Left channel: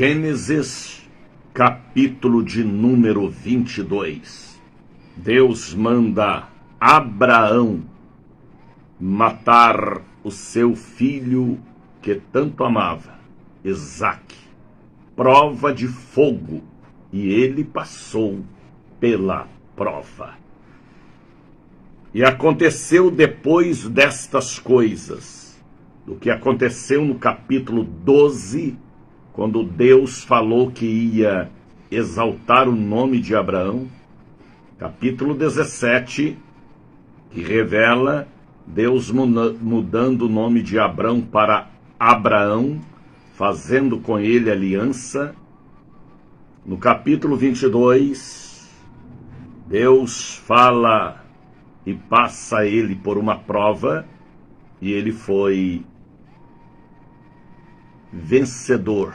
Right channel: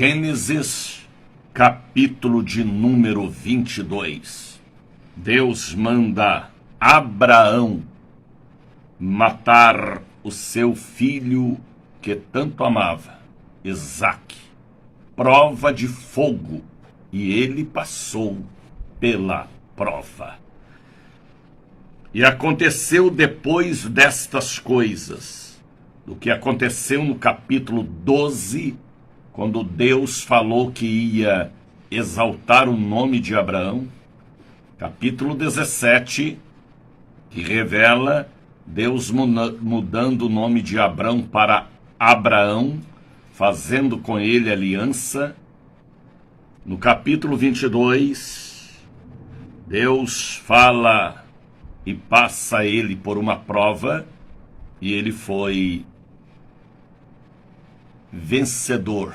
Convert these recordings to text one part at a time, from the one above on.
Gênesis, capítulo de número 22. Deus manda Abraão matar o seu filho que tanto amava, Isaque. Prova de fogo, e ele passou pela prova. E aconteceu depois destas coisas, do que aconteceu no capítulo 12, quando Deus falou que ia exaltar o nome de Abraão, capítulo 17, que revela Deus mudando o nome de Abrão para Abraão, fazendo com ele aliança. No capítulo 22, Deus fala e passa ele por uma prova, e ele foi vencedor,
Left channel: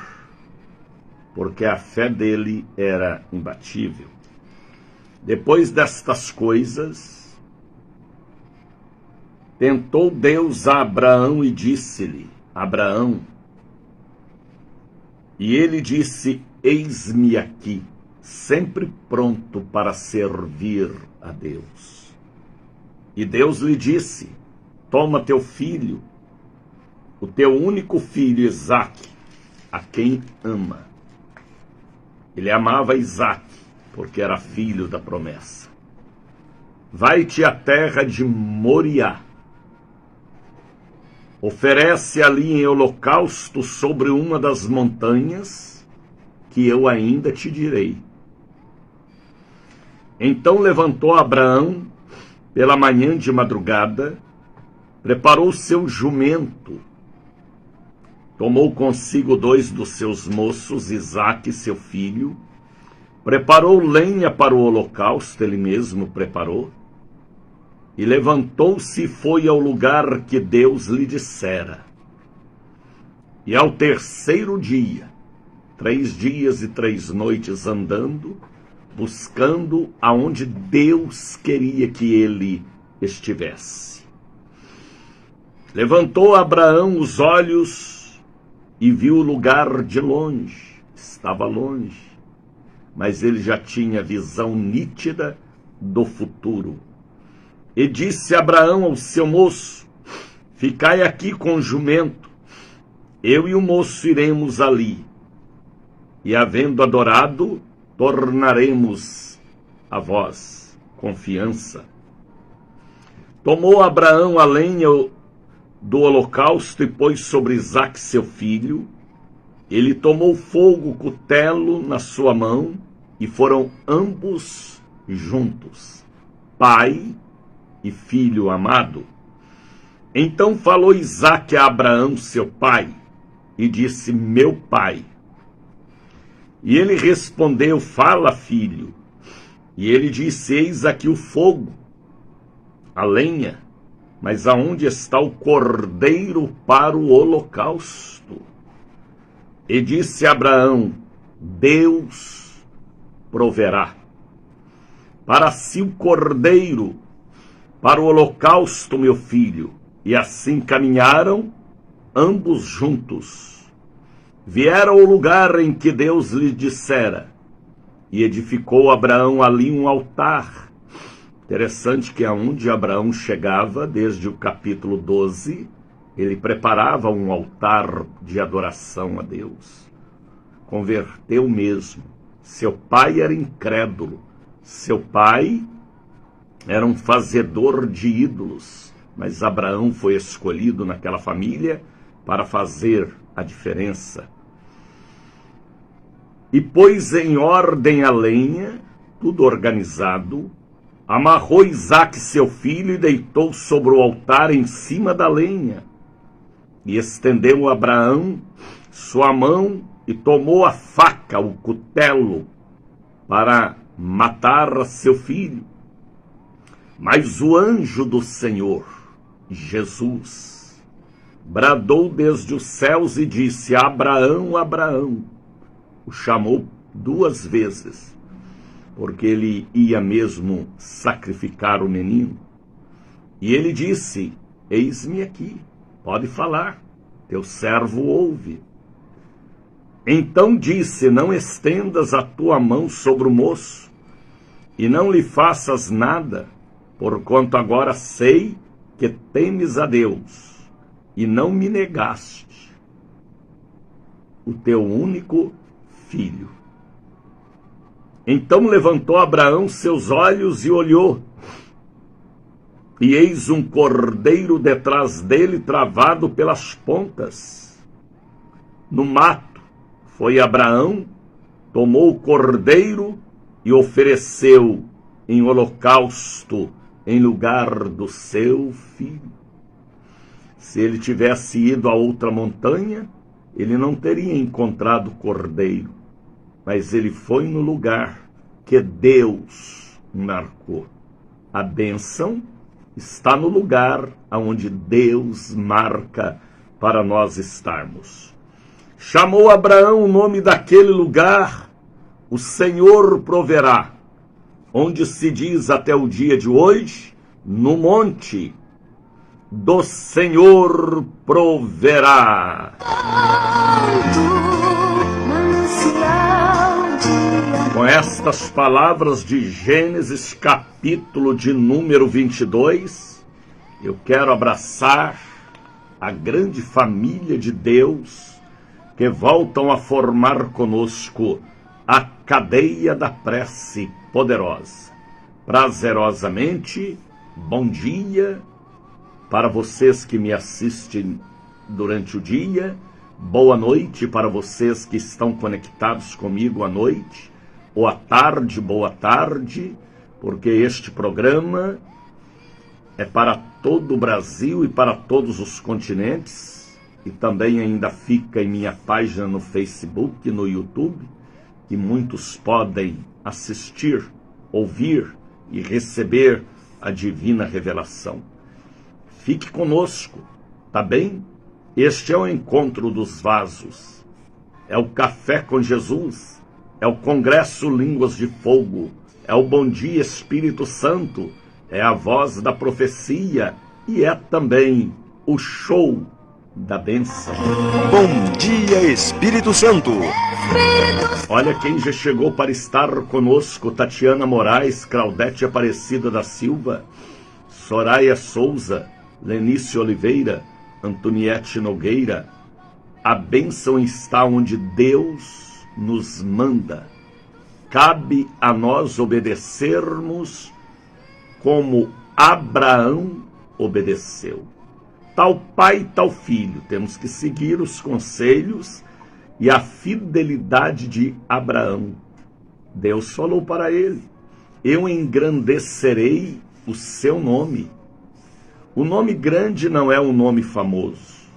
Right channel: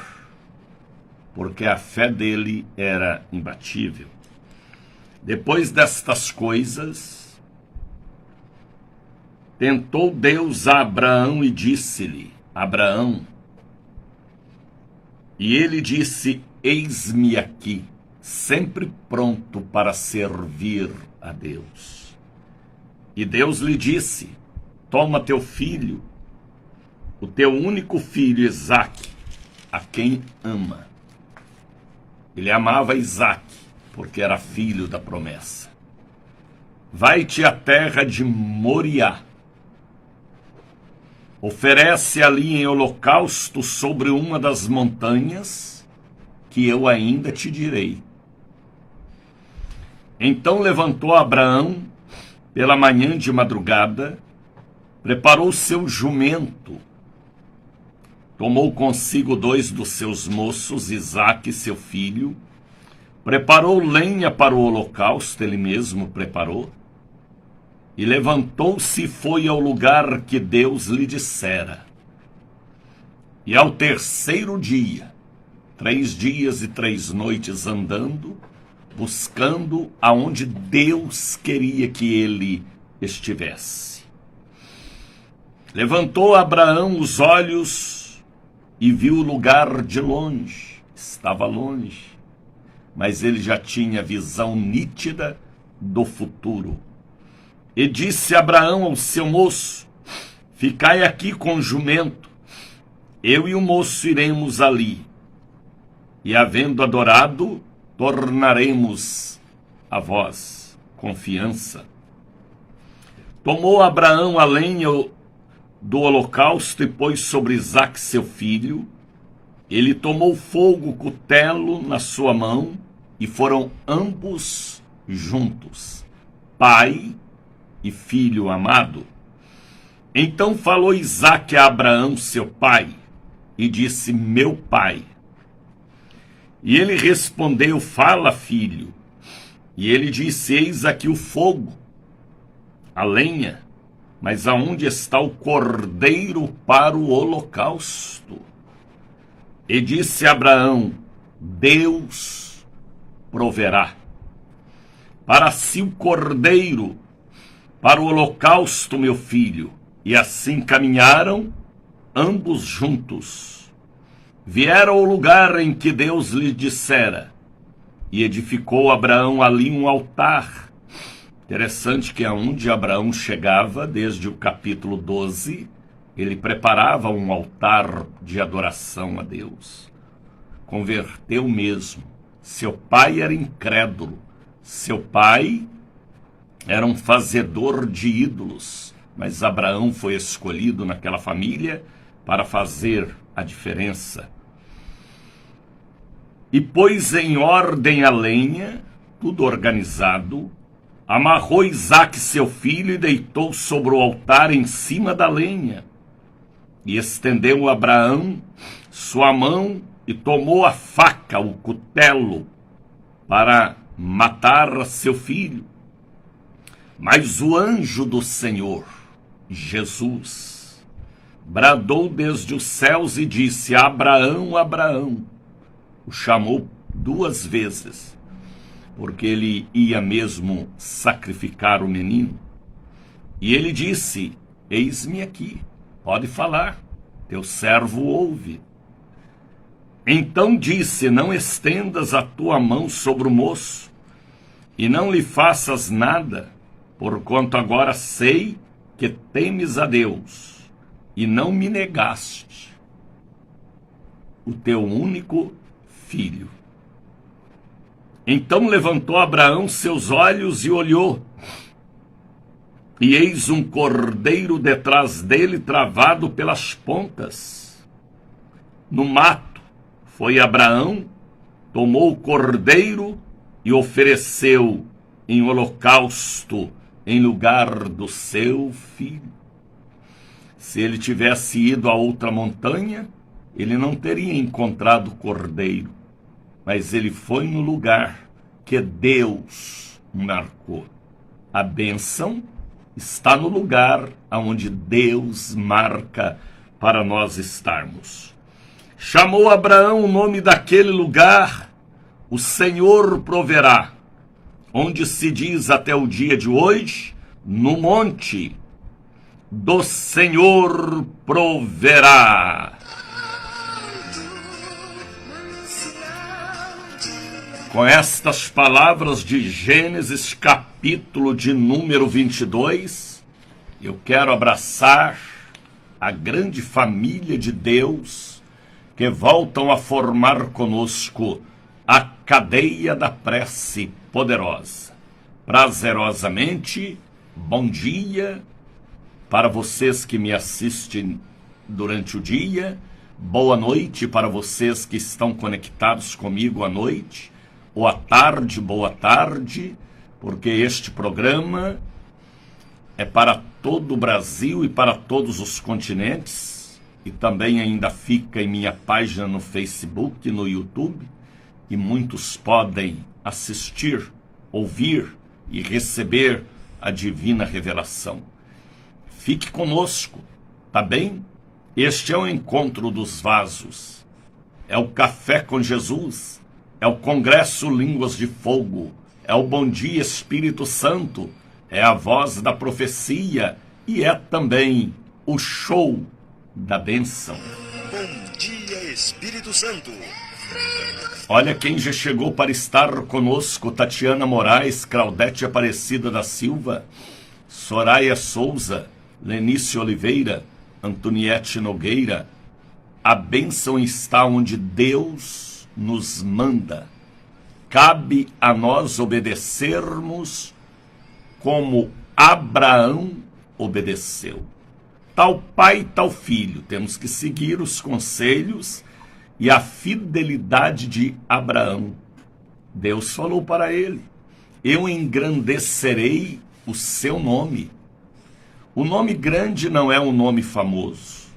porque a fé dele era imbatível. Depois destas coisas, tentou Deus a Abraão e disse-lhe: Abraão. E ele disse: eis-me aqui, sempre pronto para servir a Deus. E Deus lhe disse: toma teu filho, o teu único filho Isaque, a quem ama. Ele amava Isaque, porque era filho da promessa. Vai-te à terra de Moriá. Oferece ali em holocausto sobre uma das montanhas, que eu ainda te direi. Então levantou Abraão pela manhã de madrugada, preparou seu jumento, tomou consigo 2 dos seus moços, Isaque seu filho, preparou lenha para o holocausto, ele mesmo preparou, e levantou-se e foi ao lugar que Deus lhe dissera. E ao terceiro dia, 3 dias e 3 noites andando, buscando aonde Deus queria que ele estivesse. Levantou Abraão os olhos e viu o lugar de longe. Estava longe, mas ele já tinha visão nítida do futuro. E disse Abraão ao seu moço: ficai aqui com o jumento, eu e o moço iremos ali, e havendo adorado, tornaremos a vós. Confiança. Tomou Abraão a lenha do holocausto e pôs sobre Isaque seu filho. Ele tomou fogo, cutelo na sua mão, e foram ambos juntos, pai e filho amado. Então falou Isaque a Abraão seu pai, e disse: meu pai. E ele respondeu: fala, filho. E ele disse: eis aqui o fogo, a lenha, mas aonde está o cordeiro para o holocausto? E disse Abraão: Deus proverá para si o cordeiro para o holocausto, meu filho. E assim caminharam ambos juntos. Vieram ao lugar em que Deus lhe dissera, e edificou Abraão ali um altar. Interessante que aonde Abraão chegava, desde o capítulo 12, ele preparava um altar de adoração a Deus. Converteu mesmo. Seu pai era incrédulo. Seu pai era um fazedor de ídolos. Mas Abraão foi escolhido naquela família para fazer a diferença. E pôs em ordem a lenha, tudo organizado, amarrou Isaque seu filho e deitou sobre o altar em cima da lenha. E estendeu Abraão sua mão e tomou a faca, o cutelo, para matar seu filho. Mas o anjo do Senhor, Jesus, bradou desde os céus e disse: Abraão, Abraão. O chamou 2 vezes, porque ele ia mesmo sacrificar o menino. E ele disse: eis-me aqui, pode falar, teu servo ouve. Então disse: não estendas a tua mão sobre o moço, e não lhe faças nada, porquanto agora sei que temes a Deus, e não me negaste o teu único filho. Então levantou Abraão seus olhos e olhou, e eis um cordeiro detrás dele, travado pelas pontas, no mato. Foi Abraão, tomou o cordeiro e ofereceu em holocausto em lugar do seu filho. Se ele tivesse ido a outra montanha, ele não teria encontrado o cordeiro, mas ele foi no lugar que Deus marcou. A bênção está no lugar onde Deus marca para nós estarmos. Chamou Abraão o nome daquele lugar, o Senhor proverá, onde se diz até o dia de hoje, no monte do Senhor proverá. Com estas palavras de Gênesis, capítulo de número 22, eu quero abraçar a grande família de Deus que voltam a formar conosco a cadeia da prece poderosa. Prazerosamente, bom dia para vocês que me assistem durante o dia, boa noite para vocês que estão conectados comigo à noite, ou à tarde, boa tarde, porque este programa é para todo o Brasil e para todos os continentes, e também ainda fica em minha página no Facebook, no YouTube, e muitos podem assistir, ouvir e receber a divina revelação. Fique conosco, tá bem? Este é o encontro dos vasos, é o café com Jesus, é o congresso Línguas de Fogo, é o Bom Dia Espírito Santo, é a voz da profecia e é também o show da bênção. Bom Dia Espírito Santo. Olha quem já chegou para estar conosco: Tatiana Moraes, Claudete Aparecida da Silva, Soraya Souza, Lenice Oliveira, Antoniete Nogueira. A bênção está onde Deus nos manda. Cabe a nós obedecermos como Abraão obedeceu. Tal pai, tal filho. Temos que seguir os conselhos e a fidelidade de Abraão. Deus falou para ele: eu engrandecerei o seu nome. O nome grande não é um nome famoso.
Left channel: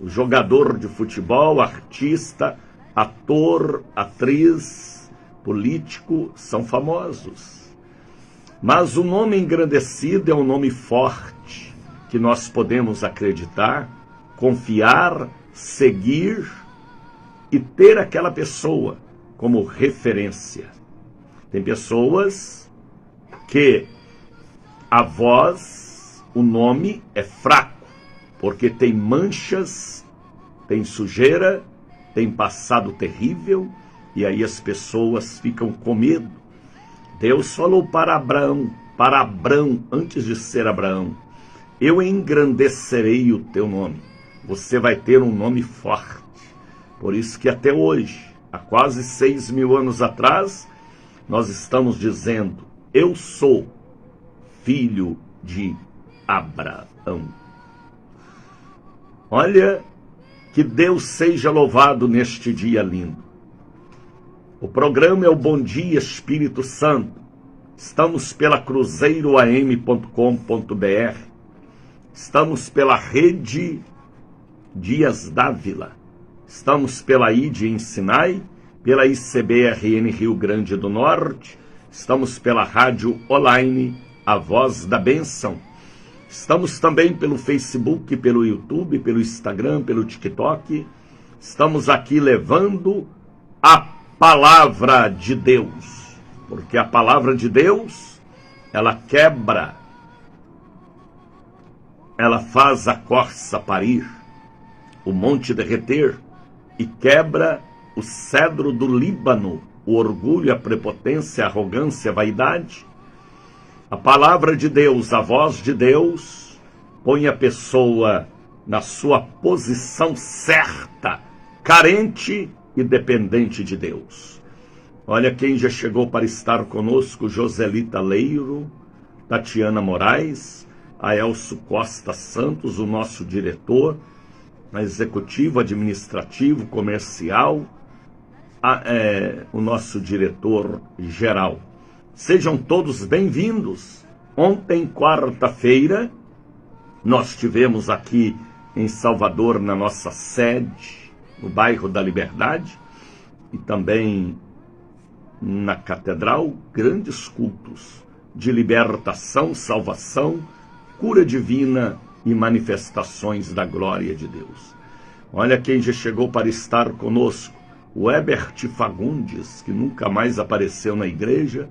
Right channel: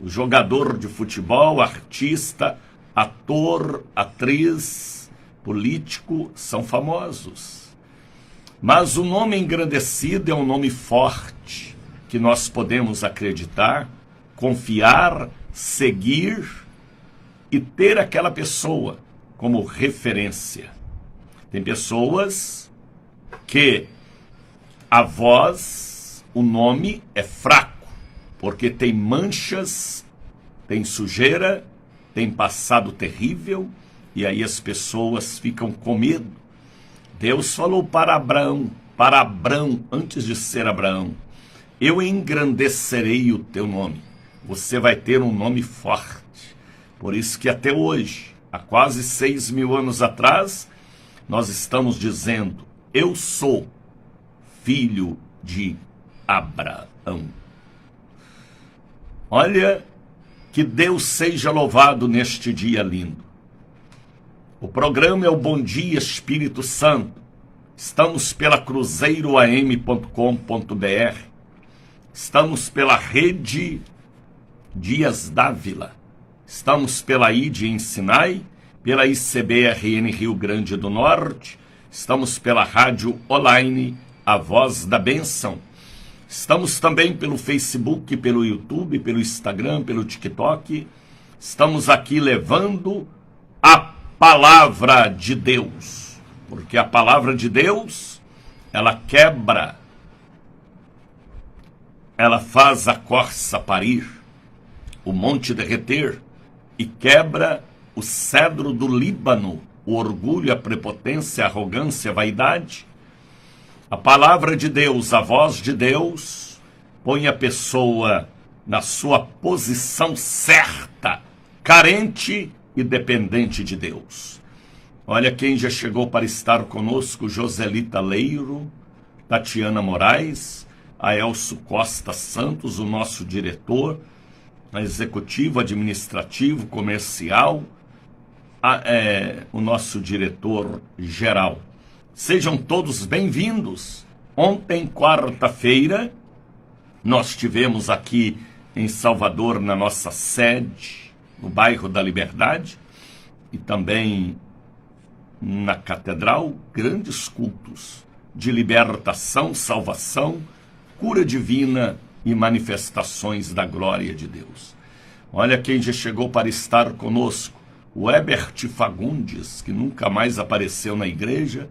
O jogador de futebol, artista, ator, atriz, político são famosos. Mas o nome engrandecido é um nome forte, que nós podemos acreditar, confiar, seguir e ter aquela pessoa como referência. Tem pessoas que a voz, o nome é fraco, porque tem manchas, tem sujeira, tem passado terrível, e aí as pessoas ficam com medo. Deus falou para Abraão, antes de ser Abraão: eu engrandecerei o teu nome. Você vai ter um nome forte. Por isso que até hoje, há quase 6.000 anos atrás, nós estamos dizendo: eu sou filho de Abraão. Olha, que Deus seja louvado neste dia lindo. O programa é o Bom Dia Espírito Santo. Estamos pela cruzeiroam.com.br. Estamos pela rede Dias Dávila. Estamos pela ID em Sinai, pela ICBRN Rio Grande do Norte. Estamos pela rádio online A Voz da Bênção. Estamos também pelo Facebook, pelo YouTube, pelo Instagram, pelo TikTok. Estamos aqui levando a palavra de Deus, porque a palavra de Deus, ela quebra, ela faz a corça parir, o monte derreter, e quebra o cedro do Líbano, o orgulho, a prepotência, a arrogância, a vaidade. A palavra de Deus, a voz de Deus, põe a pessoa na sua posição certa, carente e dependente de Deus. Olha quem já chegou para estar conosco: Joselita Leiro, Tatiana Moraes, Aelso Costa Santos, o nosso diretor executivo, administrativo, comercial, o nosso diretor geral. Sejam todos bem-vindos. Ontem, quarta-feira, nós tivemos aqui em Salvador, na nossa sede, no bairro da Liberdade, e também na Catedral, grandes cultos de libertação, salvação, cura divina e manifestações da glória de Deus. Olha quem já chegou para estar conosco: o Ebert Fagundes, que nunca mais apareceu na igreja,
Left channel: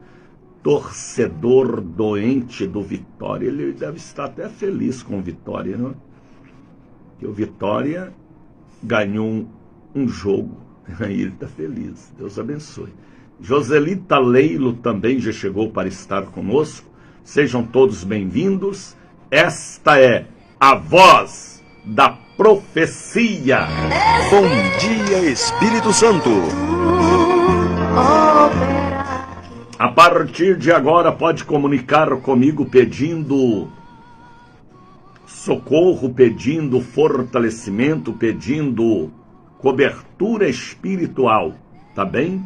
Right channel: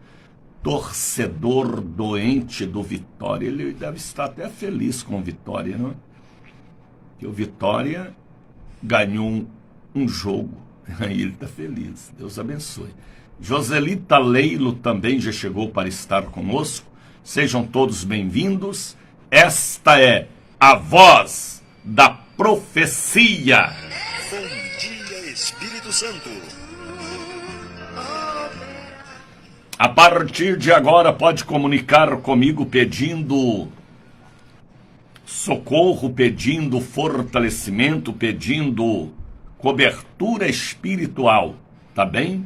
torcedor doente do Vitória. Ele deve estar até feliz com o Vitória, não é? Porque o Vitória ganhou um jogo, aí ele está feliz. Deus abençoe. Joselita Leilo também já chegou para estar conosco. Sejam todos bem-vindos. Esta é a voz da profecia. Bom dia, Espírito Santo. A partir de agora pode comunicar comigo pedindo socorro, pedindo fortalecimento, pedindo cobertura espiritual, tá bem?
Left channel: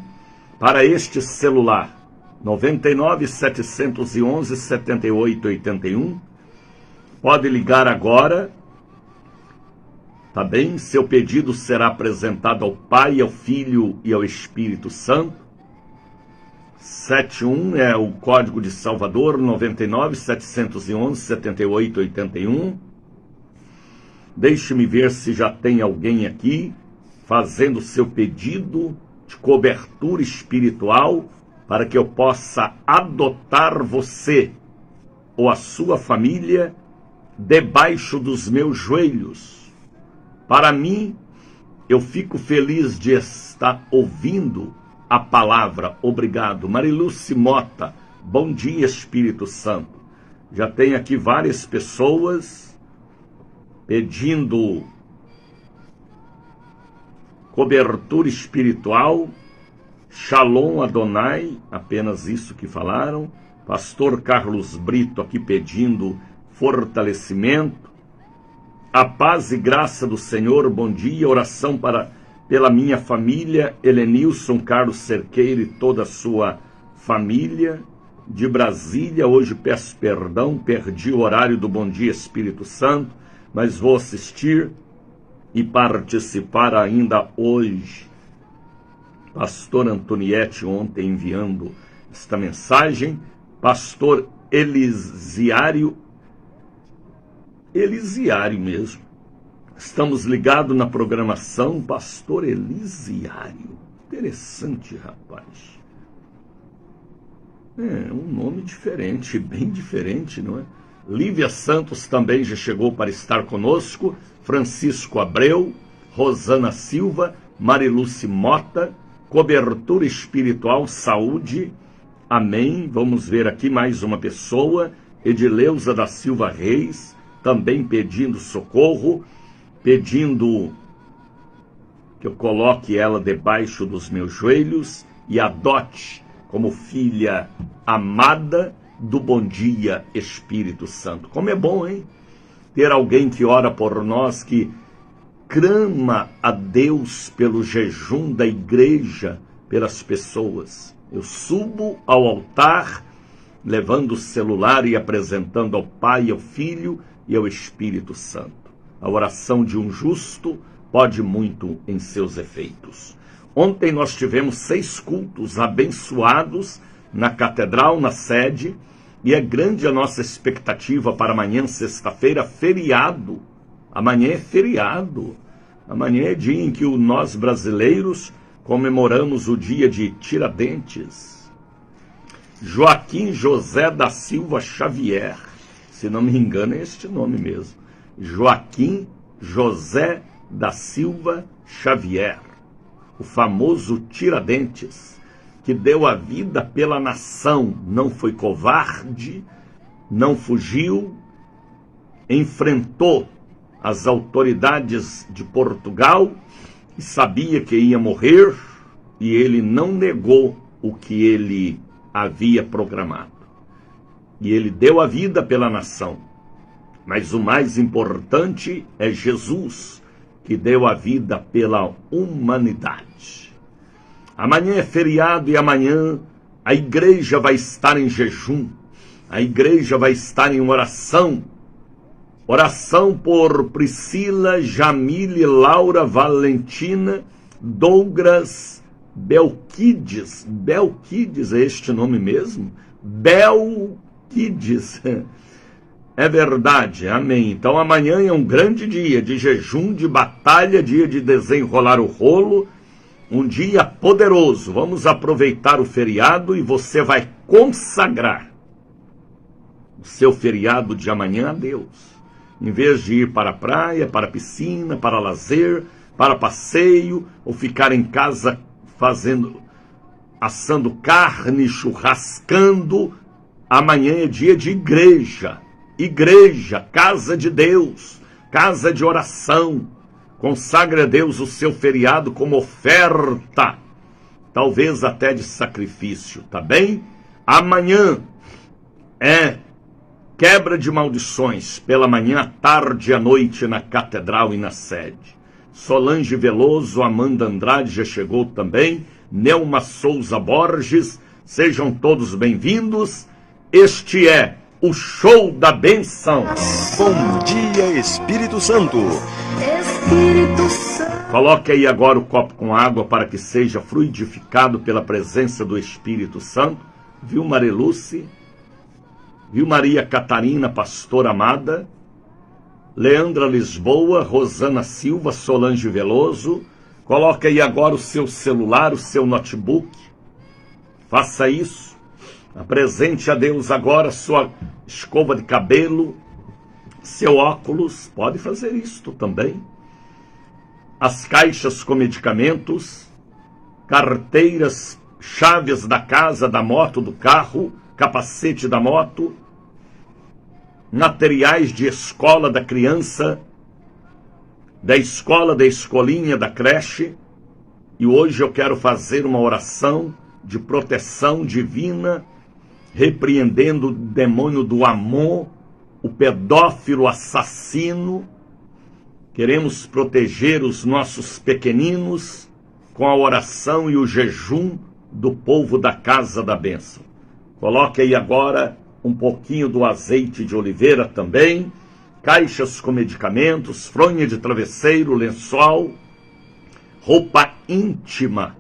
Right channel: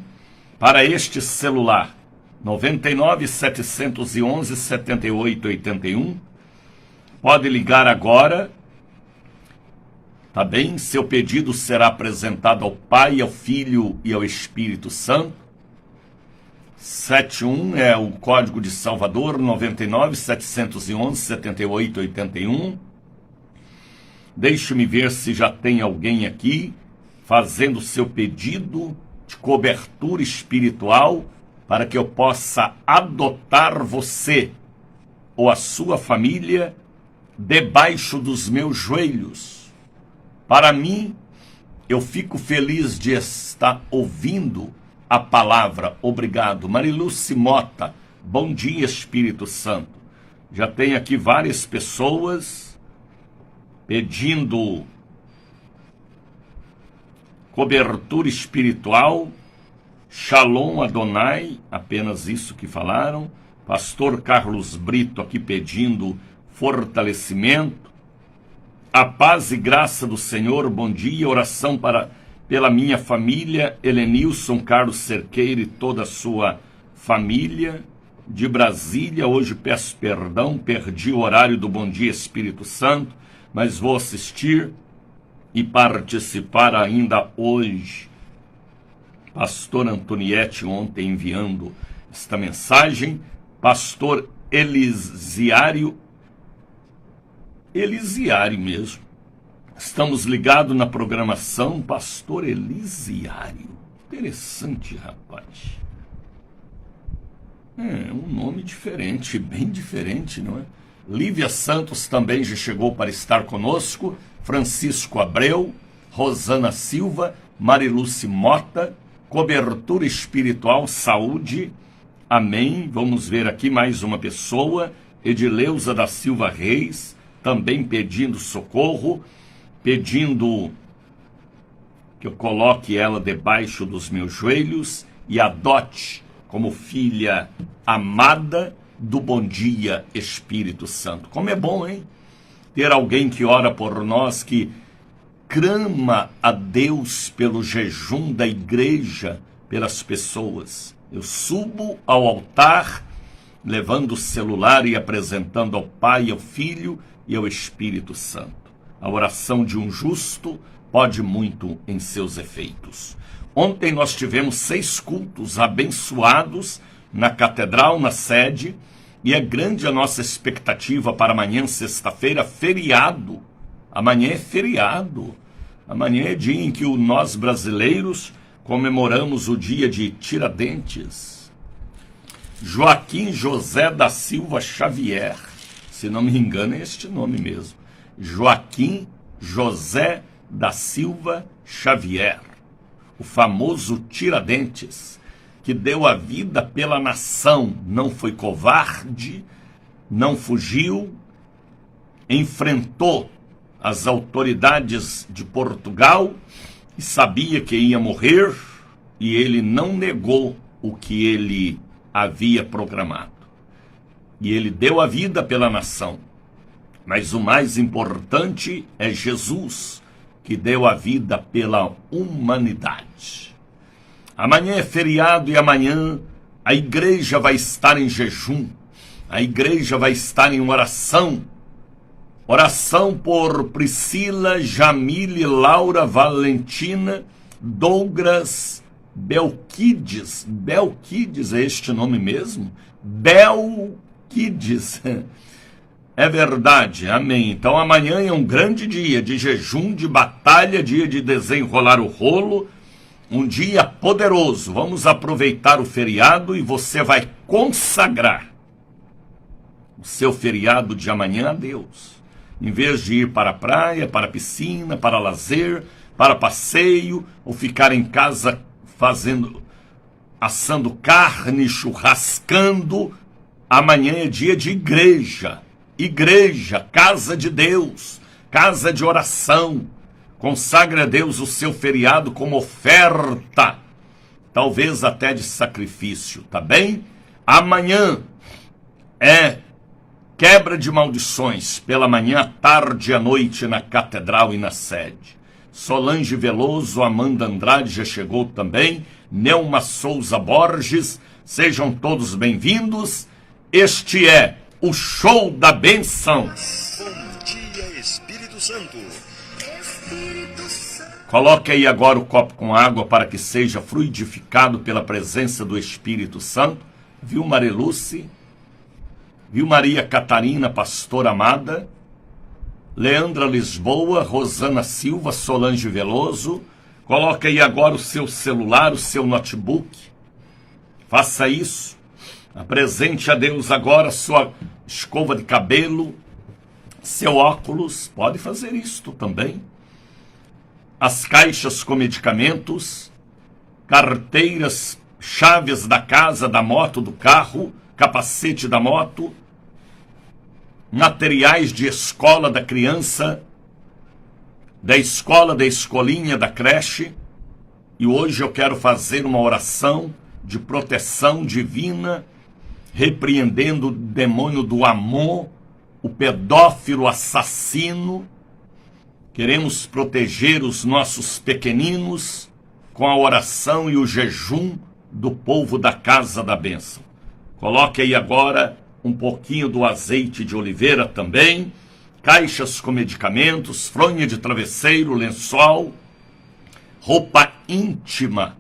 Para este celular, 99 711 7881. Pode ligar agora, tá bem? Seu pedido será apresentado ao Pai, ao Filho e ao Espírito Santo. 71 é o código de Salvador, 99 711 7881. Deixe-me ver se já tem alguém aqui fazendo seu pedido de cobertura espiritual para que eu possa adotar você ou a sua família debaixo dos meus joelhos. Para mim, eu fico feliz de estar ouvindo a palavra. Obrigado. Mariluce Mota, bom dia, Espírito Santo. Já tem aqui várias pessoas pedindo cobertura espiritual. Shalom Adonai, apenas isso que falaram. Pastor Carlos Brito aqui pedindo fortalecimento. A paz e graça do Senhor, bom dia. Oração pela minha família, Helenilson Carlos Cerqueira e toda a sua família. De Brasília, hoje peço perdão, perdi o horário do Bom Dia Espírito Santo, mas vou assistir e participar ainda hoje. Pastor Antoniette ontem enviando esta mensagem. Pastor Elisiário mesmo. Estamos ligados na programação. Pastor Elisiário. Interessante, rapaz. Um nome diferente, bem diferente, não é? Lívia Santos também já chegou para estar conosco. Francisco Abreu, Rosana Silva, Mariluce Mota, cobertura espiritual, saúde. Amém. Vamos ver aqui mais uma pessoa. Edileuza da Silva Reis, também pedindo socorro, pedindo que eu coloque ela debaixo dos meus joelhos e adote como filha amada do Bom Dia Espírito Santo. Como é bom, hein? Ter alguém que ora por nós, que clama a Deus pelo jejum da igreja, pelas pessoas. Eu subo ao altar, levando o celular e apresentando ao Pai, ao Filho e ao Espírito Santo. A oração de um justo pode muito em seus efeitos. Ontem nós tivemos 6 cultos abençoados na Catedral, na sede, e é grande a nossa expectativa para amanhã, sexta-feira, feriado. Amanhã é feriado. Amanhã é dia em que nós brasileiros comemoramos o dia de Tiradentes. Joaquim José da Silva Xavier, se não me engano é este nome mesmo. Joaquim José da Silva Xavier. o famoso Tiradentes, que deu a vida pela nação, não foi covarde, não fugiu, enfrentou as autoridades de Portugal e sabia que ia morrer, e ele não negou o que ele havia programado. E ele deu a vida pela nação. Mas o mais importante é Jesus, que deu a vida pela humanidade. Amanhã é feriado e amanhã a igreja vai estar em jejum, a igreja vai estar em oração. Oração por Priscila, Jamile, Laura, Valentina, Douglas, Belquides. Belquides é este nome mesmo? Belquides. É verdade, amém. Então amanhã é um grande dia de jejum, de batalha, dia de desenrolar o rolo, um dia poderoso. Vamos aproveitar o feriado e você vai consagrar o seu feriado de amanhã a Deus. Em vez de ir para a praia, para a piscina, para lazer, para passeio, ou ficar em casa assando carne, churrascando, amanhã é dia de igreja. Igreja, casa de Deus, casa de oração. Consagre a Deus o seu feriado como oferta, talvez até de sacrifício, tá bem? Amanhã é quebra de maldições, pela manhã, à tarde e à noite na catedral e na sede. Solange Veloso, Amanda Andrade já chegou também, Nelma Souza Borges, sejam todos bem-vindos. Este é o Show da Benção. Bom dia, Espírito Santo. Espírito Santo. Coloque aí agora o copo com água para que seja fluidificado pela presença do Espírito Santo. Viu, Mariluce? Viu, Maria Catarina, pastora amada? Leandra Lisboa, Rosana Silva, Solange Veloso. Coloque aí agora o seu celular, o seu notebook. Faça isso. Apresente a Deus agora sua escova de cabelo, seu óculos, pode fazer isto também. As caixas com medicamentos, carteiras, chaves da casa, da moto, do carro, capacete da moto, materiais de escola da criança, da escola, da escolinha, da creche. E hoje eu quero fazer uma oração de proteção divina, repreendendo o demônio do amor, o pedófilo assassino. Queremos proteger os nossos pequeninos com a oração e o jejum do povo da Casa da Bênção. Coloque aí agora um pouquinho do azeite de oliveira também, caixas com medicamentos, fronha de travesseiro, lençol, roupa íntima.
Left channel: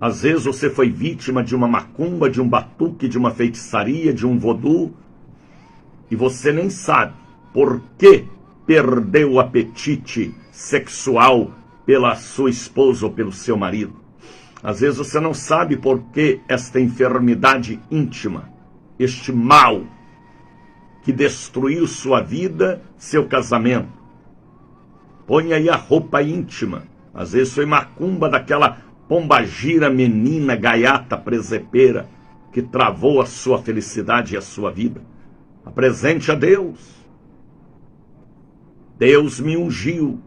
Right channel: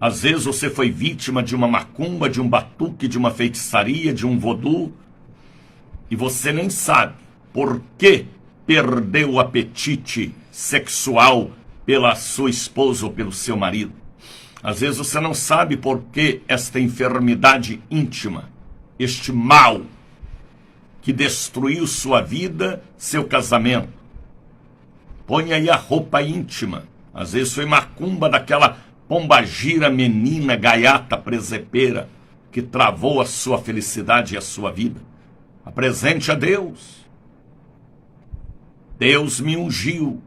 Às vezes você foi vítima de uma macumba, de um batuque, de uma feitiçaria, de um vodú, e você nem sabe por que perdeu o apetite sexual pela sua esposa ou pelo seu marido. Às vezes você não sabe por que esta enfermidade íntima, este mal que destruiu sua vida, seu casamento. Põe aí a roupa íntima. Às vezes foi macumba daquela pombagira, menina, gaiata, presepeira, que travou a sua felicidade e a sua vida. Apresente a Deus. Deus me ungiu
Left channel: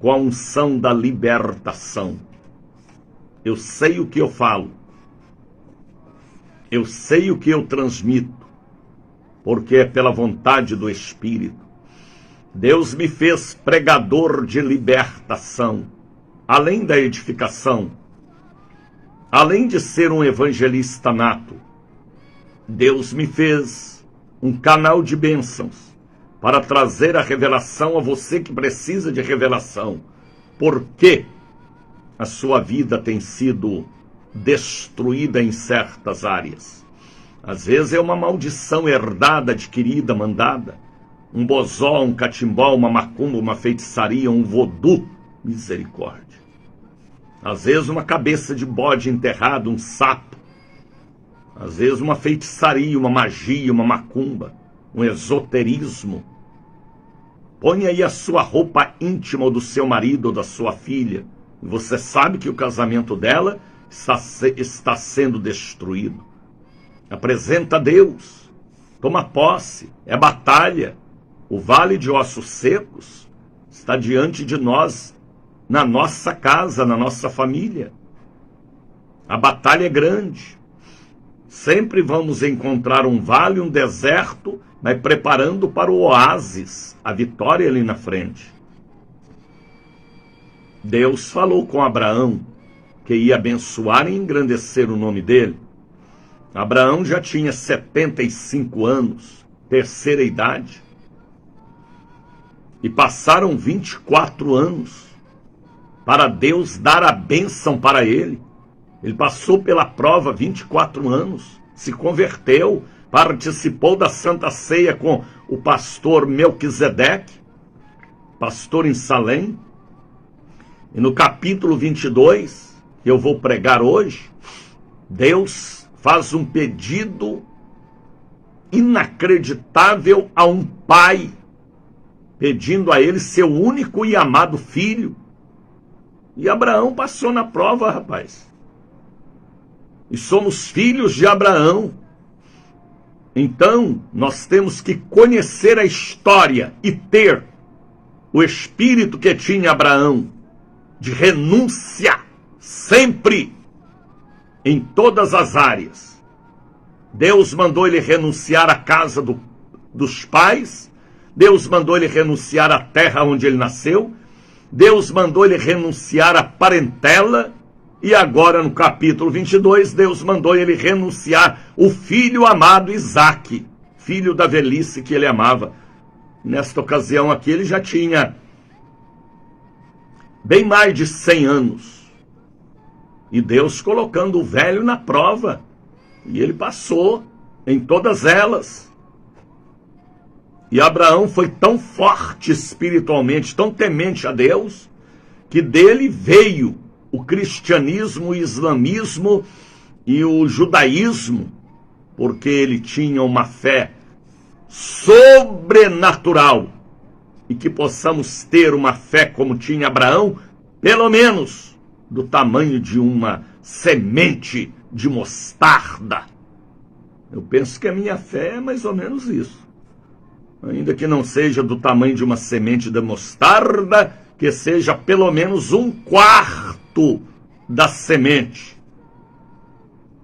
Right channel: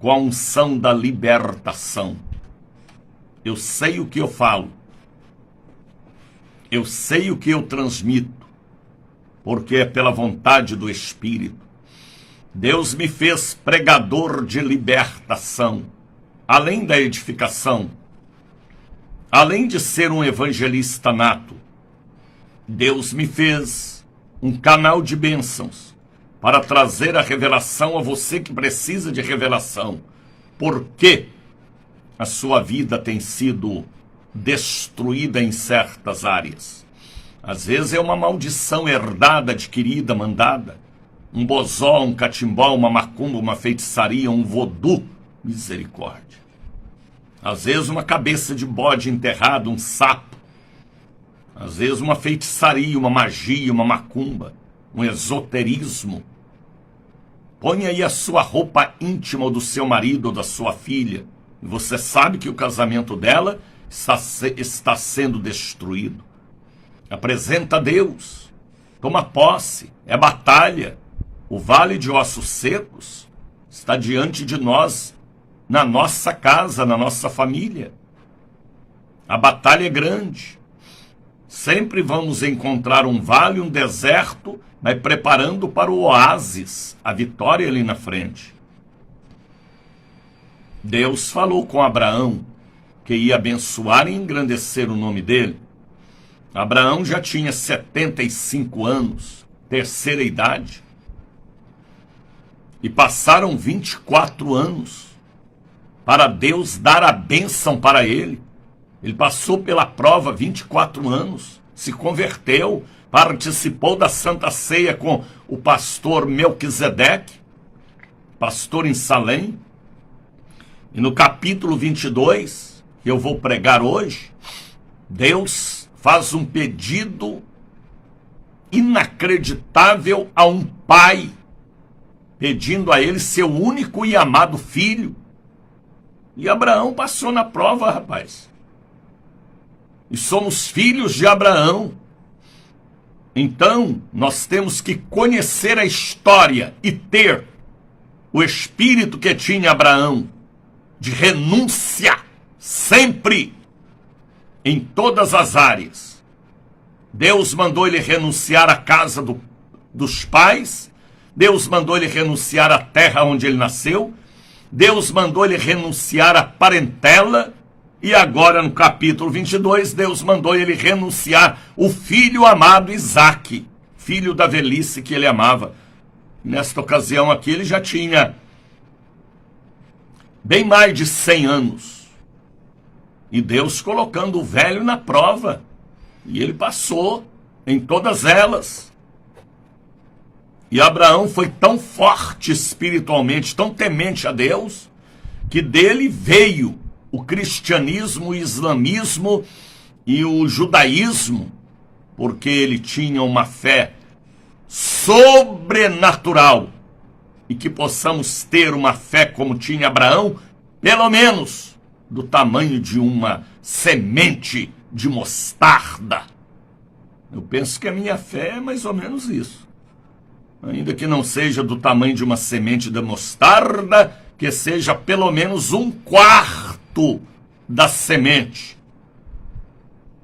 com a unção da libertação. Eu sei o que eu falo. Eu sei o que eu transmito, porque é pela vontade do Espírito. Deus me fez pregador de libertação, além da edificação. Além de ser um evangelista nato, Deus me fez um canal de bênçãos para trazer a revelação a você que precisa de revelação. Por que a sua vida tem sido destruída em certas áreas? Às vezes é uma maldição herdada, adquirida, mandada. Um bozó, um catimbó, uma macumba, uma feitiçaria, um vodú. Misericórdia. Às vezes uma cabeça de bode enterrado, um sapo. Às vezes uma feitiçaria, uma magia, uma macumba, um esoterismo. Põe aí a sua roupa íntima ou do seu marido ou da sua filha, E você sabe que o casamento dela está sendo destruído. Apresenta a Deus. Toma posse. É batalha. O vale de ossos secos está diante de nós, na nossa casa, na nossa família. A batalha é grande. Sempre vamos encontrar um vale, um deserto, mas preparando para o oásis, a vitória ali na frente. Deus falou com Abraão que ia abençoar e engrandecer o nome dele. Abraão já tinha 75 anos, terceira idade. E passaram 24 anos para Deus dar a bênção para ele. Ele passou pela prova 24 anos, se converteu, participou da Santa Ceia com o pastor Melquisedeque, pastor em Salém. E no capítulo 22, que eu vou pregar hoje, Deus faz um pedido inacreditável a um pai, pedindo a ele seu único e amado filho. E Abraão passou na prova, rapaz. E somos filhos de Abraão. Então, nós temos que conhecer a história e ter o espírito que tinha Abraão, de renúncia, sempre, em todas as áreas. Deus mandou ele renunciar à casa dos pais, Deus mandou ele renunciar à terra onde ele nasceu, Deus mandou ele renunciar à parentela, e agora no capítulo 22, Deus mandou ele renunciar o filho amado Isaque, filho da velhice que ele amava. Nesta ocasião aqui ele já tinha bem mais de 100 anos. E Deus colocando o velho na prova. E ele passou em todas elas. E Abraão foi tão forte espiritualmente, tão temente a Deus, que dele veio o cristianismo, o islamismo e o judaísmo, porque ele tinha uma fé sobrenatural. E que possamos ter uma fé como tinha Abraão, pelo menos do tamanho de uma semente de mostarda. Eu penso que a minha fé é mais ou menos isso. Ainda que não seja do tamanho de uma semente de mostarda, que seja pelo menos 1/4 da semente.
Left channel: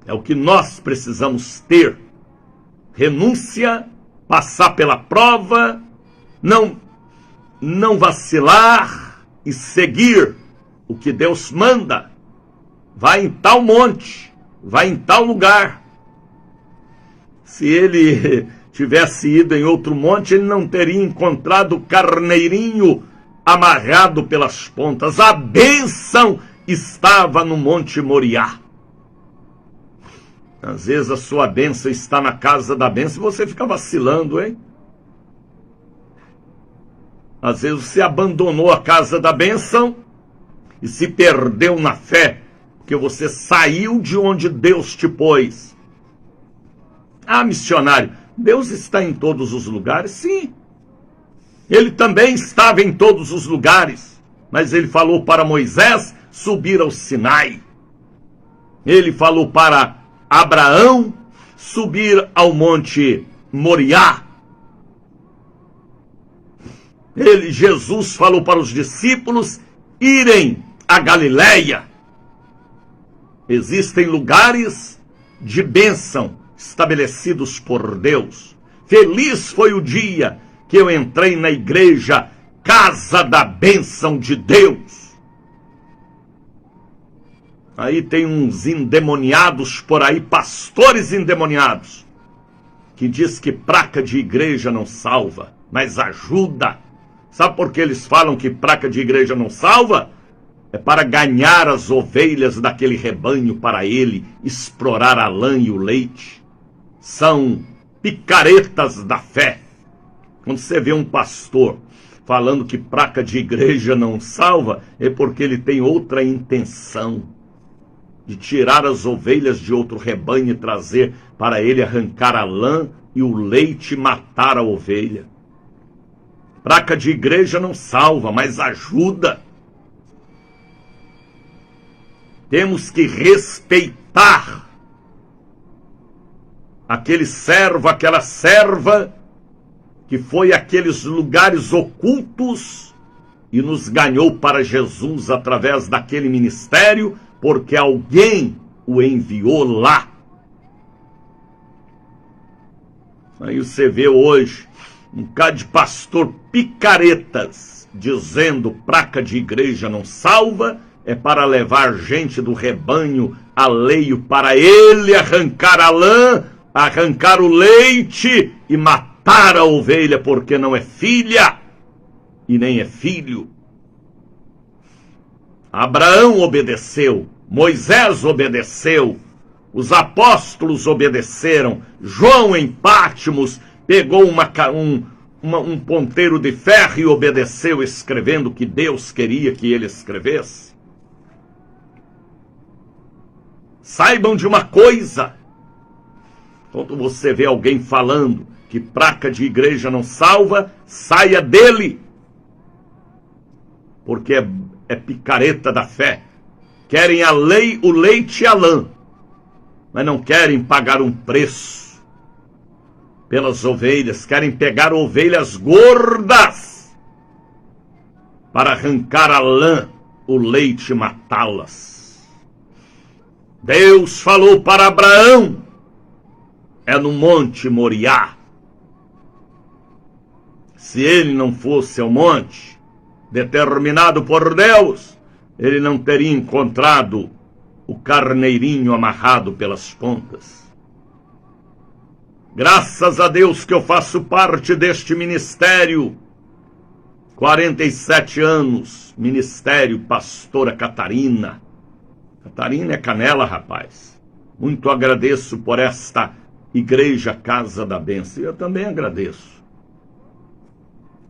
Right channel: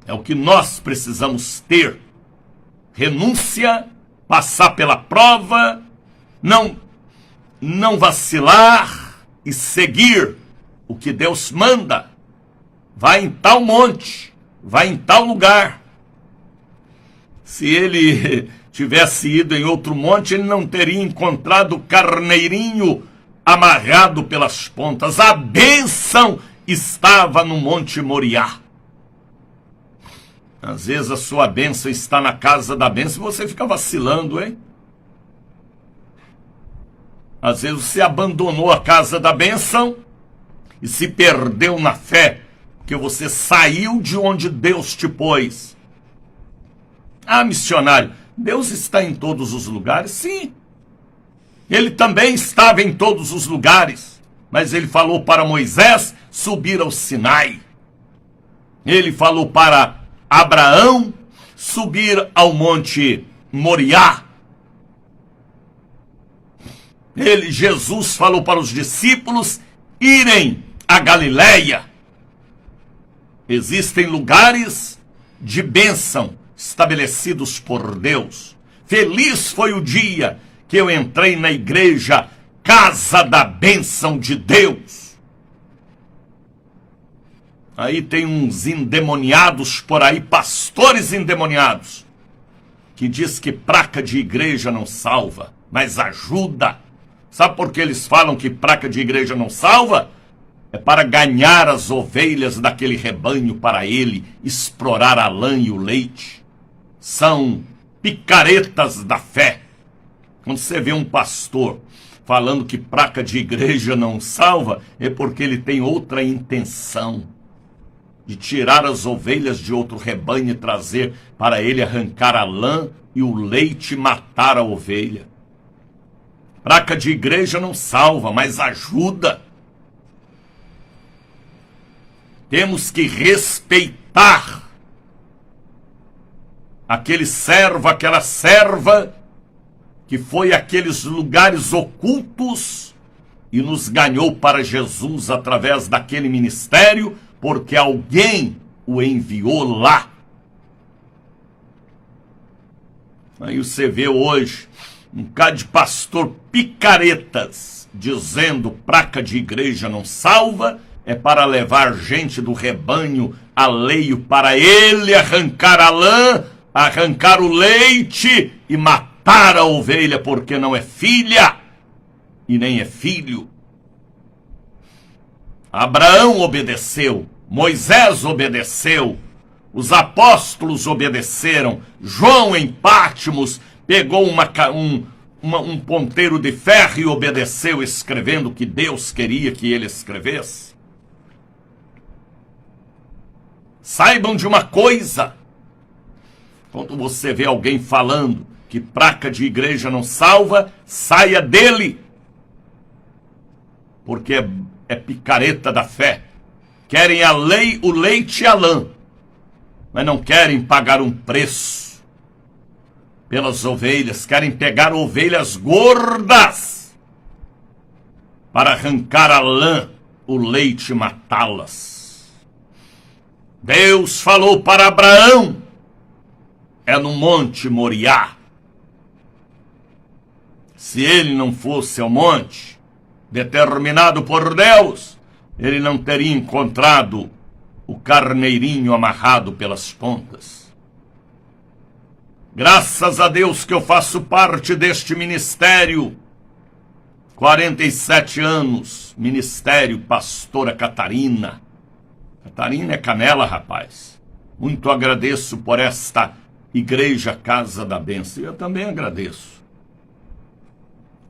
É o que nós precisamos ter. Renúncia, passar pela prova, não vacilar e seguir o que Deus manda. Vai em tal monte, vai em tal lugar. Se ele tivesse ido em outro monte, ele não teria encontrado o carneirinho amarrado pelas pontas. A bênção estava no Monte Moriá. Às vezes a sua bênção está na casa da bênção e você fica vacilando, hein? Às vezes você abandonou a casa da bênção e se perdeu na fé, porque você saiu de onde Deus te pôs. Ah, missionário, Deus está em todos os lugares? Sim. Ele também estava em todos os lugares, mas ele falou para Moisés subir ao Sinai. Ele falou para Abraão subir ao Monte Moriá. Jesus falou para os discípulos irem a Galileia. Existem lugares de bênção estabelecidos por Deus. Feliz foi o dia que eu entrei na igreja, casa da bênção de Deus. Aí tem uns endemoniados por aí, pastores endemoniados, que diz que placa de igreja não salva, mas ajuda. Sabe por que eles falam que placa de igreja não salva? É para ganhar as ovelhas daquele rebanho para ele, explorar a lã e o leite. São picaretas da fé. Quando você vê um pastor falando que placa de igreja não salva, é porque ele tem outra intenção, de tirar as ovelhas de outro rebanho e trazer para ele arrancar a lã e o leite e matar a ovelha. Placa de igreja não salva, mas ajuda. Temos que respeitar aquele servo, aquela serva que foi àqueles lugares ocultos e nos ganhou para Jesus através daquele ministério, porque alguém o enviou lá. Aí você vê hoje um bocado de pastor picaretas dizendo placa de igreja não salva, é para levar gente do rebanho alheio para ele arrancar a lã, arrancar o leite e matar a ovelha porque não é filha e nem é filho. Abraão obedeceu, Moisés obedeceu, os apóstolos obedeceram, João em Patmos pegou um ponteiro de ferro e obedeceu, escrevendo o que Deus queria que ele escrevesse. Saibam de uma coisa: quando você vê alguém falando que placa de igreja não salva, saia dele, porque é picareta da fé. Querem a lei, o leite e a lã, mas não querem pagar um preço pelas ovelhas, querem pegar ovelhas gordas para arrancar a lã, o leite e matá-las. Deus falou para Abraão, é no Monte Moriá. Se ele não fosse ao monte, determinado por Deus, ele não teria encontrado o carneirinho amarrado pelas pontas. Graças a Deus que eu faço parte deste ministério. 47 anos, ministério Pastora Catarina. Catarina é canela, rapaz. Muito agradeço por esta igreja Casa da Bênção. Eu também agradeço.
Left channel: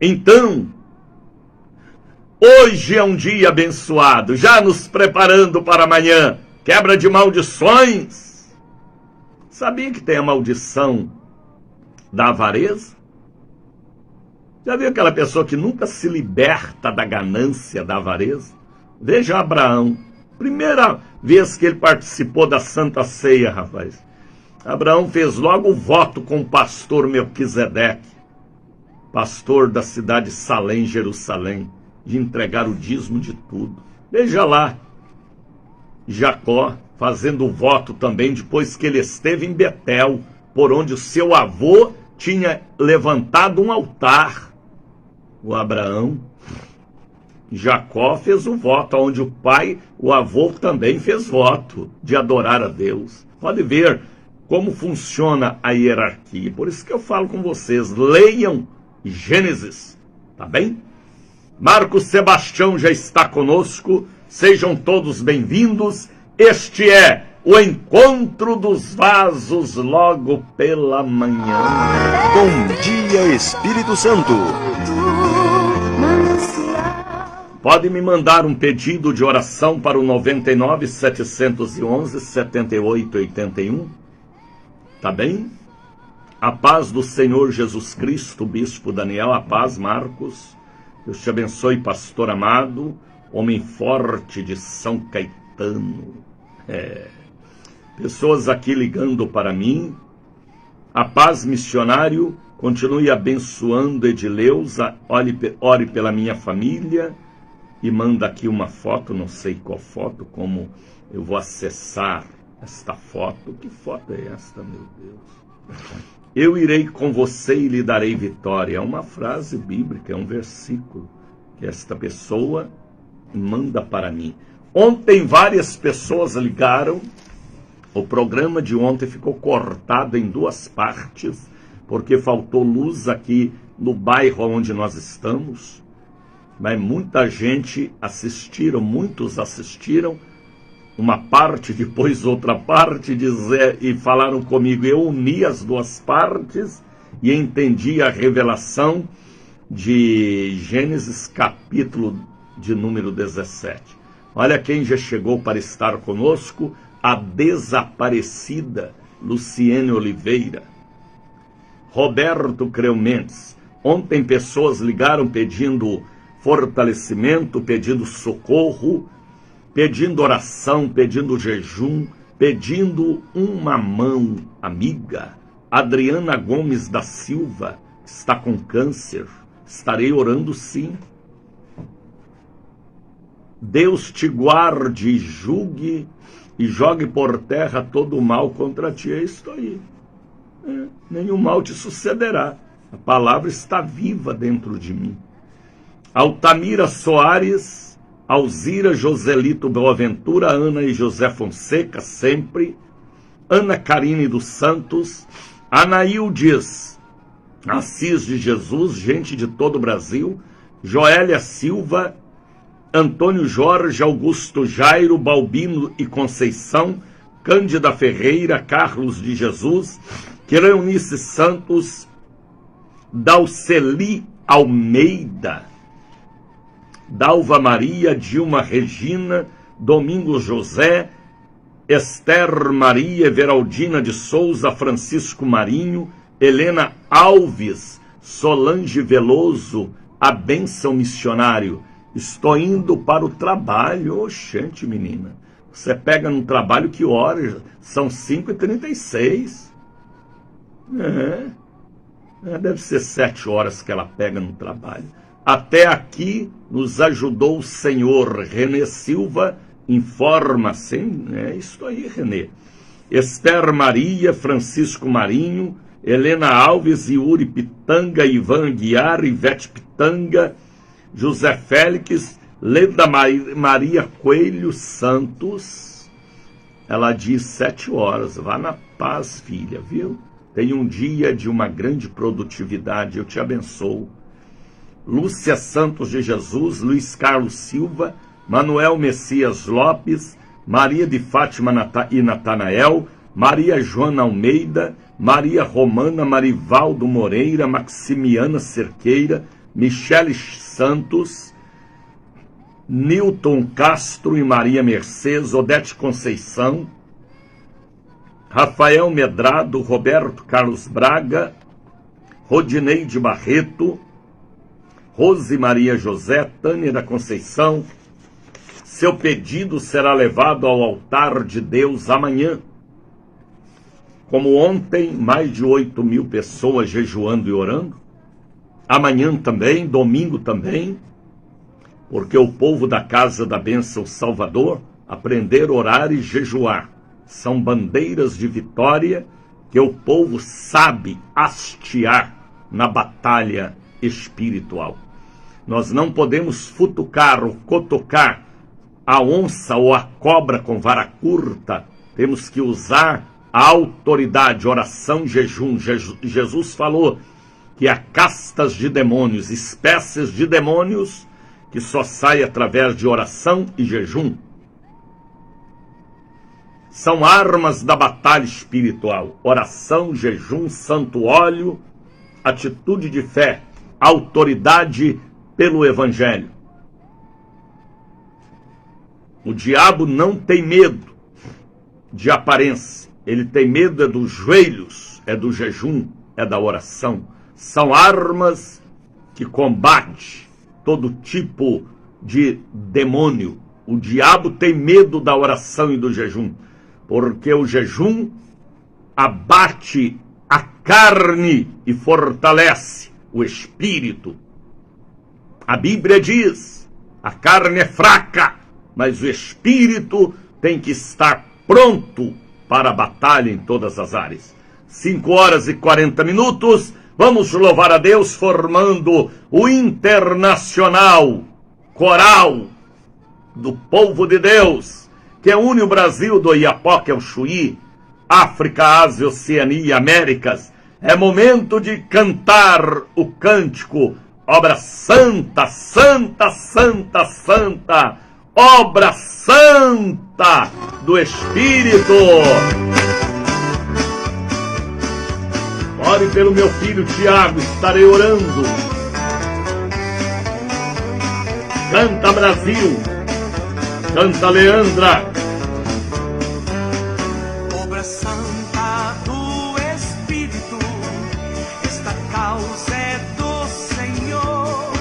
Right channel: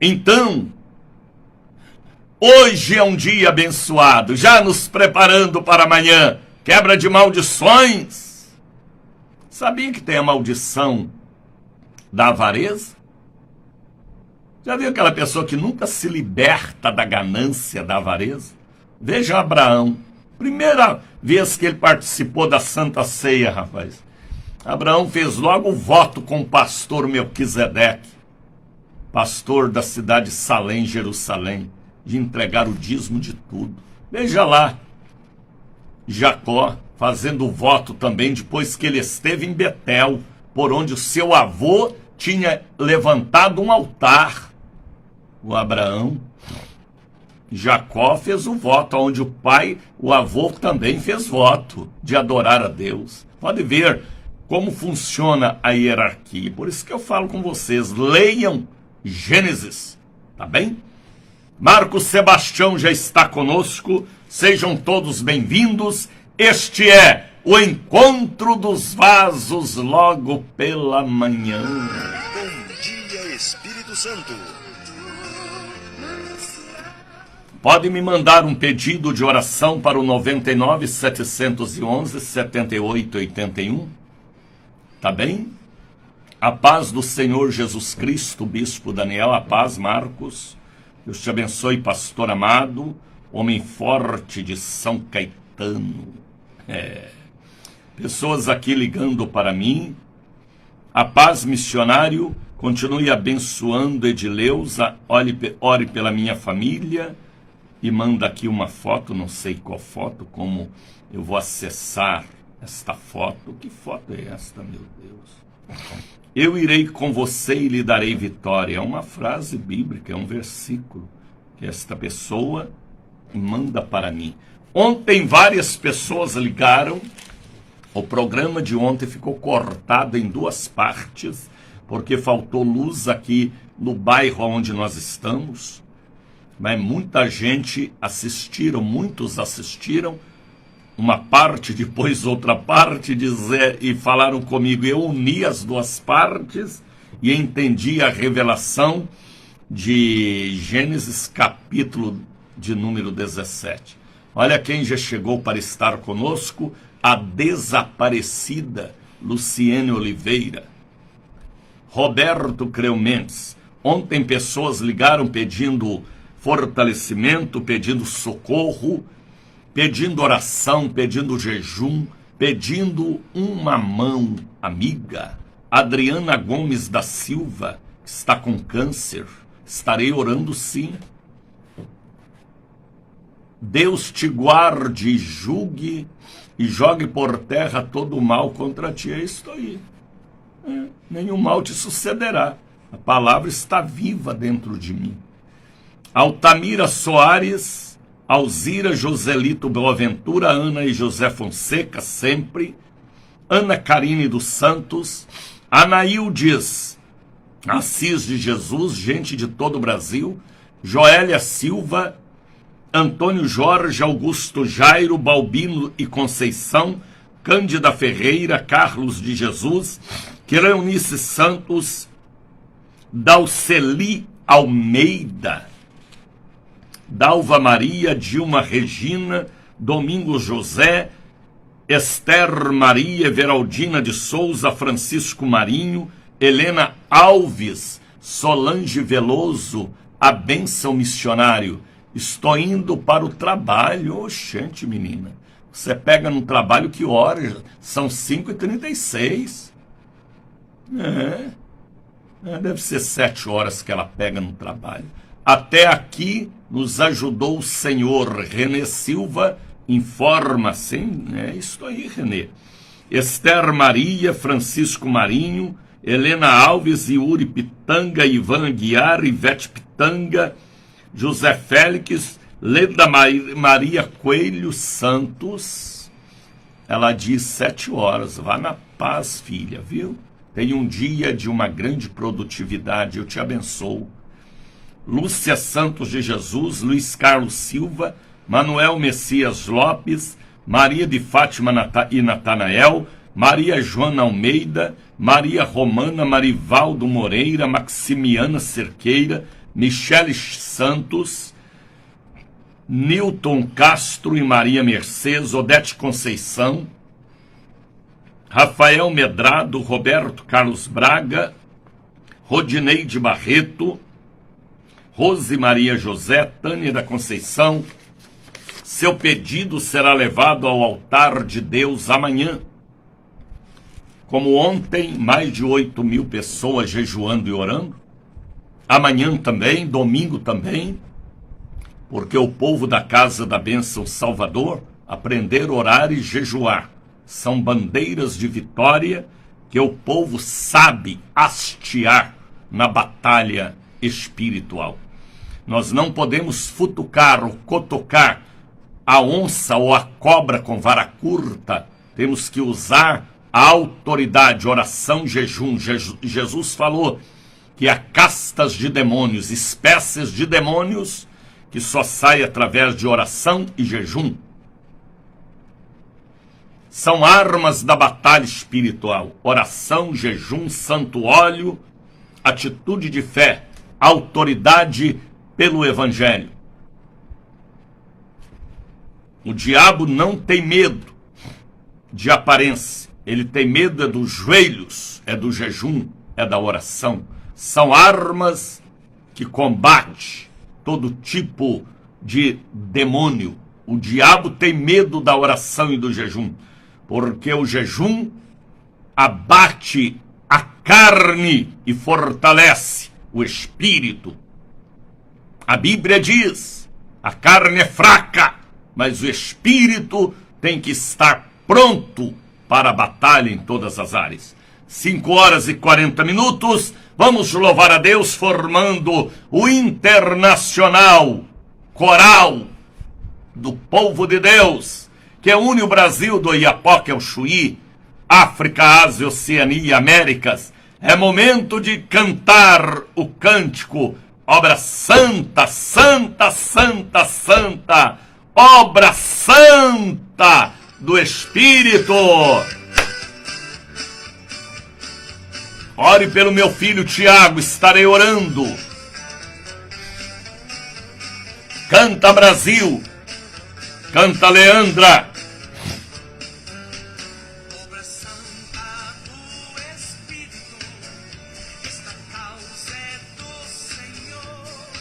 Então, hoje é um dia abençoado, já nos preparando para amanhã. Quebra de maldições. Sabia que tem a maldição da avareza? Já viu aquela pessoa que nunca se liberta da ganância, da avareza? Veja Abraão. Primeira vez que ele participou da Santa Ceia, rapaz. Abraão fez logo o voto com o pastor Melquisedeque, pastor da cidade de Salém, Jerusalém, de entregar o dízimo de tudo. Veja lá, Jacó fazendo o voto também depois que ele esteve em Betel, por onde o seu avô tinha levantado um altar. O Abraão, Jacó fez o voto, onde o pai, o avô também fez voto de adorar a Deus. Pode ver como funciona a hierarquia. Por isso que eu falo com vocês, leiam Gênesis, tá bem? Marcos Sebastião já está conosco, sejam todos bem-vindos. Este é o Encontro dos Vasos logo pela manhã. Bom dia, Espírito Santo. Pode me mandar um pedido de oração para o 99 711 7881, tá bem? A paz do Senhor Jesus Cristo, Bispo Daniel, a paz, Marcos. Deus te abençoe, pastor amado, homem forte de São Caetano. Pessoas aqui ligando para mim. A paz, missionário, continue abençoando Edileuza, ore pela minha família. E manda aqui uma foto, não sei qual foto, como eu vou acessar esta foto. Que foto é esta, meu Deus? Eu irei com você e lhe darei vitória. É uma frase bíblica, é um versículo que esta pessoa manda para mim. Ontem várias pessoas ligaram. O programa de ontem ficou cortado em duas partes, porque faltou luz aqui no bairro onde nós estamos. Mas muita gente assistiram, muitos assistiram, uma parte, depois outra parte, e falaram comigo. Eu uni as duas partes e entendi a revelação de Gênesis, capítulo de número 17. Olha quem já chegou para estar conosco, a desaparecida Luciene Oliveira. Roberto Creu Mendes. Ontem pessoas ligaram pedindo fortalecimento, pedindo socorro, pedindo oração, pedindo jejum, pedindo uma mão amiga. Adriana Gomes da Silva está com câncer. Estarei orando sim. Deus te guarde, julgue e jogue por terra todo o mal contra ti. É isso aí. Nenhum mal te sucederá. A palavra está viva dentro de mim. Altamira Soares, Alzira Joselito Boaventura, Ana e José Fonseca, sempre. Ana Karine dos Santos, Anaildes Assis de Jesus, gente de todo o Brasil. Joélia Silva, Antônio Jorge, Augusto Jairo, Balbino e Conceição, Cândida Ferreira, Carlos de Jesus, Quereunice Santos, Dalceli Almeida, Dalva Maria, Dilma Regina, Domingos José, Esther Maria, Everaldina de Souza, Francisco Marinho, Helena Alves, Solange Veloso, a bênção missionário. Estou indo para o trabalho. Oxente, menina. Você pega no trabalho que horas? São 5h36. Deve ser 7 horas que ela pega no trabalho. Até aqui nos ajudou o senhor Renê Silva. Informa, sim, é isso aí, Renê. Esther Maria, Francisco Marinho, Helena Alves, Yuri Pitanga, Ivan Aguiar, Ivete Pitanga, José Félix, Leda Maria Coelho Santos. Ela diz 7 horas, vá na paz, filha, viu? Tenha um dia de uma grande produtividade, eu te abençoo. Lúcia Santos de Jesus, Luiz Carlos Silva, Manuel Messias Lopes, Maria de Fátima e Natanael, Maria Joana Almeida, Maria Romana Marivaldo Moreira, Maximiana Cerqueira, Michele Santos, Newton Castro e Maria Mercedes, Odete Conceição, Rafael Medrado, Roberto Carlos Braga, Rodineide Barreto, Rose Maria José, Tânia da Conceição. Seu pedido será levado ao altar de Deus amanhã. Como ontem, mais de 8.000 pessoas jejuando e orando. Amanhã também, domingo também, porque o povo da Casa da Bênção Salvador aprender a orar e jejuar. São bandeiras de vitória que o povo sabe hastear na batalha espiritual. Nós não podemos futucar ou cotocar a onça ou a cobra com vara curta. Temos que usar a autoridade, oração, jejum. Jesus falou que há castas de demônios, espécies de demônios que só saem através de oração e jejum. São armas da batalha espiritual. Oração, jejum, santo óleo, atitude de fé, autoridade pelo evangelho. O diabo não tem medo de aparência. Ele tem medo dos joelhos, é do jejum, é da oração. São armas que combatem todo tipo de demônio. O diabo tem medo da oração e do jejum, porque o jejum abate a carne e fortalece o espírito. A Bíblia diz, a carne é fraca, mas o espírito tem que estar pronto para a batalha em todas as áreas. 5h40, vamos louvar a Deus formando o Internacional Coral do Povo de Deus, que une o Brasil do Iapoque ao Chuí, África, Ásia, Oceania e Américas. É momento de cantar o cântico, obra santa, santa, santa, santa, obra santa do Espírito. Ore pelo meu filho Tiago, estarei orando. Canta Brasil, canta Leandra. Obra santa do Espírito, esta causa é do Senhor.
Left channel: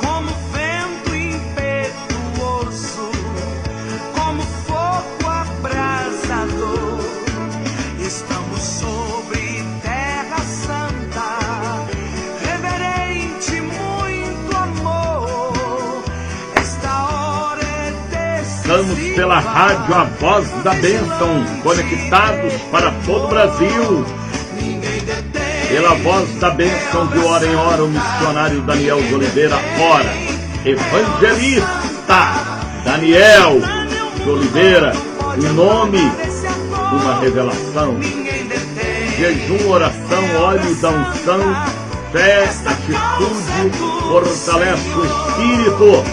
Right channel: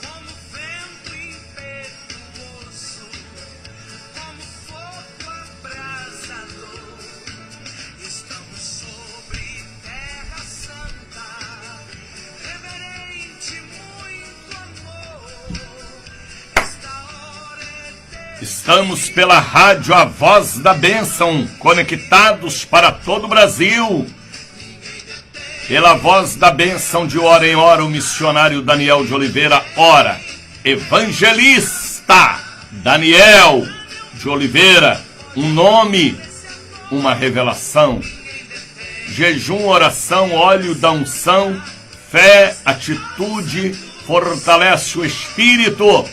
Como vento impetuoso, Estamos pela rádio A Voz da Bênção, conectados para todo o Brasil. Pela Voz da Bênção, de hora em hora, o missionário Daniel de Oliveira ora. Evangelista Daniel de Oliveira, um nome, uma revelação. Jejum, oração, óleo da unção, fé, atitude, fortalece o espírito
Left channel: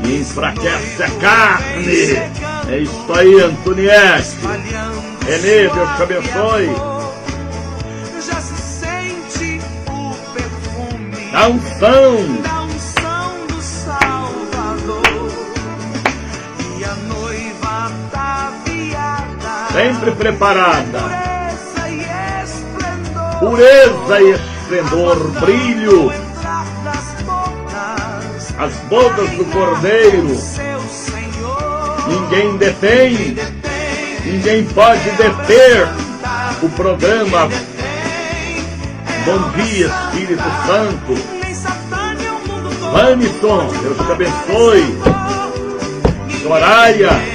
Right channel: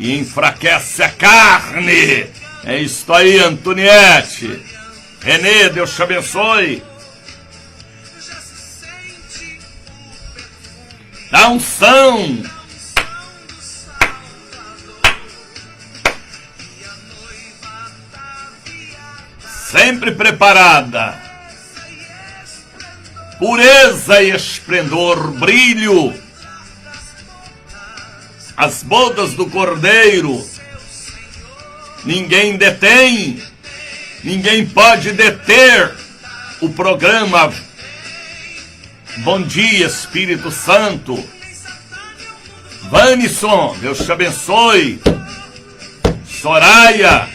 e enfraquece a carne. É isso aí, Antoniette. Renê, Deus te abençoe. Já se sente o perfume Da unção. do Salvador. E a noiva ataviada, Sempre preparada. pureza Pureza e esplendor. e esplendor, brilho. As bodas do Cordeiro. Seu Senhor, Ninguém detém, ninguém pode deter o programa. Bom dia, Espírito Santo. nem Satã, nem o mundo todo. Vanison, Deus te abençoe. Soraya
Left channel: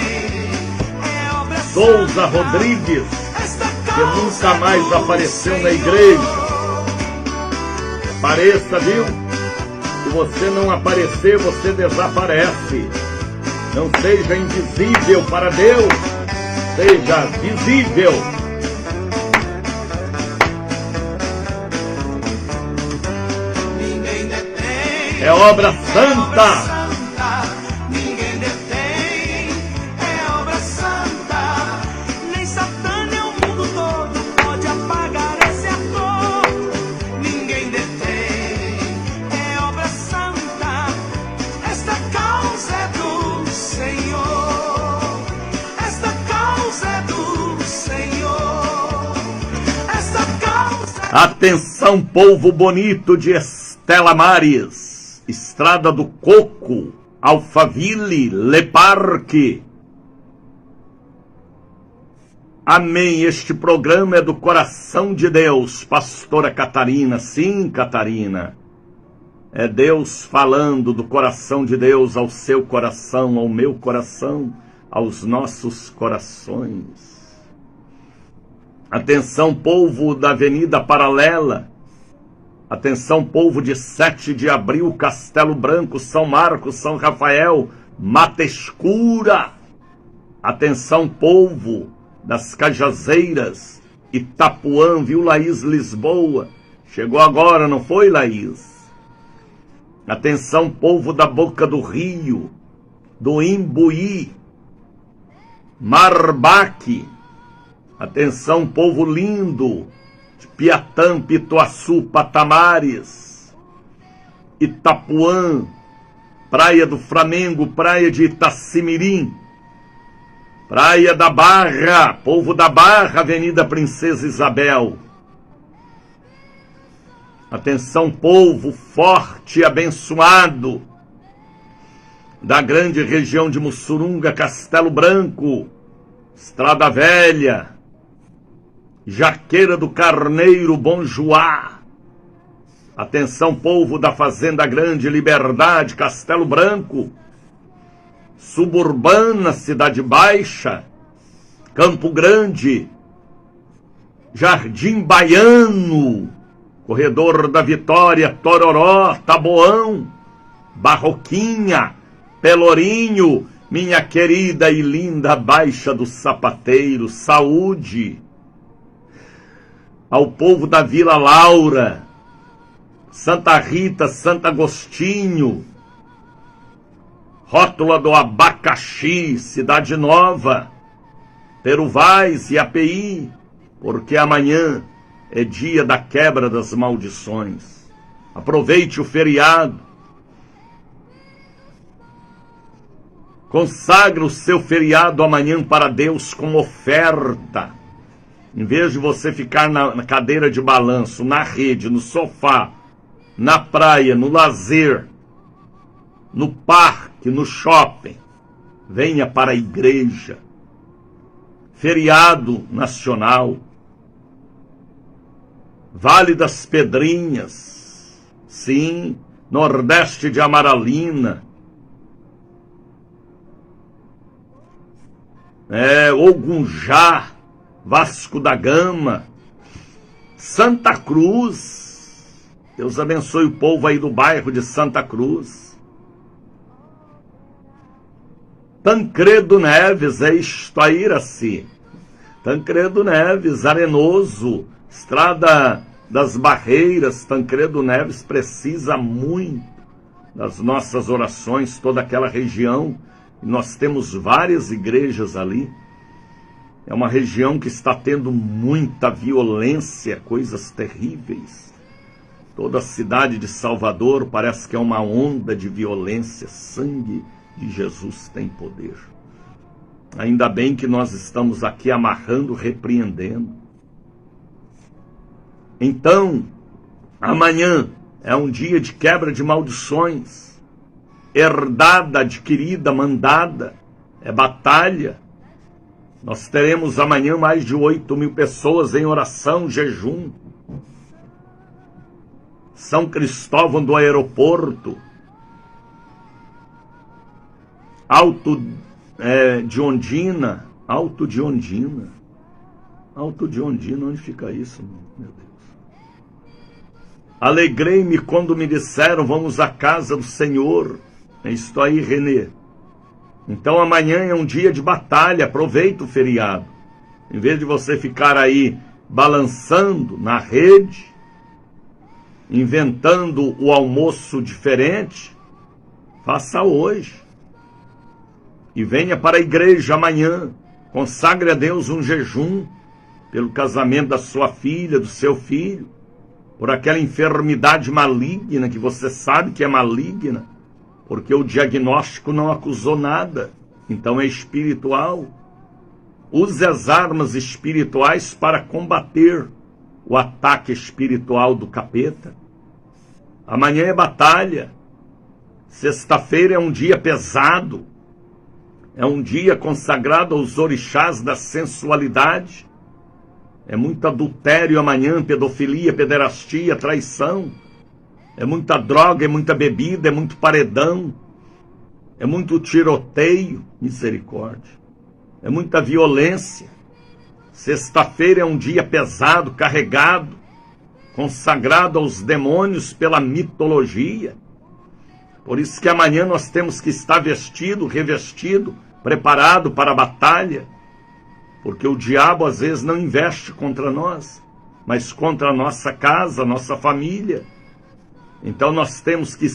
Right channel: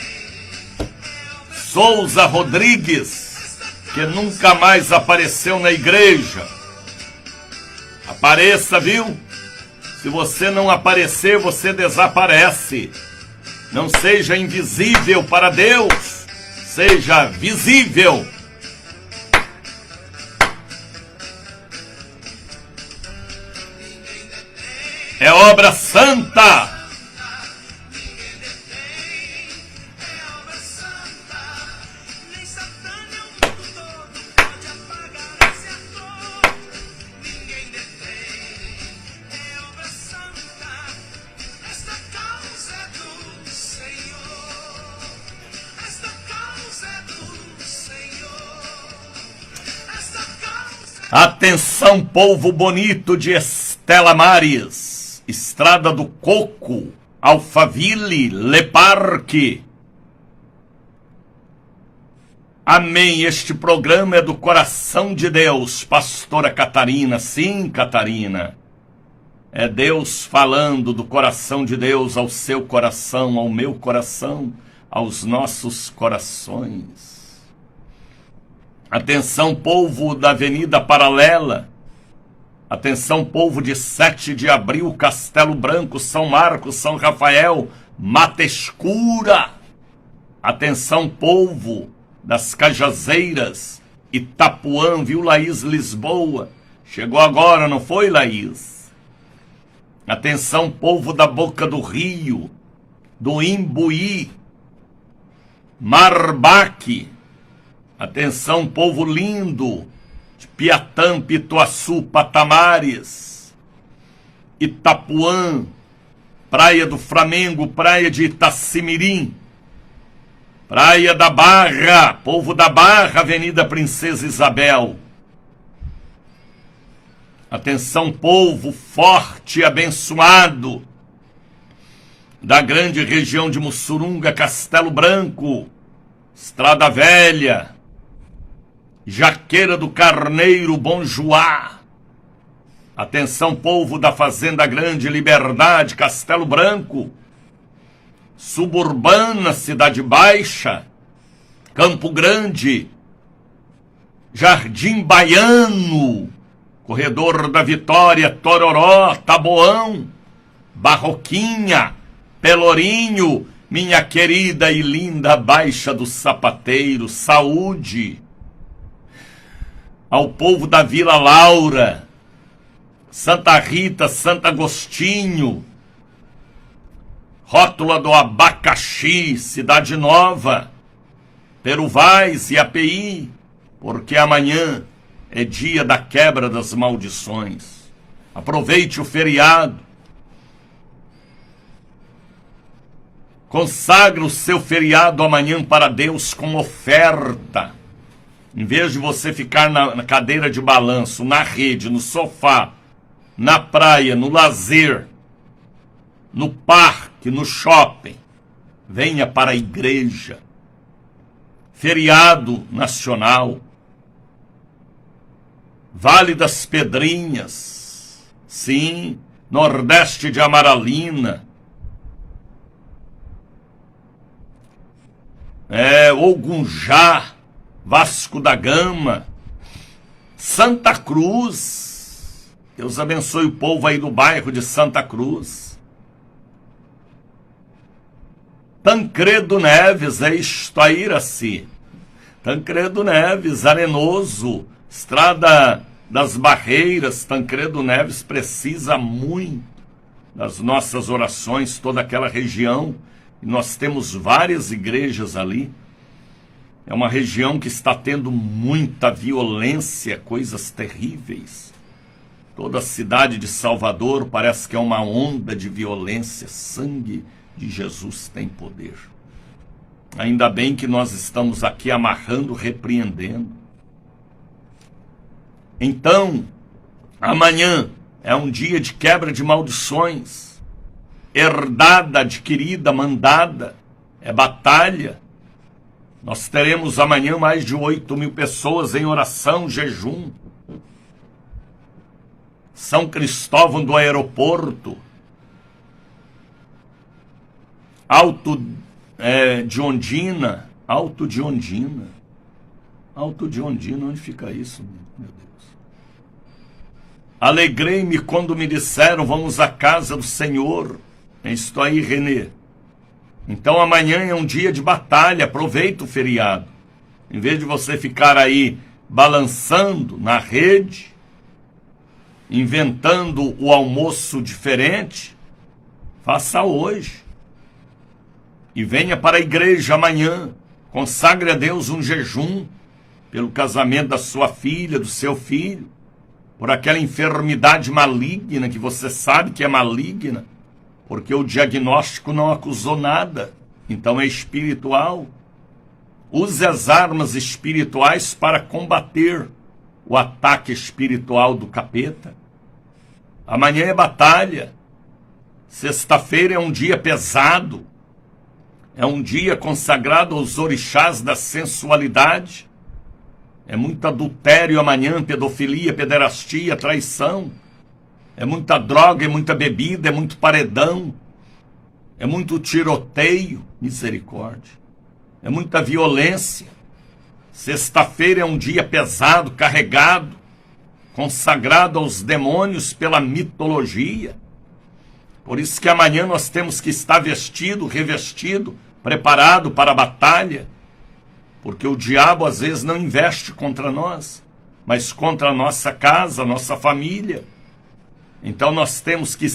Souza Rodrigues, que nunca mais apareceu na igreja. Apareça, viu? Se você não aparecer, você desaparece. Não seja invisível para Deus, seja visível. É obra santa. Ninguém detém, é obra santa. Nem Satã, nem o mundo todo pode apagar esse ator. Ninguém detém, é obra santa. Esta causa é do Senhor. Esta causa é do Senhor. Esta causa é... Atenção, povo bonito de Estela Maris, Estrada do Coco, Alphaville, Le Parque. Amém. Este programa é do coração de Deus, pastora Catarina. Sim, Catarina. É Deus falando do coração de Deus ao seu coração, ao meu coração, aos nossos corações. Atenção, povo da Avenida Paralela. Atenção, povo de 7 de abril, Castelo Branco, São Marcos, São Rafael, Mata Escura. Atenção, povo das Cajazeiras, Itapuã, viu, Laís Lisboa? Chegou agora, não foi, Laís? Atenção, povo da Boca do Rio, do Imbuí, Marbaque. Atenção, povo lindo de Piatã, Pituaçu, Patamares, Itapuã, Praia do Flamengo, Praia de Itacimirim, Praia da Barra, povo da Barra, Avenida Princesa Isabel. Atenção, povo forte e abençoado da grande região de Mussurunga, Castelo Branco, Estrada Velha, Jaqueira do Carneiro, Bom Joá. Atenção, povo da Fazenda Grande, Liberdade, Castelo Branco, Suburbana, Cidade Baixa, Campo Grande, Jardim Baiano, Corredor da Vitória, Tororó, Taboão, Barroquinha, Pelourinho, minha querida e linda Baixa do Sapateiro. Saúde ao povo da Vila Laura, Santa Rita, Santo Agostinho, Rótula do Abacaxi, Cidade Nova, Peruvais e API, porque amanhã é dia da quebra das maldições. Aproveite o feriado. Consagre o seu feriado amanhã para Deus com oferta. Em vez de você ficar na cadeira de balanço, na rede, no sofá, na praia, no lazer, no parque, no shopping, venha para a igreja. Feriado nacional. Vale das Pedrinhas, sim, Nordeste de Amaralina, Ogunjá, Vasco da Gama, Santa Cruz. Deus abençoe o povo aí do bairro de Santa Cruz. Tancredo Neves, isto aí, Iraci. Tancredo Neves, Arenoso, Estrada das Barreiras. Tancredo Neves precisa muito das nossas orações, toda aquela região. Nós temos várias igrejas ali. É uma região que está tendo muita violência, coisas terríveis. Toda a cidade de Salvador parece que é uma onda de violência. Sangue de Jesus tem poder. Ainda bem que nós estamos aqui amarrando, repreendendo. Então, amanhã é um dia de quebra de maldições. Herdada, adquirida, mandada. É batalha. Nós teremos amanhã mais de 8.000 pessoas em oração, jejum. São Cristóvão do Aeroporto. Alto de Ondina. Alto de Ondina. Alto de Ondina, onde fica isso, meu Deus? Alegrei-me quando me disseram, vamos à casa do Senhor. Estou aí, Renê. Então amanhã é um dia de batalha, aproveita o feriado. Em vez de você ficar aí balançando na rede, inventando o almoço diferente, faça hoje. E venha para a igreja amanhã, consagre a Deus um jejum, pelo casamento da sua filha, do seu filho, por aquela enfermidade maligna que você sabe que é maligna, porque o diagnóstico não acusou nada, então é espiritual. Use as armas espirituais para combater o ataque espiritual do capeta. Amanhã é batalha. Sexta-feira é um dia pesado. É um dia consagrado aos orixás da sensualidade. É muito adultério amanhã, pedofilia, pederastia, traição. É muita droga, é muita bebida, é muito paredão. É muito tiroteio, misericórdia. É muita violência. Sexta-feira é um dia pesado, carregado, consagrado aos demônios pela mitologia. Por isso que amanhã nós temos que estar vestido, revestido, preparado para a batalha. Porque o diabo às vezes não investe contra nós, mas contra a nossa casa, a nossa família. Então nós temos que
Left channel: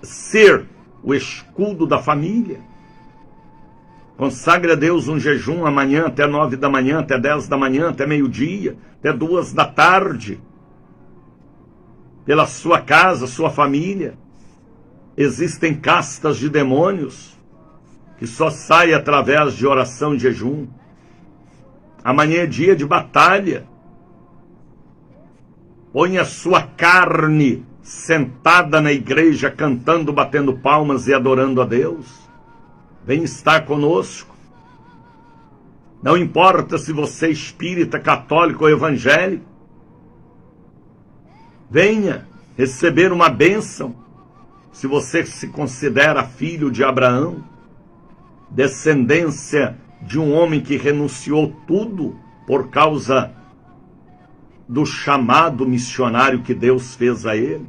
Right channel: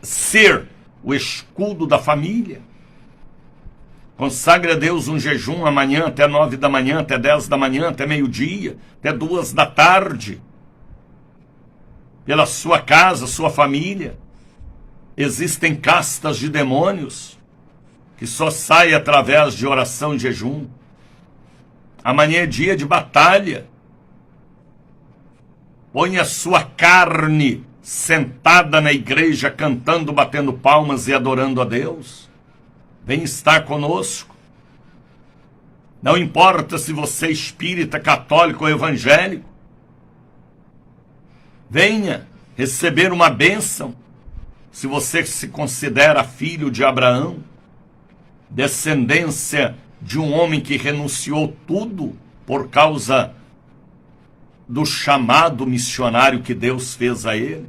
ser o escudo da família. Consagre a Deus um jejum amanhã até 9 da manhã, até 10 da manhã, até meio-dia, até 2 da tarde. Pela sua casa, sua família. Existem castas de demônios que só saem através de oração e jejum. Amanhã é dia de batalha. Põe a sua carne sentada na igreja, cantando, batendo palmas e adorando a Deus. Vem estar conosco. Não importa se você é espírita, católico ou evangélico. Venha receber uma bênção. Se você se considera filho de Abraão, descendência de um homem que renunciou tudo por causa do chamado missionário que Deus fez a ele.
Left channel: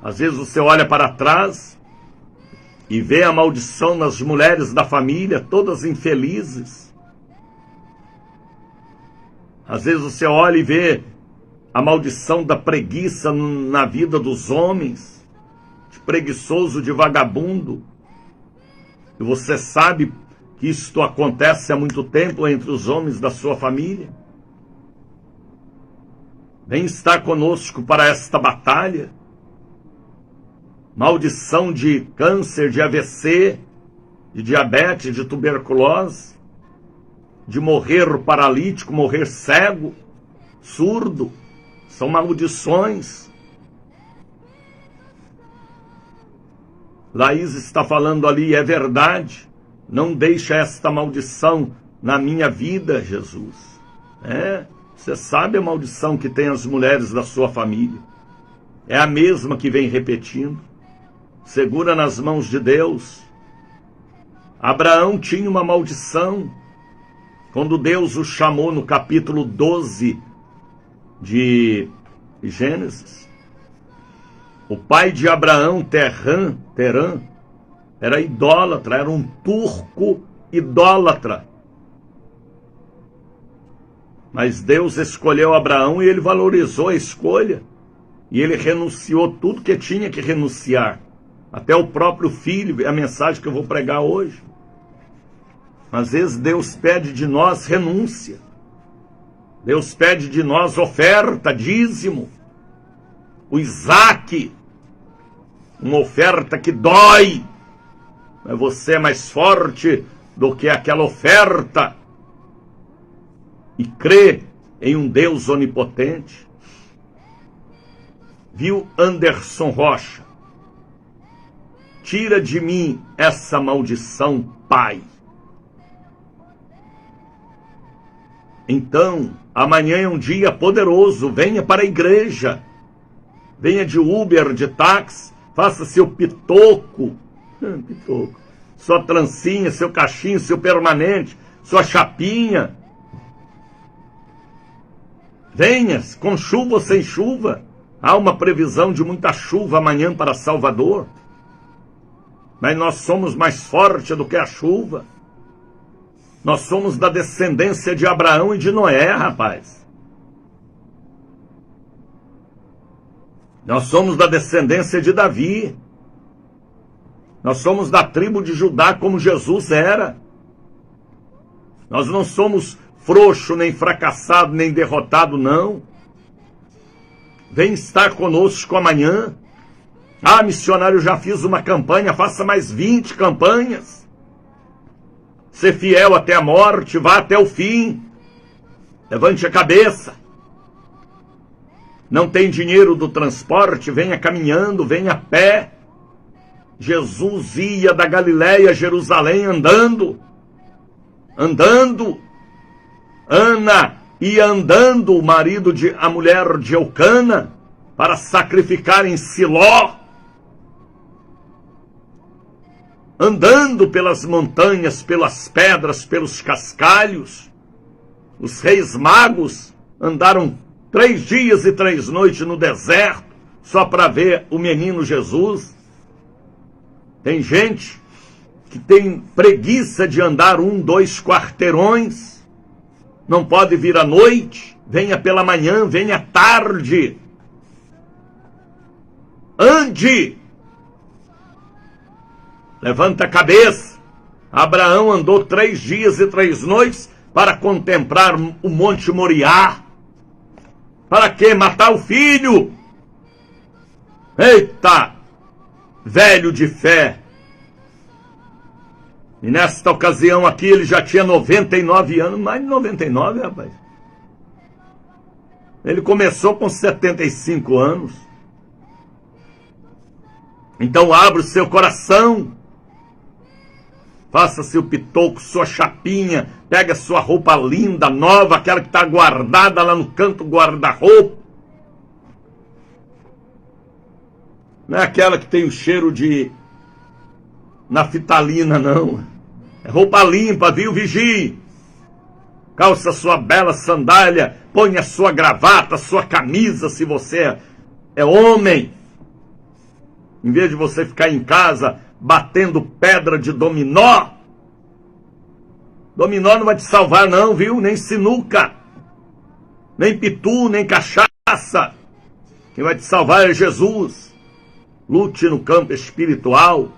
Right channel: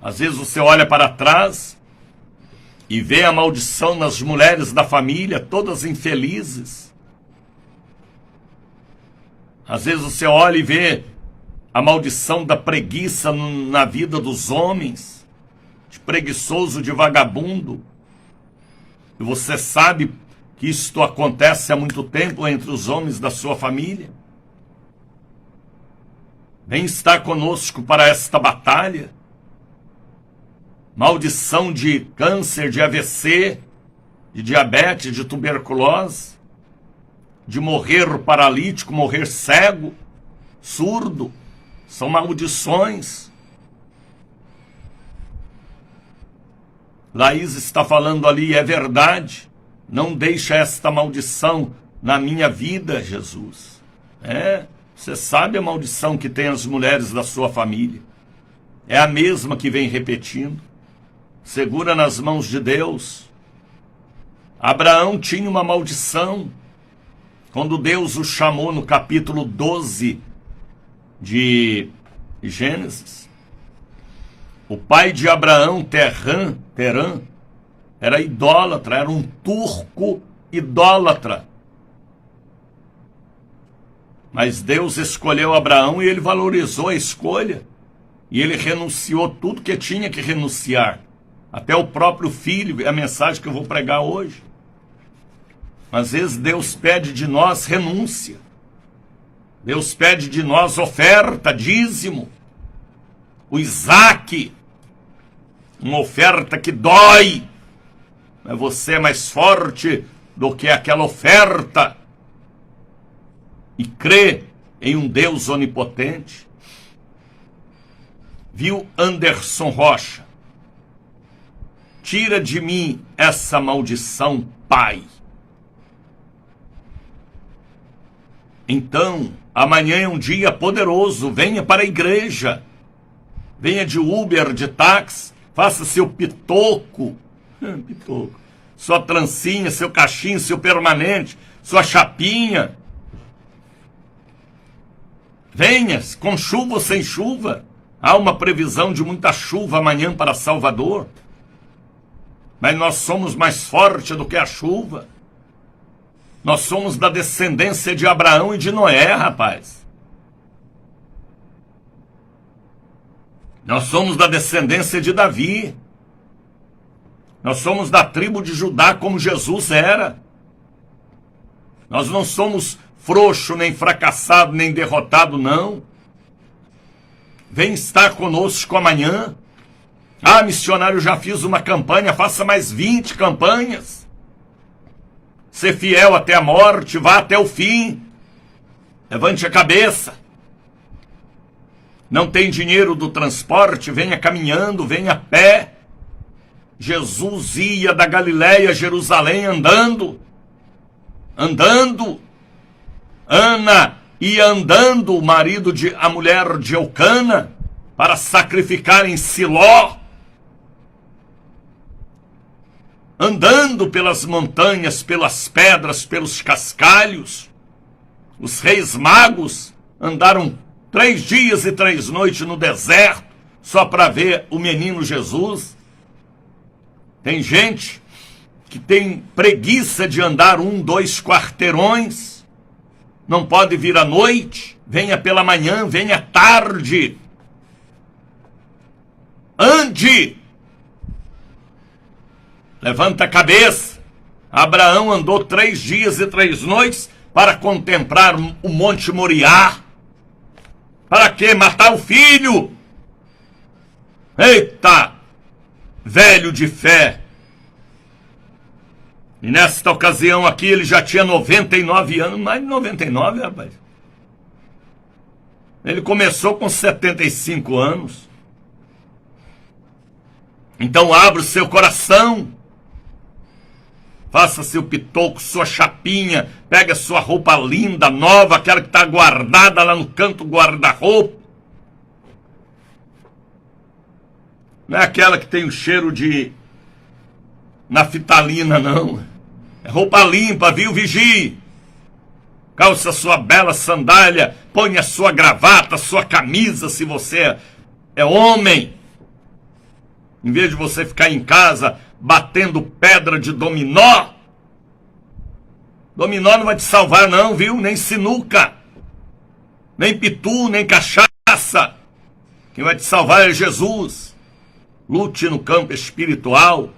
Às vezes você olha para trás e vê a maldição nas mulheres da família, todas infelizes. Às vezes você olha e vê a maldição da preguiça na vida dos homens, de preguiçoso, de vagabundo. E você sabe que isto acontece há muito tempo entre os homens da sua família. Vem estar conosco para esta batalha. Maldição de câncer, de AVC, de diabetes, de tuberculose, de morrer paralítico, morrer cego, surdo, são maldições. Laís está falando ali, é verdade. Não deixa esta maldição na minha vida, Jesus. Você sabe a maldição que tem as mulheres da sua família. É a mesma que vem repetindo. Segura nas mãos de Deus. Abraão tinha uma maldição. Quando Deus o chamou no capítulo 12 de Gênesis, o pai de Abraão, Terã, era idólatra, era um turco idólatra. Mas Deus escolheu Abraão e ele valorizou a escolha. E ele renunciou tudo que tinha que renunciar. Até o próprio filho, é a mensagem que eu vou pregar hoje. Às vezes Deus pede de nós renúncia. Deus pede de nós oferta, dízimo. O Isaac, uma oferta que dói. Mas você é mais forte do que aquela oferta. E crê em um Deus onipotente. Viu Anderson Rocha? Tira de mim essa maldição, Pai. Então, amanhã é um dia poderoso. Venha para a igreja. Venha de Uber, de táxi. Faça seu pitoco. Pitoco. Sua trancinha, seu cachinho, seu permanente, sua chapinha. Venha, com chuva ou sem chuva. Há uma previsão de muita chuva amanhã para Salvador. Mas nós somos mais fortes do que a chuva. Nós somos da descendência de Abraão e de Noé, rapaz. Nós somos da descendência de Davi. Nós somos da tribo de Judá como Jesus era. Nós não somos frouxo, nem fracassado, nem derrotado, não. Vem estar conosco amanhã. Ah, missionário, já fiz uma campanha, faça mais 20 campanhas. Ser fiel até a morte, vá até o fim. Levante a cabeça. Não tem dinheiro do transporte, venha caminhando, venha a pé. Jesus ia da Galiléia a Jerusalém andando. Andando. Ana ia andando, a mulher de Eucana, para sacrificar em Siló. Andando pelas montanhas, pelas pedras, pelos cascalhos. Os reis magos andaram 3 dias e 3 noites no deserto, só para ver o menino Jesus. Tem gente que tem preguiça de andar 1, 2 quarteirões. Não pode vir à noite, venha pela manhã, venha à tarde. Ande! Levanta a cabeça. Abraão andou 3 dias e 3 noites para contemplar o Monte Moriá. Para quê? Matar o filho? Eita! Velho de fé. E nesta ocasião aqui ele já tinha 99 anos, mais de 99, rapaz. Ele começou com 75 anos. Então abra o seu coração. Faça seu pitoco, sua chapinha, pega sua roupa linda, nova, aquela que está guardada lá no canto do guarda-roupa. Não é aquela que tem o cheiro de naftalina, não. É roupa limpa, viu, vigie? Calça sua bela sandália, põe a sua gravata, sua camisa, se você é homem. Em vez de você ficar em casa batendo pedra de dominó. Dominó não vai te salvar não, viu? Nem sinuca. Nem pitu, nem cachaça. Quem vai te salvar é Jesus. Lute no campo espiritual.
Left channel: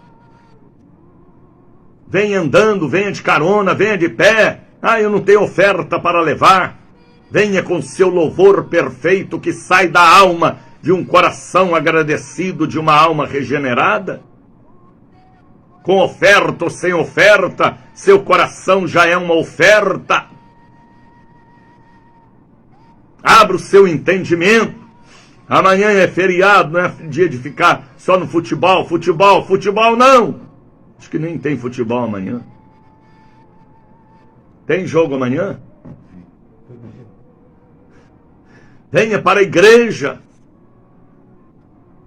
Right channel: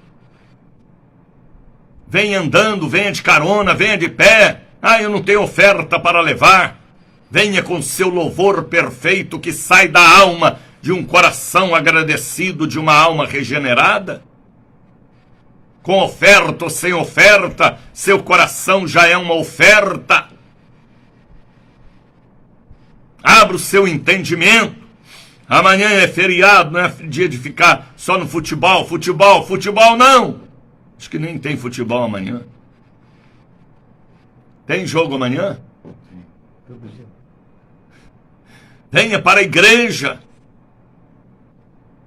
Venha andando, venha de carona, venha de pé. Ah, eu não tenho oferta para levar. Venha com seu louvor perfeito que sai da alma de um coração agradecido, de uma alma regenerada. Com oferta ou sem oferta, seu coração já é uma oferta. Abra o seu entendimento. Amanhã é feriado, não é dia de ficar só no futebol, futebol não. Acho que nem tem futebol amanhã. Tem jogo amanhã? Venha para a igreja.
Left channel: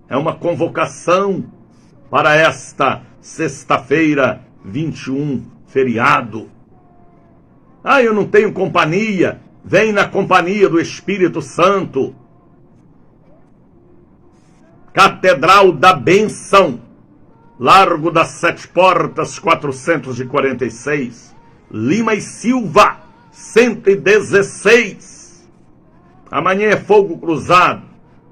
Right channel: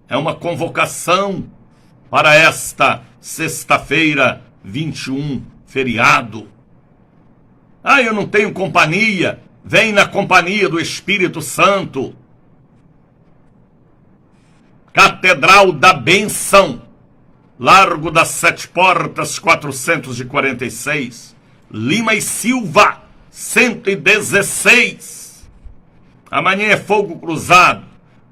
É uma convocação para esta sexta-feira 21, feriado. Ah, eu não tenho companhia. Vem na companhia do Espírito Santo. Catedral da Bênção, Largo das Sete Portas, 446, Lima e Silva, 116. Amanhã é fogo cruzado,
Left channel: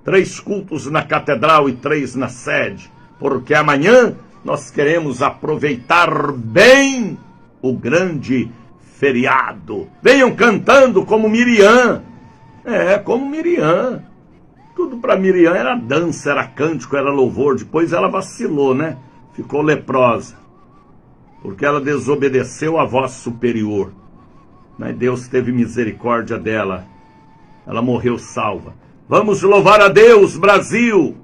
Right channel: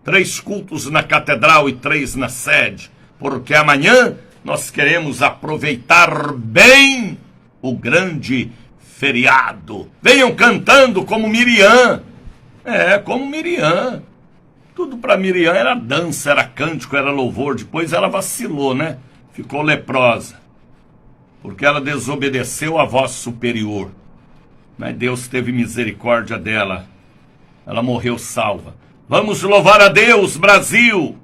3 cultos na catedral e 3 na sede, porque amanhã nós queremos aproveitar bem o grande feriado. Venham cantando como Miriam. Como Miriam. Tudo para Miriam era dança, era cântico, era louvor. Depois ela vacilou, né? Ficou leprosa, porque ela desobedeceu à voz superior. Mas Deus teve misericórdia dela. Ela morreu salva. Vamos louvar a Deus, Brasil.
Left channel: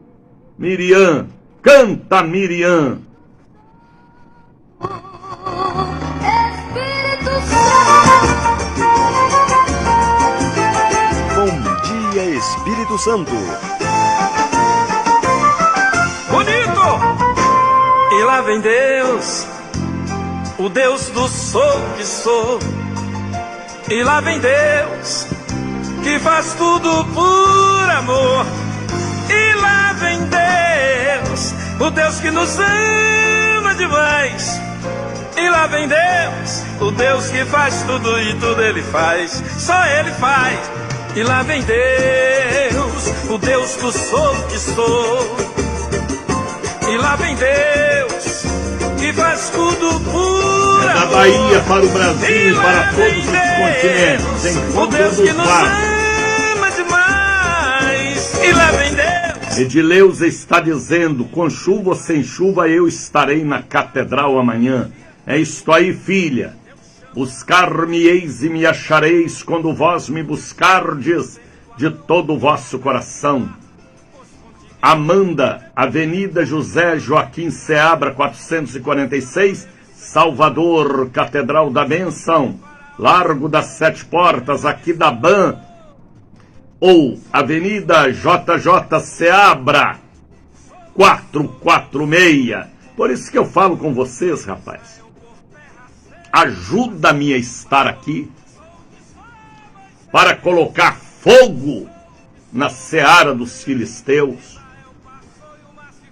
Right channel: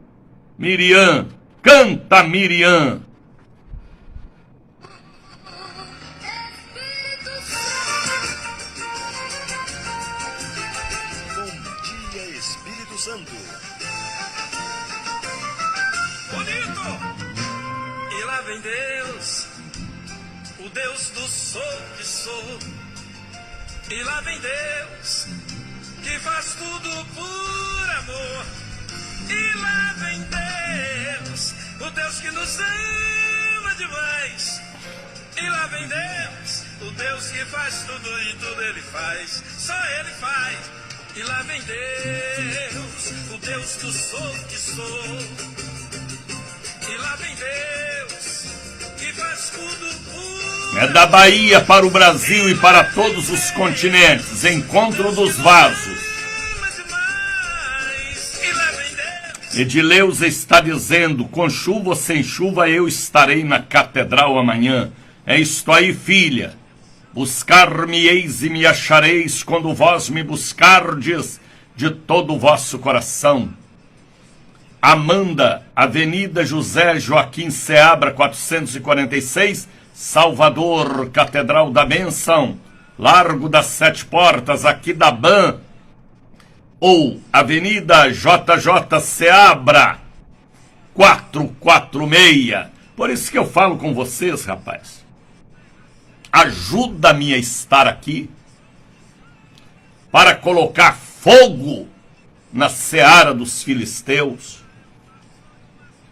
Miriam, canta Miriam. Espírito Santo. Bom dia, Espírito Santo. Bonito! E lá vem Deus, o Deus do sou que sou. E lá vem Deus, que faz tudo por amor. E lá vem Deus, o Deus que nos ama demais. E lá vem Deus, o Deus que faz tudo e tudo Ele faz, só Ele faz. E lá vem Deus, o Deus do sou que sou. E lá vem Deus, que faz tudo por É da Bahia para o Brasil e para todos os continentes. Encontro dos vasos. E lá vem Deus. Edileuza está dizendo: com chuva ou sem chuva eu estarei na catedral amanhã. É isto aí, filha. Buscar-me-eis e me achareis quando vós me buscardes de todo o vosso coração. Amanda, Avenida José Joaquim Seabra, 446, Salvador, Catedral da Bênção, Largo das Sete Portas, aqui da BAN. Ou Avenida JJ Seabra, 446. Por isso que eu falo com vocês, rapaz. Ajuda-me a estar aqui para colocar fogo na seara dos filisteus.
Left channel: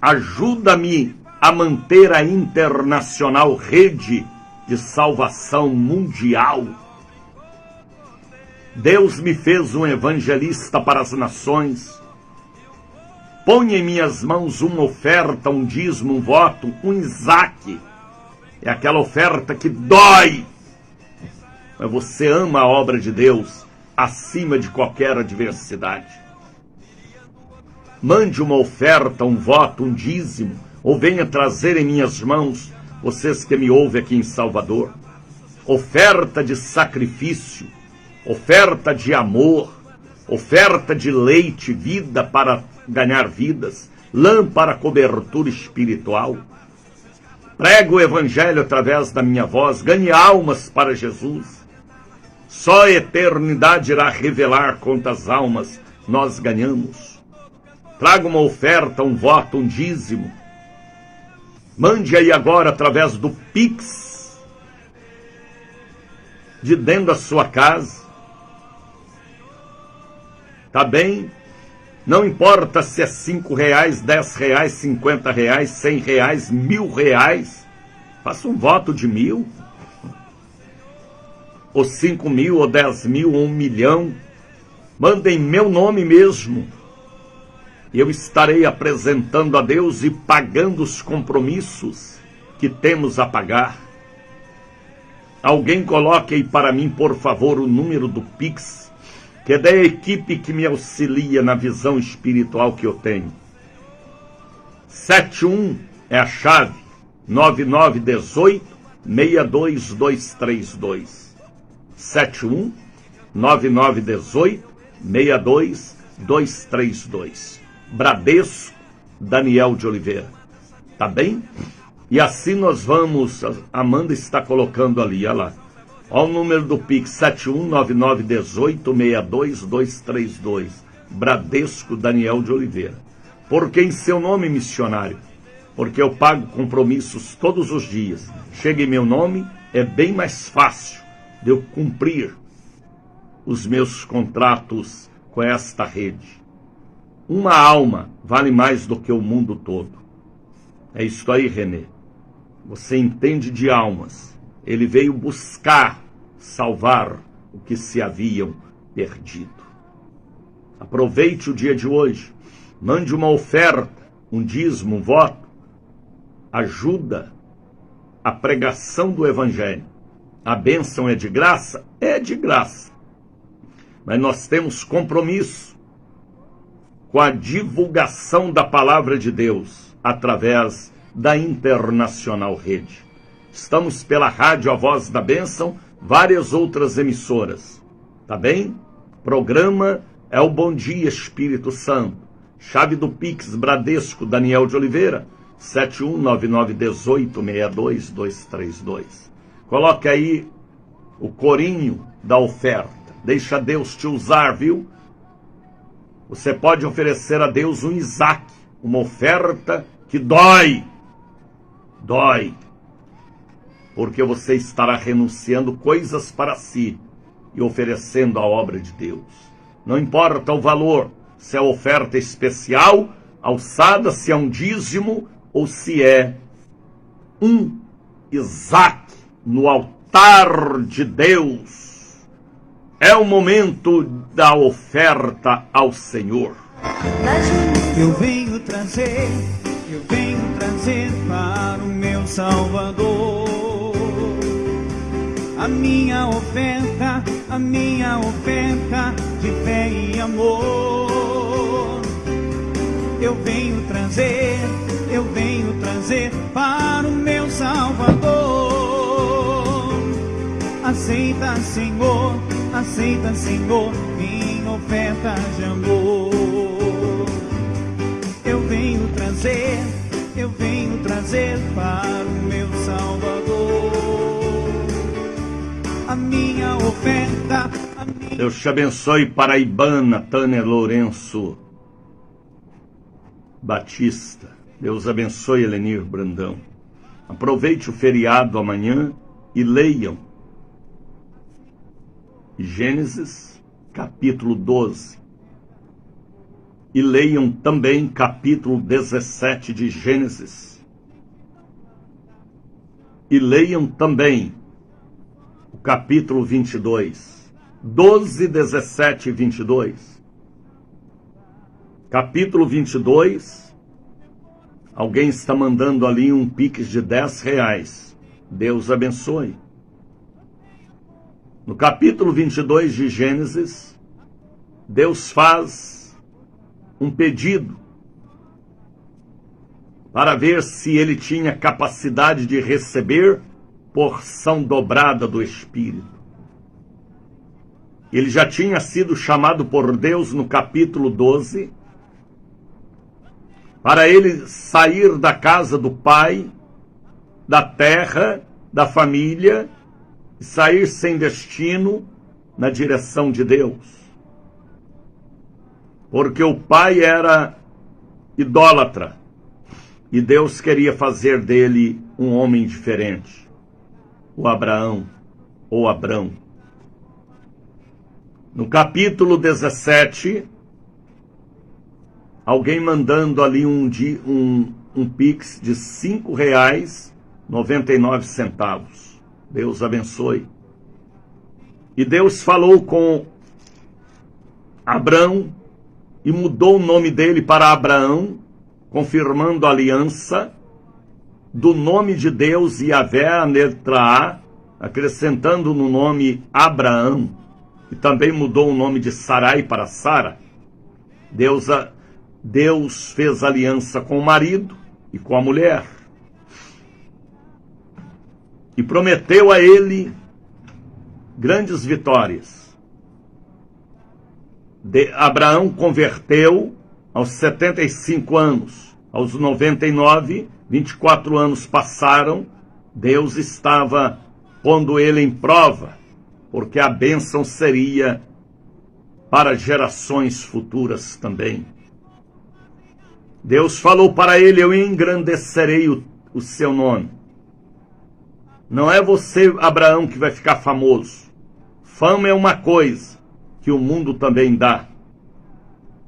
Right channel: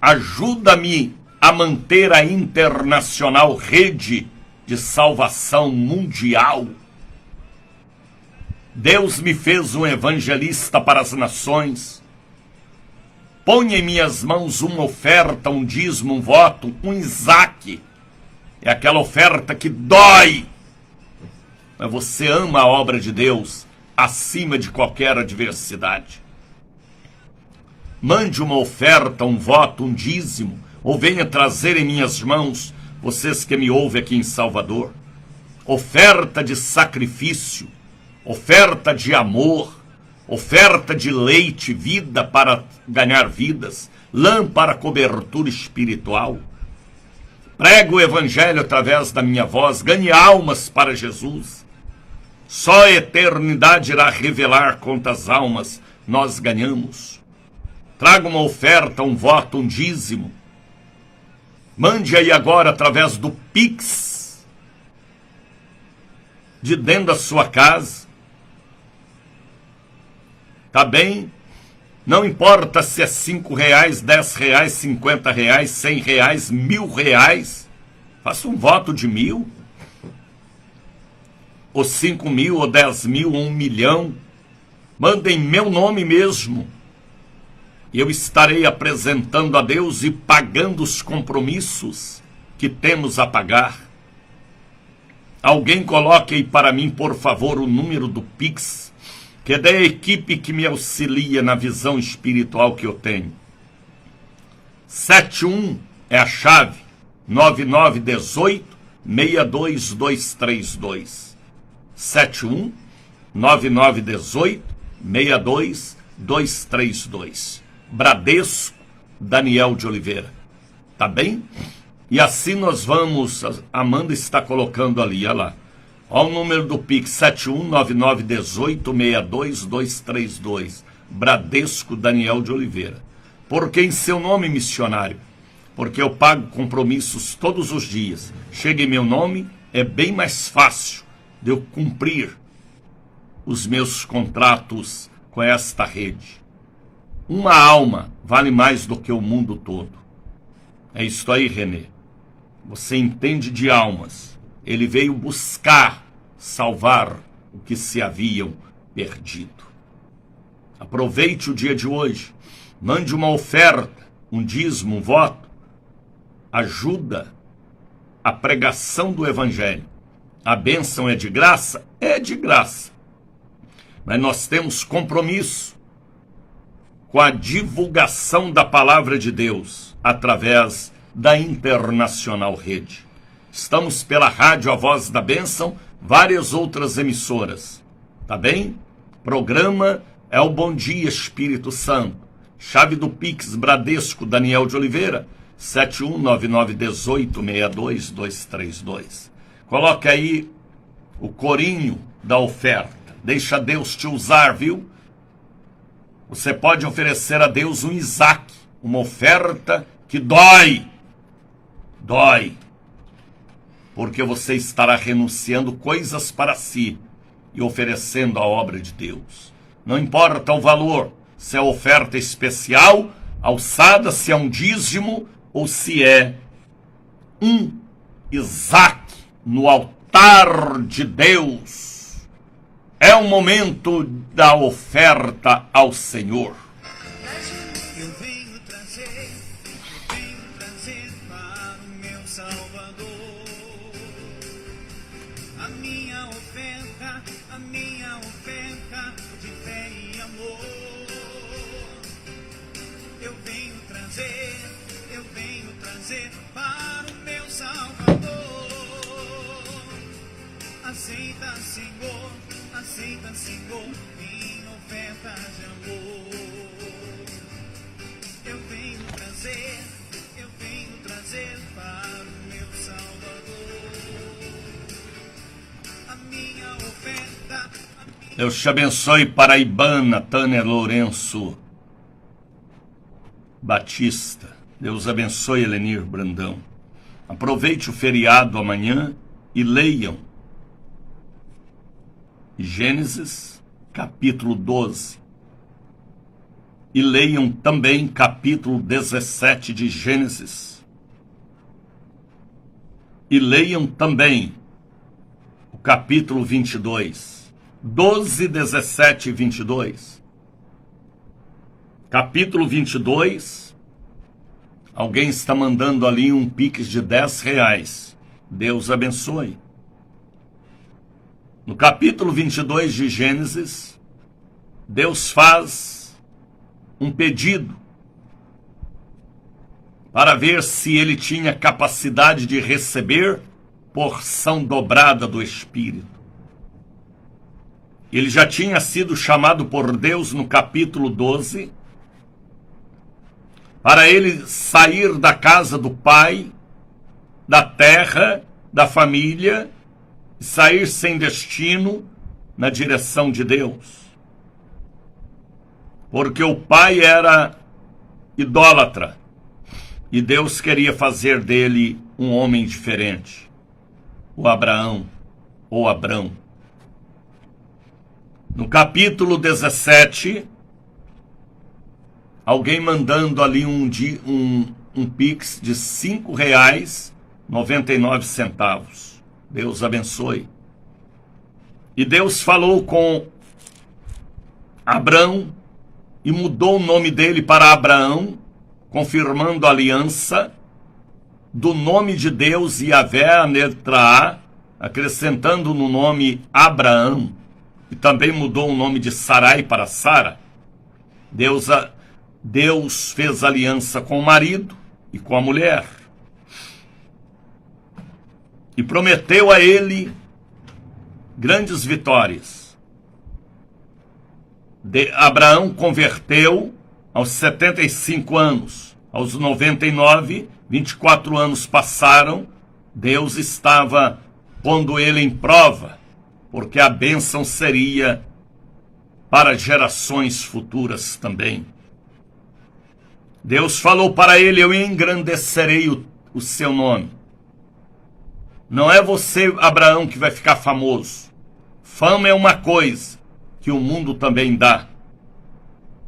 Ajuda-me a manter a internacional rede de salvação mundial. Deus me fez um evangelista para as nações. Põe em minhas mãos uma oferta, um dízimo, um voto, um Isaac. É aquela oferta que dói. Mas você ama a obra de Deus acima de qualquer adversidade. Mande uma oferta, um voto, um dízimo, ou venha trazer em minhas mãos, vocês que me ouvem aqui em Salvador, oferta de sacrifício, oferta de amor, oferta de leite, vida para ganhar vidas, lã para cobertura espiritual. Prego o evangelho através da minha voz, ganhe almas para Jesus. Só a eternidade irá revelar quantas almas nós ganhamos. Traga uma oferta, um voto, um dízimo. Mande aí agora através do Pix, de dentro da sua casa. Tá bem? Não importa se é R$5, R$10, R$50, R$100, R$1.000. Faça um voto de 1.000. Ou 5.000, ou 10.000, ou 1 milhão. Mandem meu nome mesmo. Eu estarei apresentando a Deus e pagando os compromissos que temos a pagar. Alguém coloque aí para mim, por favor, o número do Pix, que é da equipe que me auxilia na visão espiritual que eu tenho. 71 é a chave, 9918-62232. 71 9918-62232. Bradesco, Daniel de Oliveira. Tá bem? E assim nós vamos. A Amanda está colocando ali, olha lá. Olha o número do Pix, 719918-62232. Bradesco, Daniel de Oliveira. Porque em seu nome, missionário, porque eu pago compromissos todos os dias. Chega em meu nome, é bem mais fácil de eu cumprir os meus contratos com esta rede. Uma alma vale mais do que o mundo todo. É isso aí, Renê. Você entende de almas. Ele veio buscar salvar o que se haviam perdido. Aproveite o dia de hoje. Mande uma oferta, um dízimo, um voto. Ajuda a pregação do Evangelho. A bênção é de graça? É de graça. Mas nós temos compromisso com a divulgação da palavra de Deus através da Internacional Rede. Estamos pela rádio A Voz da Bênção, várias outras emissoras. Tá bem? Programa é o Bom Dia Espírito Santo. Chave do Pix Bradesco Daniel de Oliveira, 71992862232. Coloque aí o corinho da oferta. Deixa Deus te usar, viu? Você pode oferecer a Deus um Isaac, uma oferta que dói. Dói. Porque você estará renunciando coisas para si e oferecendo a obra de Deus. Não importa o valor, se é oferta especial, alçada, se é um dízimo ou se é um Isaac no altar de Deus. É o momento da oferta ao Senhor. Eu venho trazer para o meu Salvador a minha oferta de fé e amor. Eu venho trazer para o meu Salvador. Aceita, Senhor, minha oferta de amor. Eu venho trazer para o meu Salvador a minha oferta. Deus te abençoe, paraibana Tânia Lourenço Batista. Deus abençoe, Elenir Brandão. Aproveite o feriado amanhã e leiam Gênesis, capítulo 12. E leiam também capítulo 17 de Gênesis. E leiam também o capítulo 22. 12, 17 e 22. Capítulo 22. Alguém está mandando ali um pix de R$10. Deus abençoe. No capítulo 22 de Gênesis, Deus faz um pedido para ver se ele tinha capacidade de receber porção dobrada do Espírito. Ele já tinha sido chamado por Deus no capítulo 12 para ele sair da casa do pai, da terra, da família, e sair sem destino na direção de Deus. Porque o pai era idólatra e Deus queria fazer dele um homem diferente, o Abraão ou Abrão. No capítulo 17, alguém mandando ali um pix de R$5,99. Deus abençoe. E Deus falou com Abrão e mudou o nome dele para Abraão, confirmando a aliança do nome de Deus, Yahvé, a letra A, acrescentando no nome Abraão. E também mudou o nome de Sarai para Sara. Deus fez aliança com o marido e com a mulher. E prometeu a ele grandes vitórias. Abraão converteu aos 75 anos. Aos 99, 24 anos passaram. Deus estava pondo ele em prova, porque a bênção seria para gerações futuras também. Deus falou para ele: eu engrandecerei o seu nome. Não é você, Abraão, que vai ficar famoso. Fama é uma coisa que o mundo também dá.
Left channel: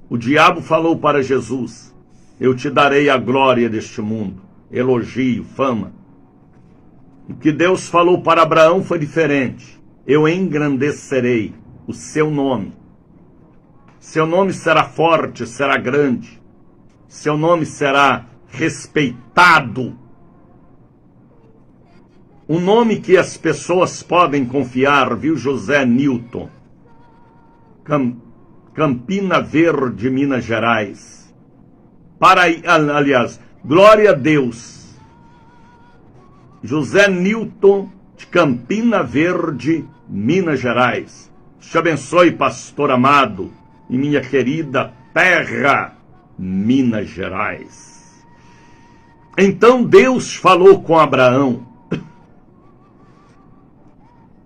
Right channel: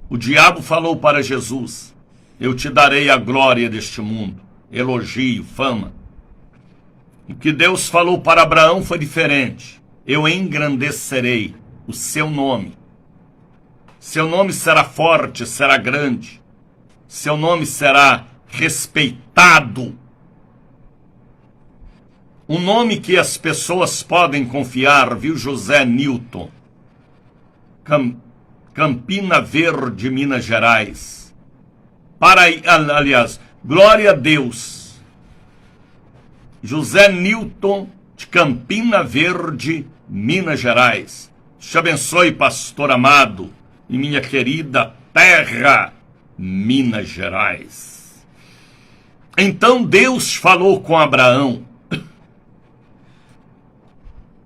O diabo falou para Jesus: eu te darei a glória deste mundo, elogio, fama. E o que Deus falou para Abraão foi diferente: eu engrandecerei o seu nome. Seu nome será forte, será grande. Seu nome será respeitado. Um nome que as pessoas podem confiar, viu, José Newton? Campina Verde, Minas Gerais. Aliás, glória a Deus. José Newton, de Campina Verde, Minas Gerais. Te abençoe, pastor amado, em minha querida terra, Minas Gerais. Então Deus falou com Abraão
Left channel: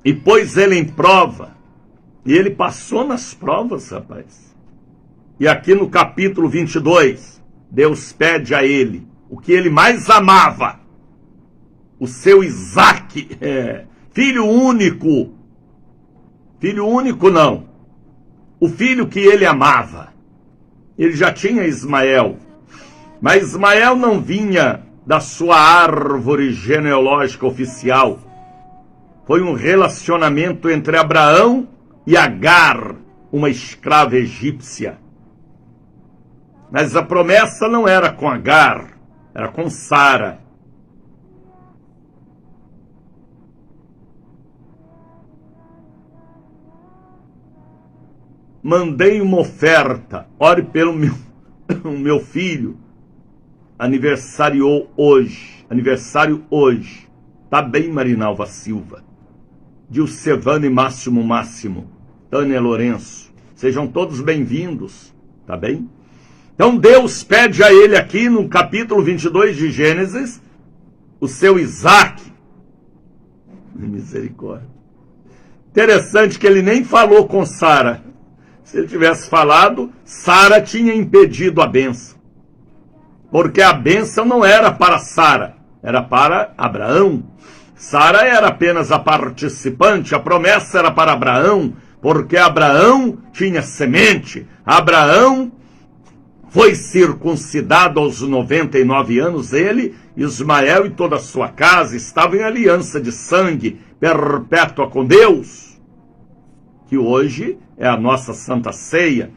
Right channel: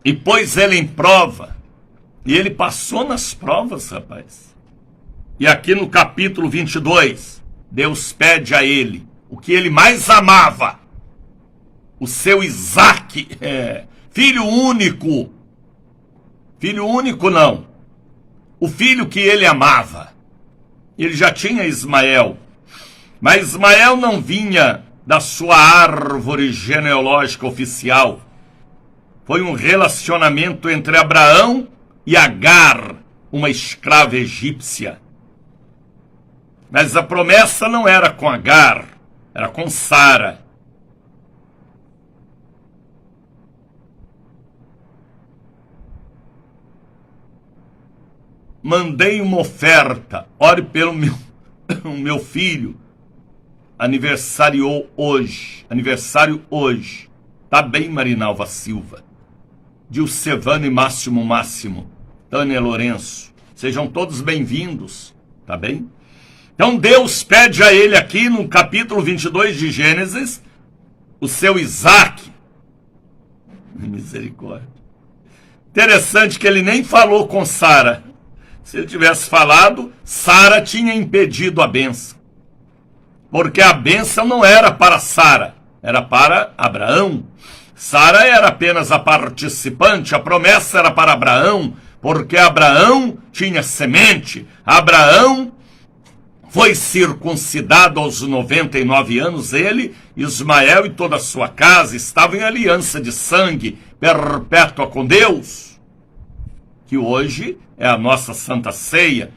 e pôs ele em prova. E ele passou nas provas, rapaz. E aqui no capítulo 22, Deus pede a ele o que ele mais amava: o seu Isaque, filho único. Filho único não, o filho que ele amava. Ele já tinha Ismael, mas Ismael não vinha da sua árvore genealógica oficial. Foi um relacionamento entre Abraão e Agar, uma escrava egípcia. Mas a promessa não era com Agar, era com Sara. Mandei uma oferta, ore pelo meu filho, aniversário hoje. Tá bem, Marinalva Silva, Dilcevane Máximo, Tânia Lourenço, sejam todos bem-vindos, tá bem? Então Deus pede a ele aqui no capítulo 22 de Gênesis, o seu Isaque. Misericórdia. Interessante que ele nem falou com Sara. Se ele tivesse falado, Sara tinha impedido a bênção. Porque a bênção não era para Sara, era para Abraão. Sara era apenas a participante, a promessa era para Abraão, porque Abraão tinha semente. Abraão foi circuncidado aos 99 anos, ele, Ismael e toda a sua casa estavam em aliança de sangue perpétua com Deus, que hoje é a nossa Santa Ceia.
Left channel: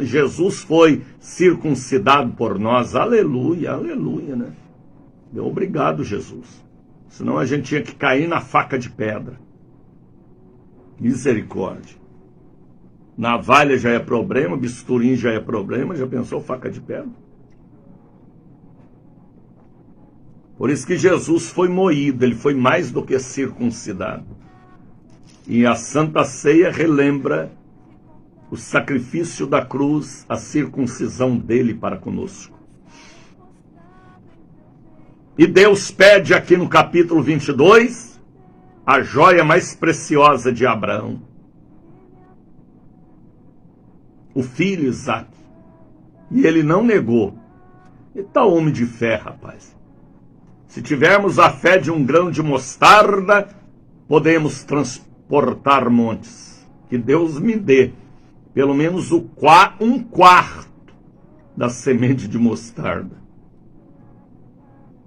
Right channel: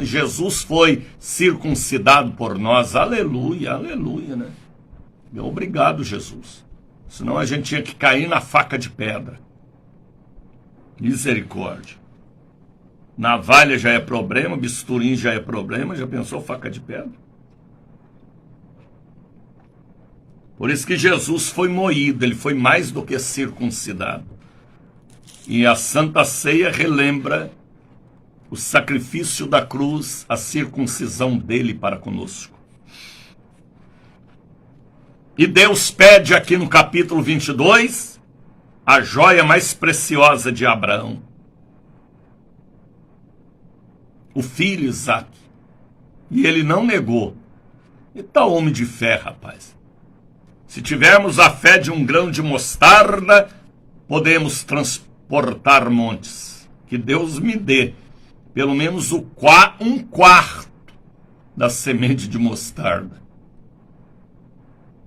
Jesus foi circuncidado por nós. Aleluia, aleluia, né? Obrigado, Jesus. Senão a gente tinha que cair na faca de pedra. Misericórdia. Navalha já é problema, bisturim já é problema, já pensou faca de pedra? Por isso que Jesus foi moído, ele foi mais do que circuncidado. E a Santa Ceia relembra o sacrifício da cruz, a circuncisão dele para conosco. E Deus pede aqui no capítulo 22 a joia mais preciosa de Abraão, o filho Isaque. E ele não negou. E tal homem de fé, rapaz. Se tivermos a fé de um grão de mostarda, podemos transportar montes. Que Deus me dê pelo menos um quarto da semente de mostarda.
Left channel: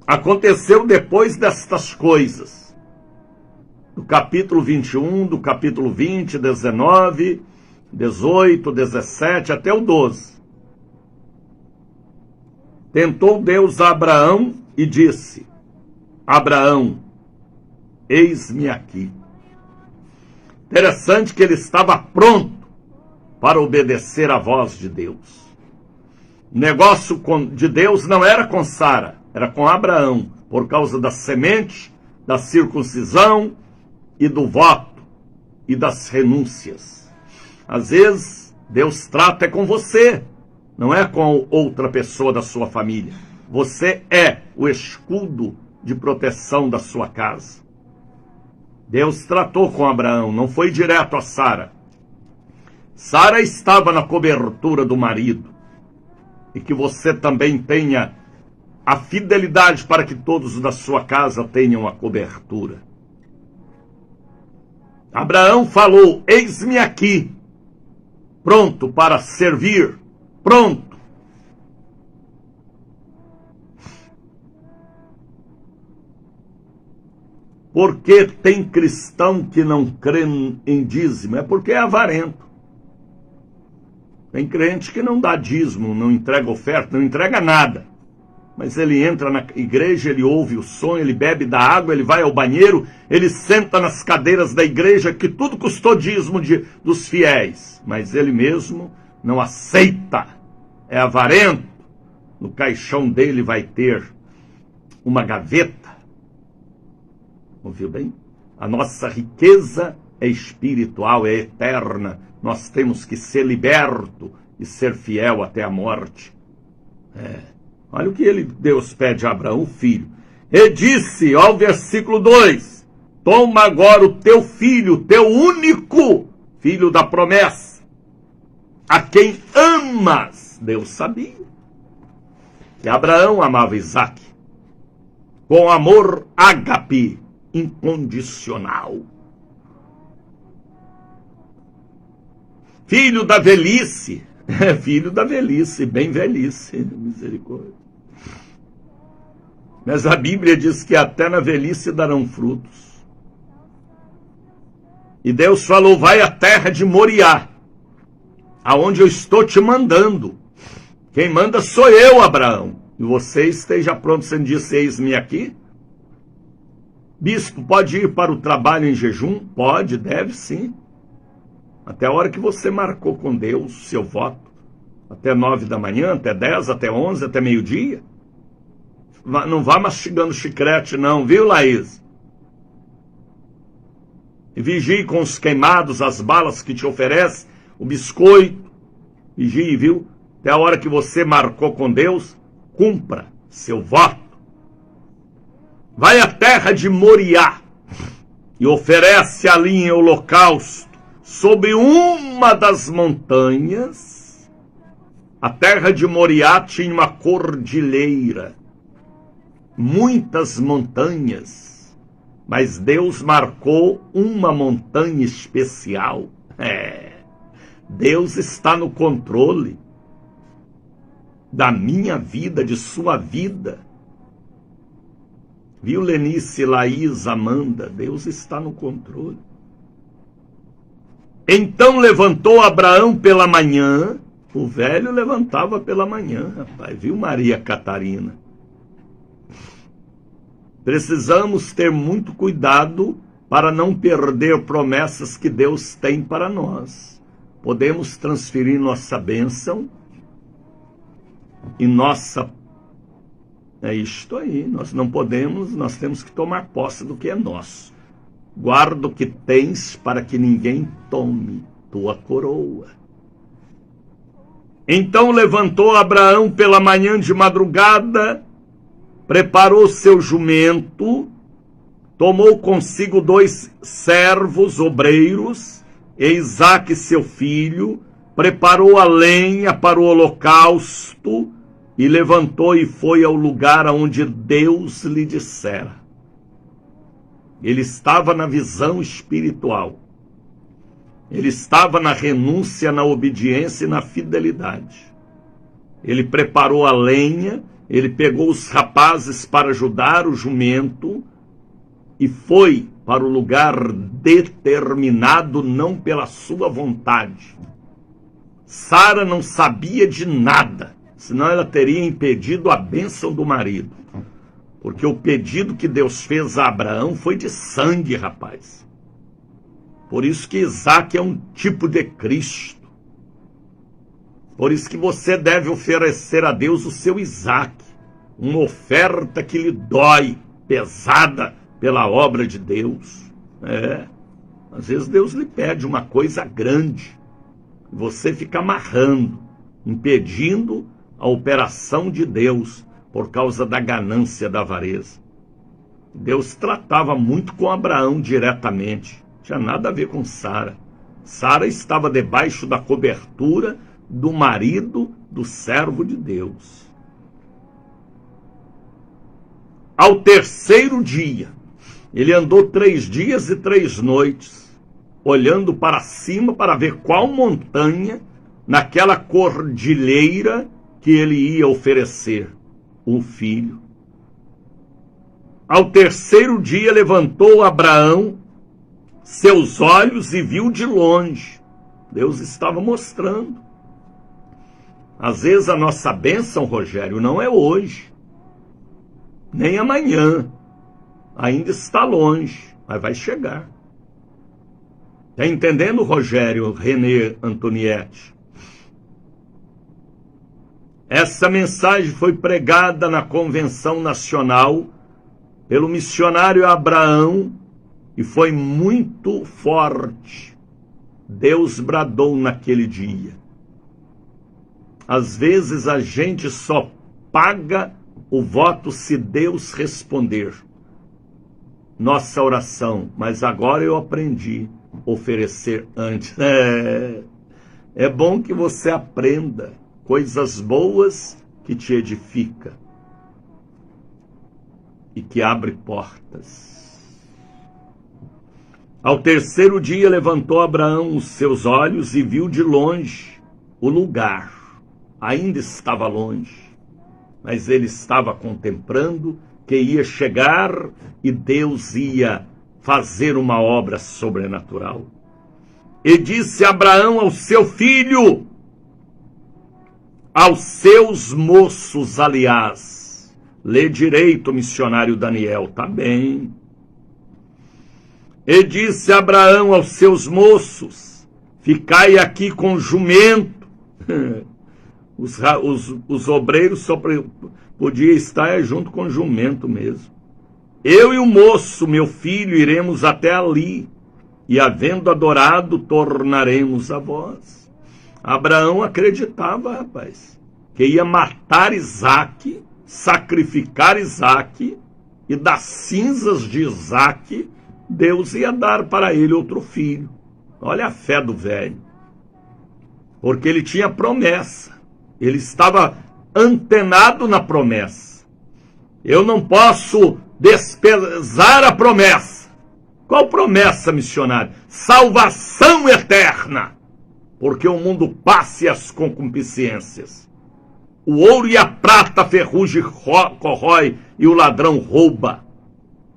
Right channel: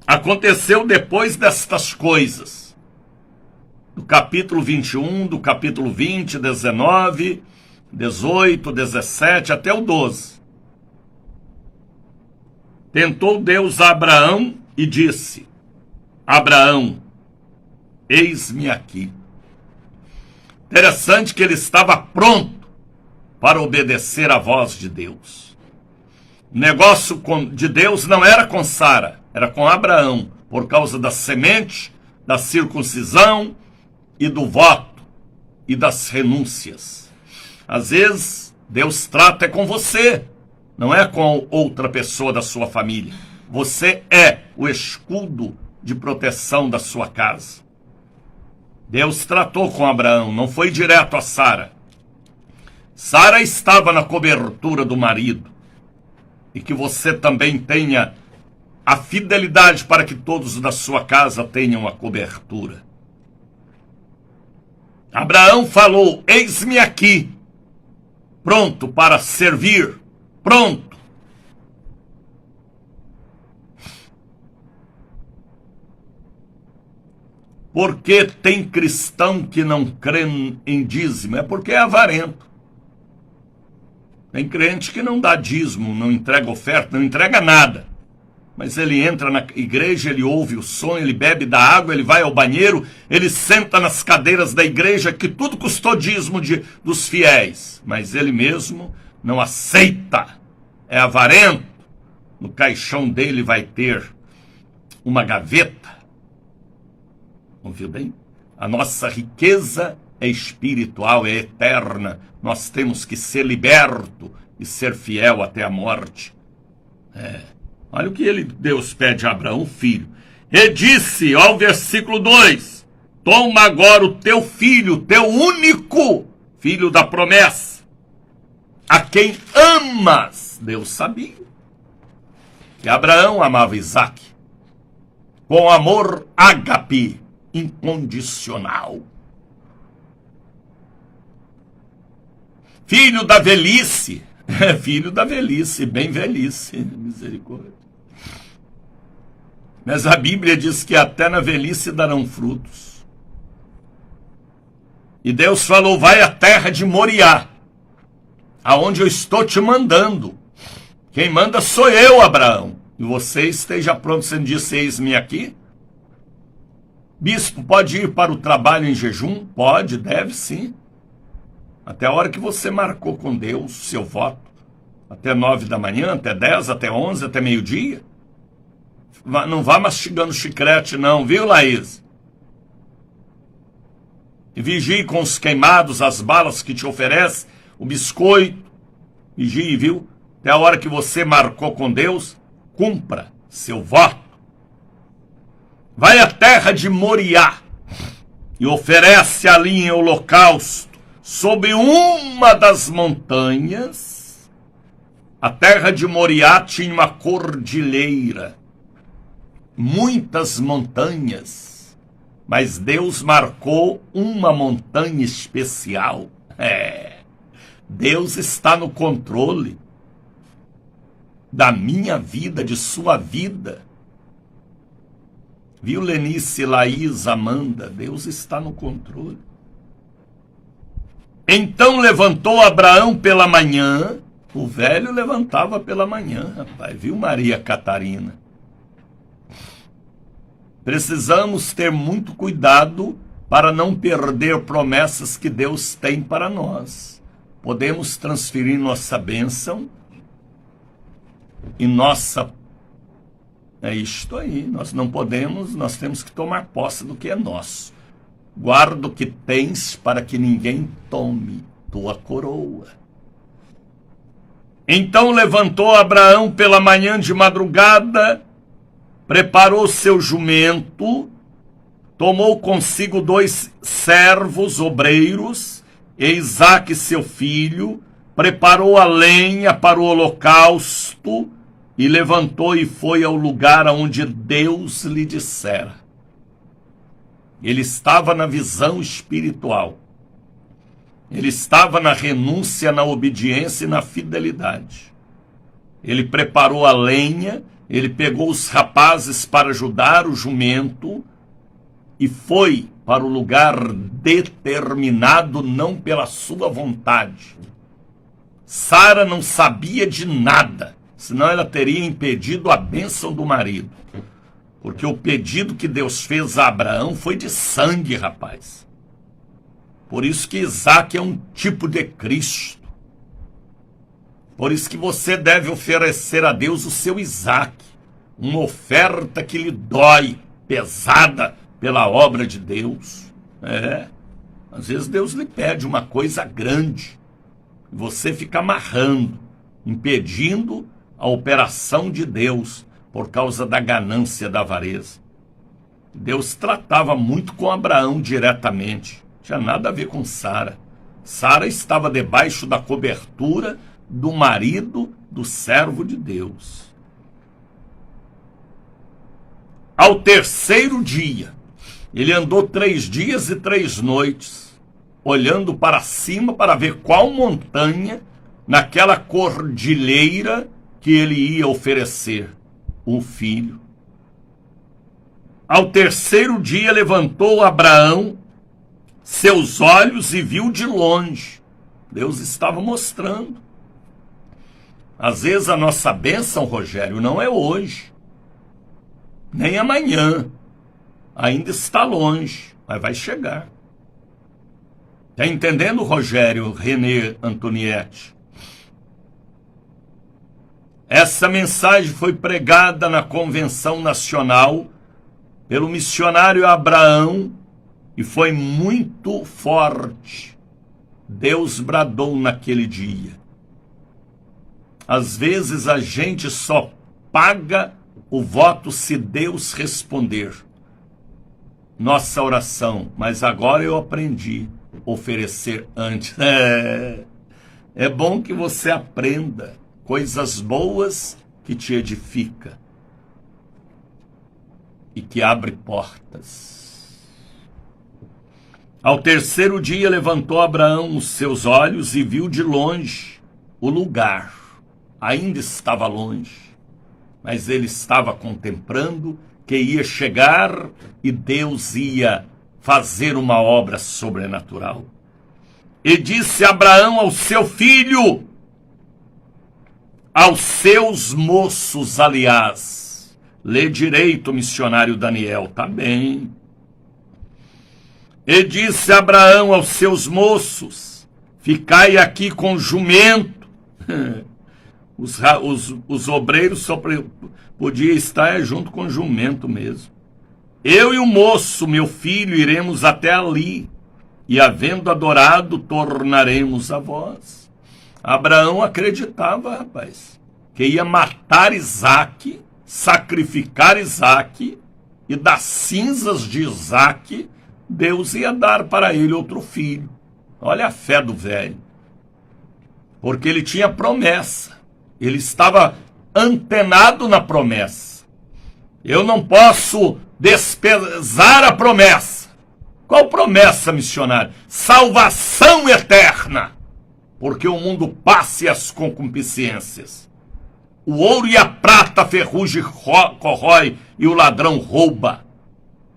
Aconteceu depois destas coisas, do capítulo 21, do capítulo 20, 19, 18, 17, até o 12. Tentou Deus a Abraão e disse: Abraão, eis-me aqui. Interessante que ele estava pronto para obedecer à voz de Deus. O negócio de Deus não era com Sara, era com Abraão, por causa da semente, da circuncisão e do voto e das renúncias. Às vezes, Deus trata com você, não é com outra pessoa da sua família. Você é o escudo de proteção da sua casa. Deus tratou com Abraão, não foi direto a Sara. Sara estava na cobertura do marido. e que você também tenha a fidelidade para que todos da sua casa tenham a cobertura. Abraão falou: eis-me aqui, pronto para servir, pronto. Porque tem cristão que não crê em dízimo? É porque é avarento. Tem crente que não dá dízimo, não entrega oferta, não entrega nada. Mas ele entra na igreja, ele ouve o som, ele bebe da água, ele vai ao banheiro, ele senta nas cadeiras da igreja, que tudo custou dízimo dos fiéis. Mas ele mesmo não aceita, é avarento. No caixão dele vai ter uma gaveta. Ouviu bem? A nossa riqueza é espiritual, é eterna. Nós temos que ser liberto e ser fiel até a morte. Olha o que Deus pede a Abraão, filho. E disse, ó, versículo 2, toma agora o teu filho, teu único filho da promessa, a quem amas. Deus sabia que Abraão amava Isaque com amor ágape, incondicional. Filho da velhice, filho da velhice, bem velhice, misericórdia. Mas a Bíblia diz que até na velhice darão frutos. E Deus falou, vai à terra de Moriá, aonde eu estou te mandando. Quem manda sou eu, Abraão. E você esteja pronto, você disse, eis-me aqui. Bispo, pode ir para o trabalho em jejum? Pode, deve sim. Até a hora que você marcou com Deus seu voto. Até 9 da manhã, até 10, até 11, até meio-dia. Não vá mastigando chiclete não, viu, Laís? E vigie com os queimados, as balas que te oferece, o biscoito. Vigie, viu? Até a hora que você marcou com Deus, cumpra seu voto. Vai à terra de Moriá e oferece ali em holocausto sobre uma das montanhas. A terra de Moriá tinha uma cordilheira, muitas montanhas, mas Deus marcou uma montanha especial. Deus está no controle da minha vida, de sua vida. Viu, Lenice, Laís, Amanda? Deus está no controle. Então levantou Abraão pela manhã. O velho levantava pela manhã, rapaz. Viu, Maria Catarina? Precisamos ter muito cuidado para não perder promessas que Deus tem para nós. Podemos transferir nossa bênção e nossa... É isto aí, nós não podemos, nós temos que tomar posse do que é nosso. Guarda o que tens para que ninguém tome tua coroa. Então levantou Abraão pela manhã de madrugada, preparou seu jumento, tomou consigo 2 servos obreiros, e Isaque seu filho, preparou a lenha para o holocausto, e levantou e foi ao lugar aonde Deus lhe dissera. Ele estava na visão espiritual. Ele estava na renúncia, na obediência e na fidelidade. Ele preparou a lenha, ele pegou os rapazes para ajudar o jumento e foi para o lugar determinado, não pela sua vontade. Sara não sabia de nada, senão ela teria impedido a bênção do marido. Porque o pedido que Deus fez a Abraão foi de sangue, rapaz. Por isso que Isaque é um tipo de Cristo. Por isso que você deve oferecer a Deus o seu Isaque. Uma oferta que lhe dói, pesada pela obra de Deus. Às vezes Deus lhe pede uma coisa grande. Você fica amarrando, impedindo a operação de Deus por causa da ganância, da avareza. Deus tratava muito com Abraão diretamente. Não tinha nada a ver com Sara. Sara estava debaixo da cobertura do marido do servo de Deus. Ao terceiro dia, ele andou 3 dias e 3 noites, olhando para cima para ver qual montanha, naquela cordilheira, que ele ia oferecer um filho. Ao terceiro dia levantou Abraão seus olhos e viu de longe. Deus estava mostrando. Às vezes a nossa bênção, Rogério, não é hoje, nem amanhã. Ainda está longe, mas vai chegar. Está entendendo, Rogério René Antonietti? Essa mensagem foi pregada na Convenção Nacional pelo missionário Abraão e foi muito forte. Deus bradou naquele dia. Às vezes a gente só paga o voto se Deus responder nossa oração, mas agora eu aprendi a oferecer antes. É bom que você aprenda coisas boas que te edifica e que abre portas. Ao terceiro dia levantou Abraão os seus olhos e viu de longe o lugar. Ainda estava longe, mas ele estava contemplando que ia chegar e Deus ia fazer uma obra sobrenatural. E disse Abraão ao seu filho, aos seus moços, aliás, lê direito, missionário Daniel, tá bem. E disse Abraão aos seus moços, ficai aqui com o jumento. Os obreiros só podiam estar junto com o jumento mesmo. Eu e o moço, meu filho, iremos até ali, e havendo adorado, tornaremos a vós. Abraão acreditava, rapaz, que ia matar Isaque, sacrificar Isaque, e das cinzas de Isaque, Deus ia dar para ele outro filho. Olha a fé do velho. Porque ele tinha promessa. Ele estava antenado na promessa. Eu não posso desprezar a promessa. Qual promessa, missionário? Salvação eterna. Porque o mundo passa e as concupiscências. O ouro e a prata a ferrugem corrói e o ladrão rouba.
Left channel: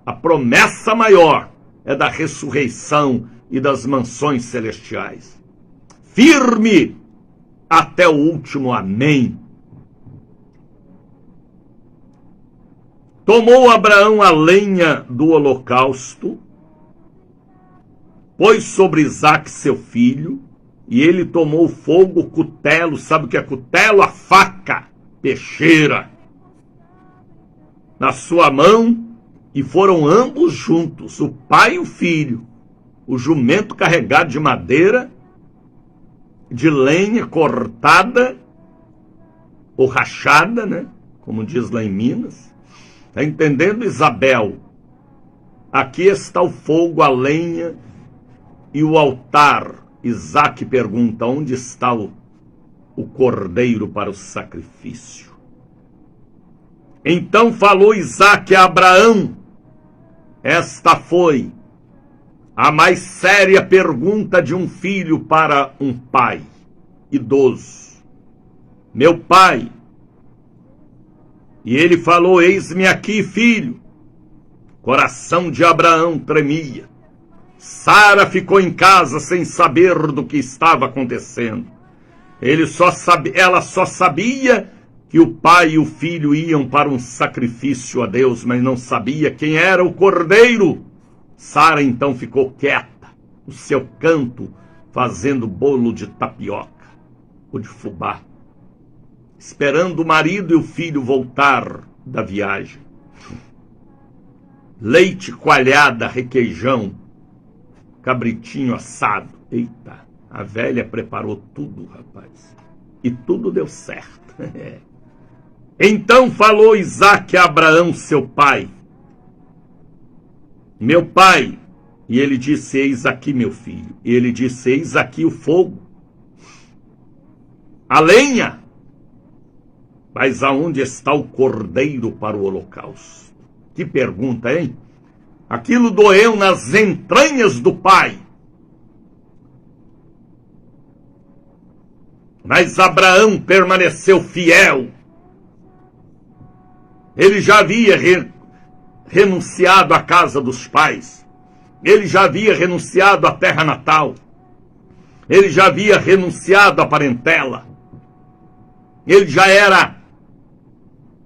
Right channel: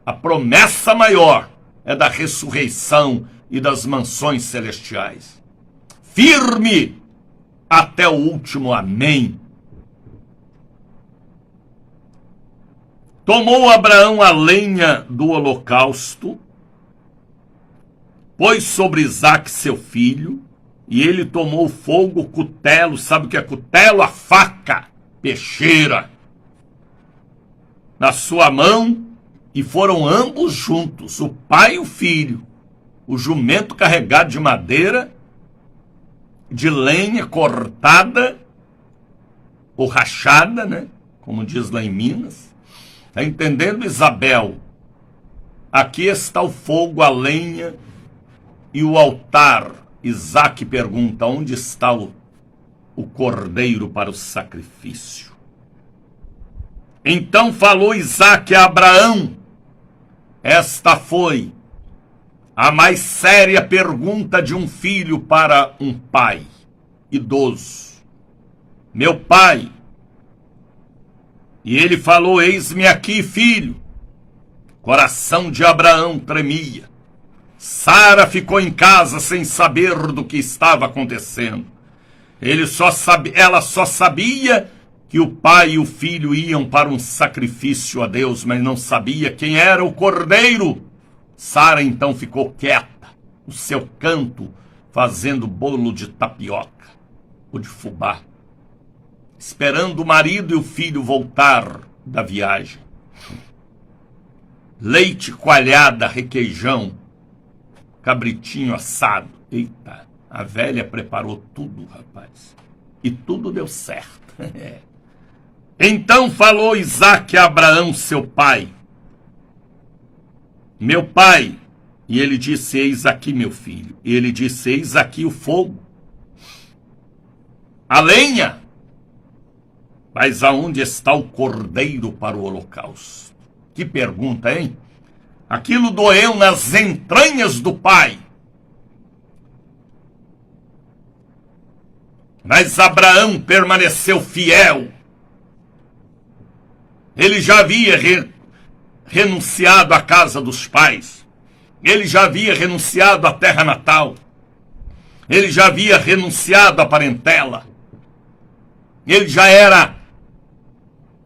A promessa maior é da ressurreição e das mansões celestiais. Firme até o último amém. Tomou Abraão a lenha do holocausto, pôs sobre Isaque seu filho, e ele tomou o fogo, o cutelo, sabe o que é cutelo? A faca, peixeira, na sua mão, e foram ambos juntos, o pai e o filho, o jumento carregado de madeira, de lenha cortada, ou rachada, né? Como diz lá em Minas. Está entendendo, Isabel? Aqui está o fogo, a lenha e o altar. Isaque pergunta, onde está o cordeiro para o sacrifício? Então falou Isaque a Abraão. Esta foi a mais séria pergunta de um filho para um pai idoso. Meu pai. E ele falou, eis-me aqui, filho. Coração de Abraão tremia. Sara ficou em casa sem saber do que estava acontecendo. Ela só sabia que o pai e o filho iam para um sacrifício a Deus, mas não sabia quem era o cordeiro. Sara então ficou quieta, no seu canto, fazendo bolo de tapioca ou de fubá, esperando o marido e o filho voltar da viagem. Leite, coalhada, requeijão, cabritinho assado. Eita, a velha preparou tudo, rapaz. E tudo deu certo. Então falou Isaque a Abraão, seu pai. Meu pai. E ele disse, eis aqui, meu filho. E ele disse, eis aqui o fogo. a lenha. Mas aonde está o cordeiro para o holocausto? Que pergunta, hein? Aquilo doeu nas entranhas do pai. Mas Abraão permaneceu fiel. Ele já havia renunciado à casa dos pais. Ele já havia renunciado à terra natal. Ele já havia renunciado à parentela. Ele já era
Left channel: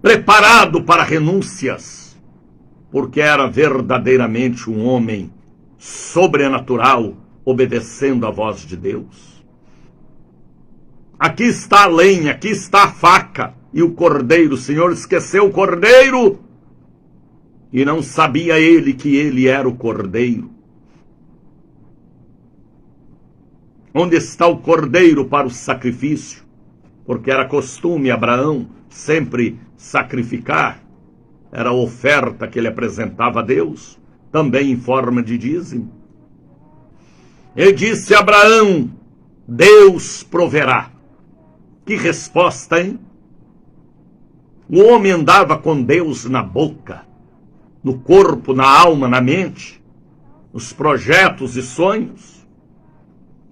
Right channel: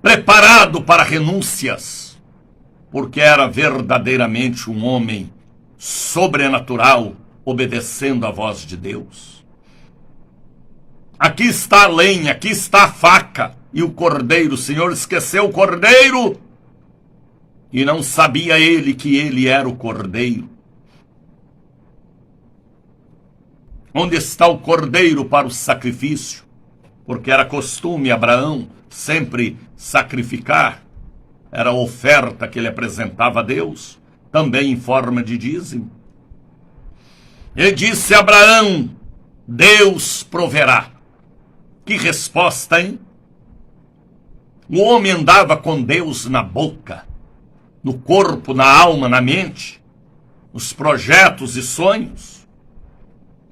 preparado para renúncias, porque era verdadeiramente um homem sobrenatural, obedecendo à voz de Deus. Aqui está a lenha, aqui está a faca e o cordeiro. O Senhor esqueceu o cordeiro e não sabia ele que ele era o cordeiro. Onde está o cordeiro para o sacrifício? Porque era costume Abraão sempre sacrificar. Era a oferta que ele apresentava a Deus, também em forma de dízimo. E disse a Abraão: Deus proverá. Que resposta, hein? O homem andava com Deus na boca, no corpo, na alma, na mente, nos projetos e sonhos.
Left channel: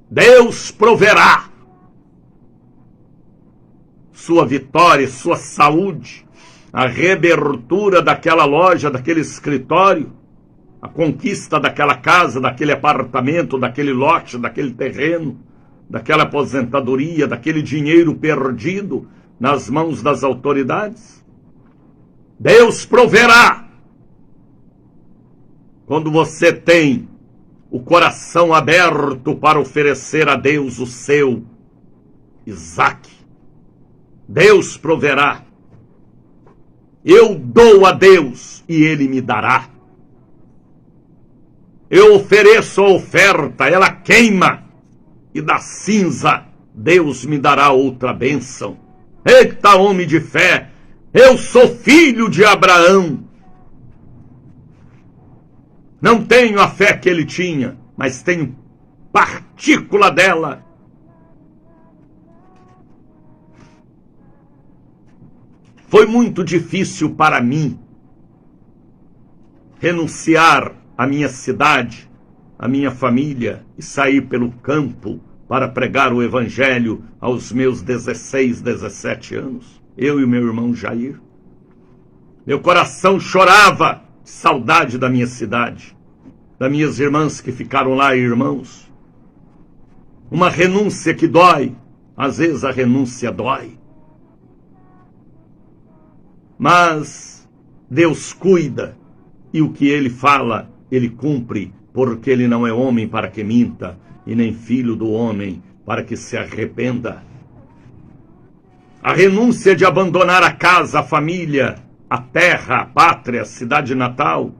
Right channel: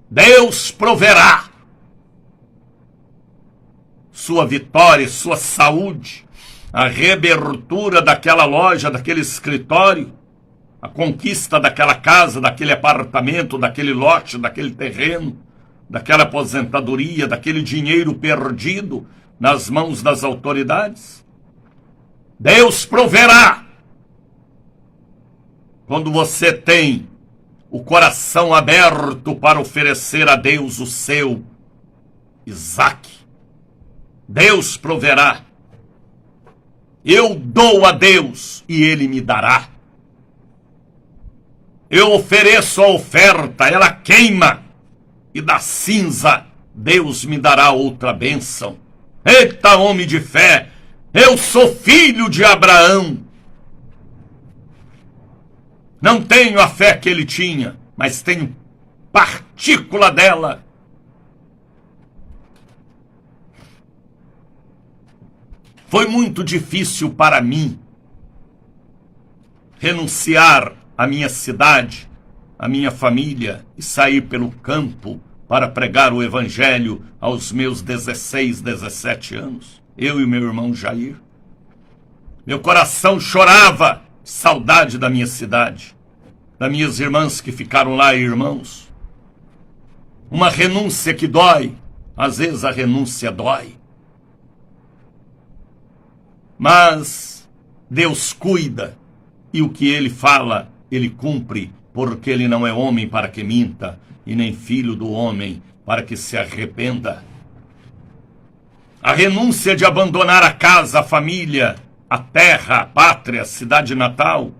Deus proverá. Sua vitória, sua saúde, a reabertura daquela loja, daquele escritório, a conquista daquela casa, daquele apartamento, daquele lote, daquele terreno, daquela aposentadoria, daquele dinheiro perdido nas mãos das autoridades. Deus proverá. Quando você tem o coração aberto para oferecer a Deus o seu Isaque, Deus proverá. Eu dou a Deus e Ele me dará. Eu ofereço a oferta, ela queima, e da cinza Deus me dará outra bênção. Eita, homem de fé, eu sou filho de Abraão. Não tenho a fé que ele tinha, mas tenho partícula dela. Foi muito difícil para mim renunciar à minha cidade, à minha família e sair pelo campo para pregar o evangelho aos meus 16, 17 anos. Eu e meu irmão Jair. Meu coração chorava, saudade da minha cidade, das minhas irmãs que ficaram lá, irmãos. Uma renúncia que dói, às vezes a renúncia dói. Mas Deus cuida e o que Ele fala, Ele cumpre, porque Ele não é homem para que minta, e nem filho do homem para que se arrependa. A renúncia de abandonar a casa, a família, a terra, a pátria, a cidade natal,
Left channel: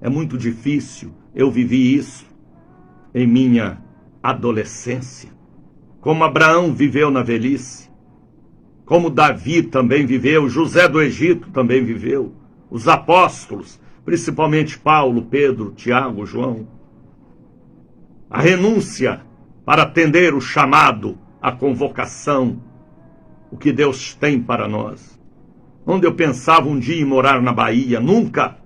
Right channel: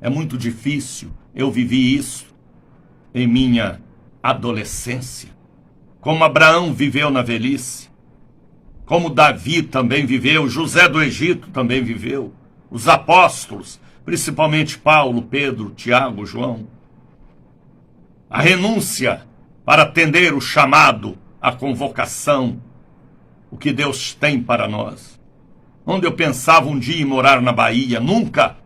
é muito difícil. Eu vivi isso em minha adolescência, como Abraão viveu na velhice, como Davi também viveu, José do Egito também viveu, os apóstolos, principalmente Paulo, Pedro, Tiago, João. A renúncia para atender o chamado, a convocação, o que Deus tem para nós. Onde eu pensava um dia em morar na Bahia, nunca.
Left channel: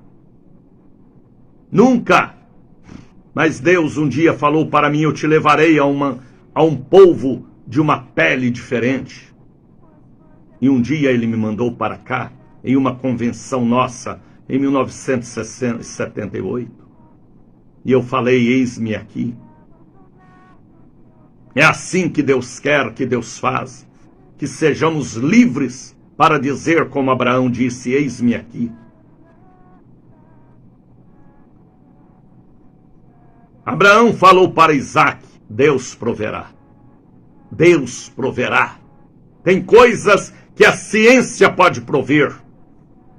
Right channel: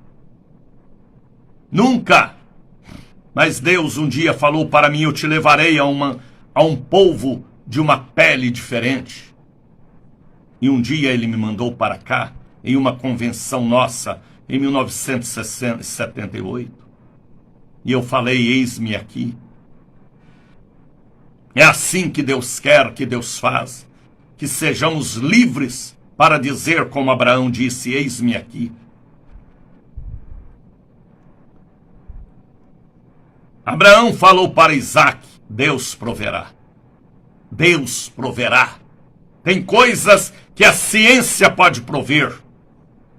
Mas Deus um dia falou para mim: eu te levarei a um povo de uma pele diferente. E um dia Ele me mandou para cá, em uma convenção nossa, em 1978. E eu falei: eis-me aqui. É assim que Deus quer, que Deus faz, que sejamos livres para dizer como Abraão disse: eis-me aqui. Abraão falou para Isaque: Deus proverá. Deus proverá. Tem coisas que a ciência pode prover.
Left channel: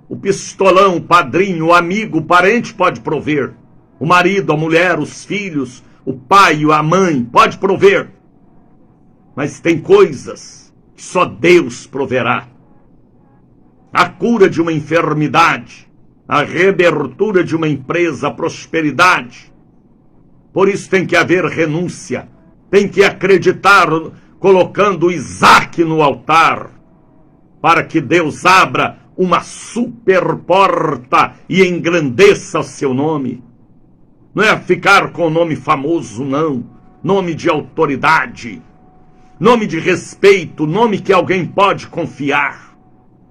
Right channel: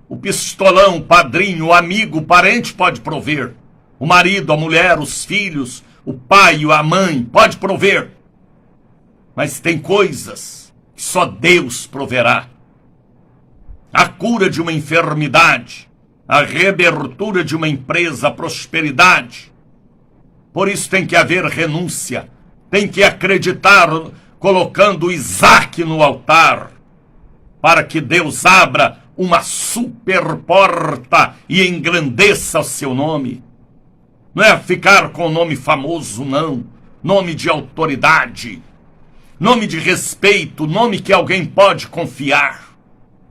O pistolão, o padrinho, o amigo, o parente pode prover. O marido, a mulher, os filhos, o pai, a mãe pode prover. Mas tem coisas que só Deus proverá. A cura de uma enfermidade, a reabertura de uma empresa, a prosperidade. Por isso tem que haver renúncia, tem que acreditar colocando Isaac no altar, para que Deus abra uma super porta e engrandeça o seu nome. Não é ficar com o nome famoso, não. Nome de autoridade, nome de respeito, nome que alguém pode confiar.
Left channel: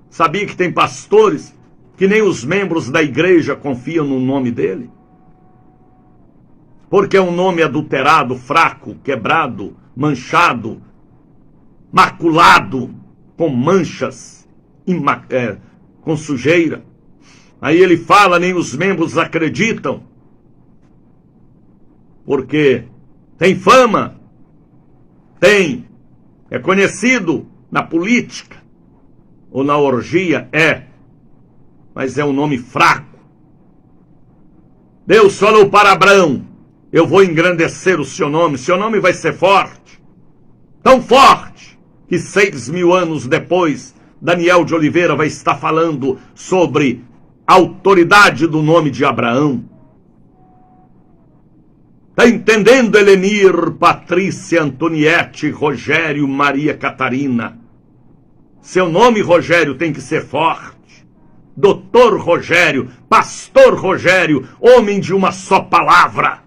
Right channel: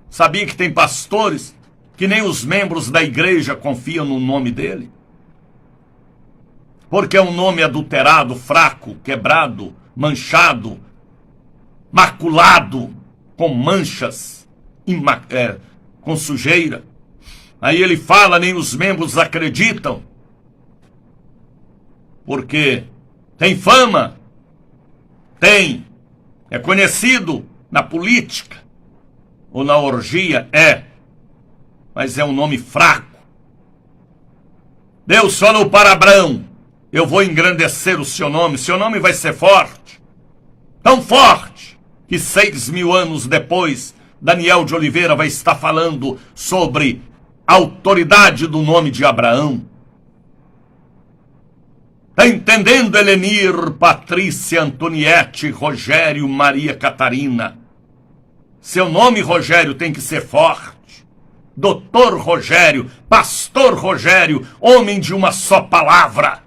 Sabia que tem pastores que nem os membros da igreja confiam no nome dele? Porque é um nome adulterado, fraco, quebrado, manchado, maculado, com manchas, com sujeira. Aí ele fala, nem os membros acreditam, porque tem fama, é conhecido na política ou na orgia, mas é um nome fraco. Deus falou para Abraão: eu vou engrandecer o seu nome vai ser forte, tão forte, que 6.000 anos depois, Daniel de Oliveira vai estar falando sobre a autoridade do nome de Abraão. Está entendendo, Helenir, Patrícia, Antoniette, Rogério, Maria Catarina? Seu nome, Rogério, tem que ser forte. Doutor Rogério, Pastor Rogério, homem de uma só palavra.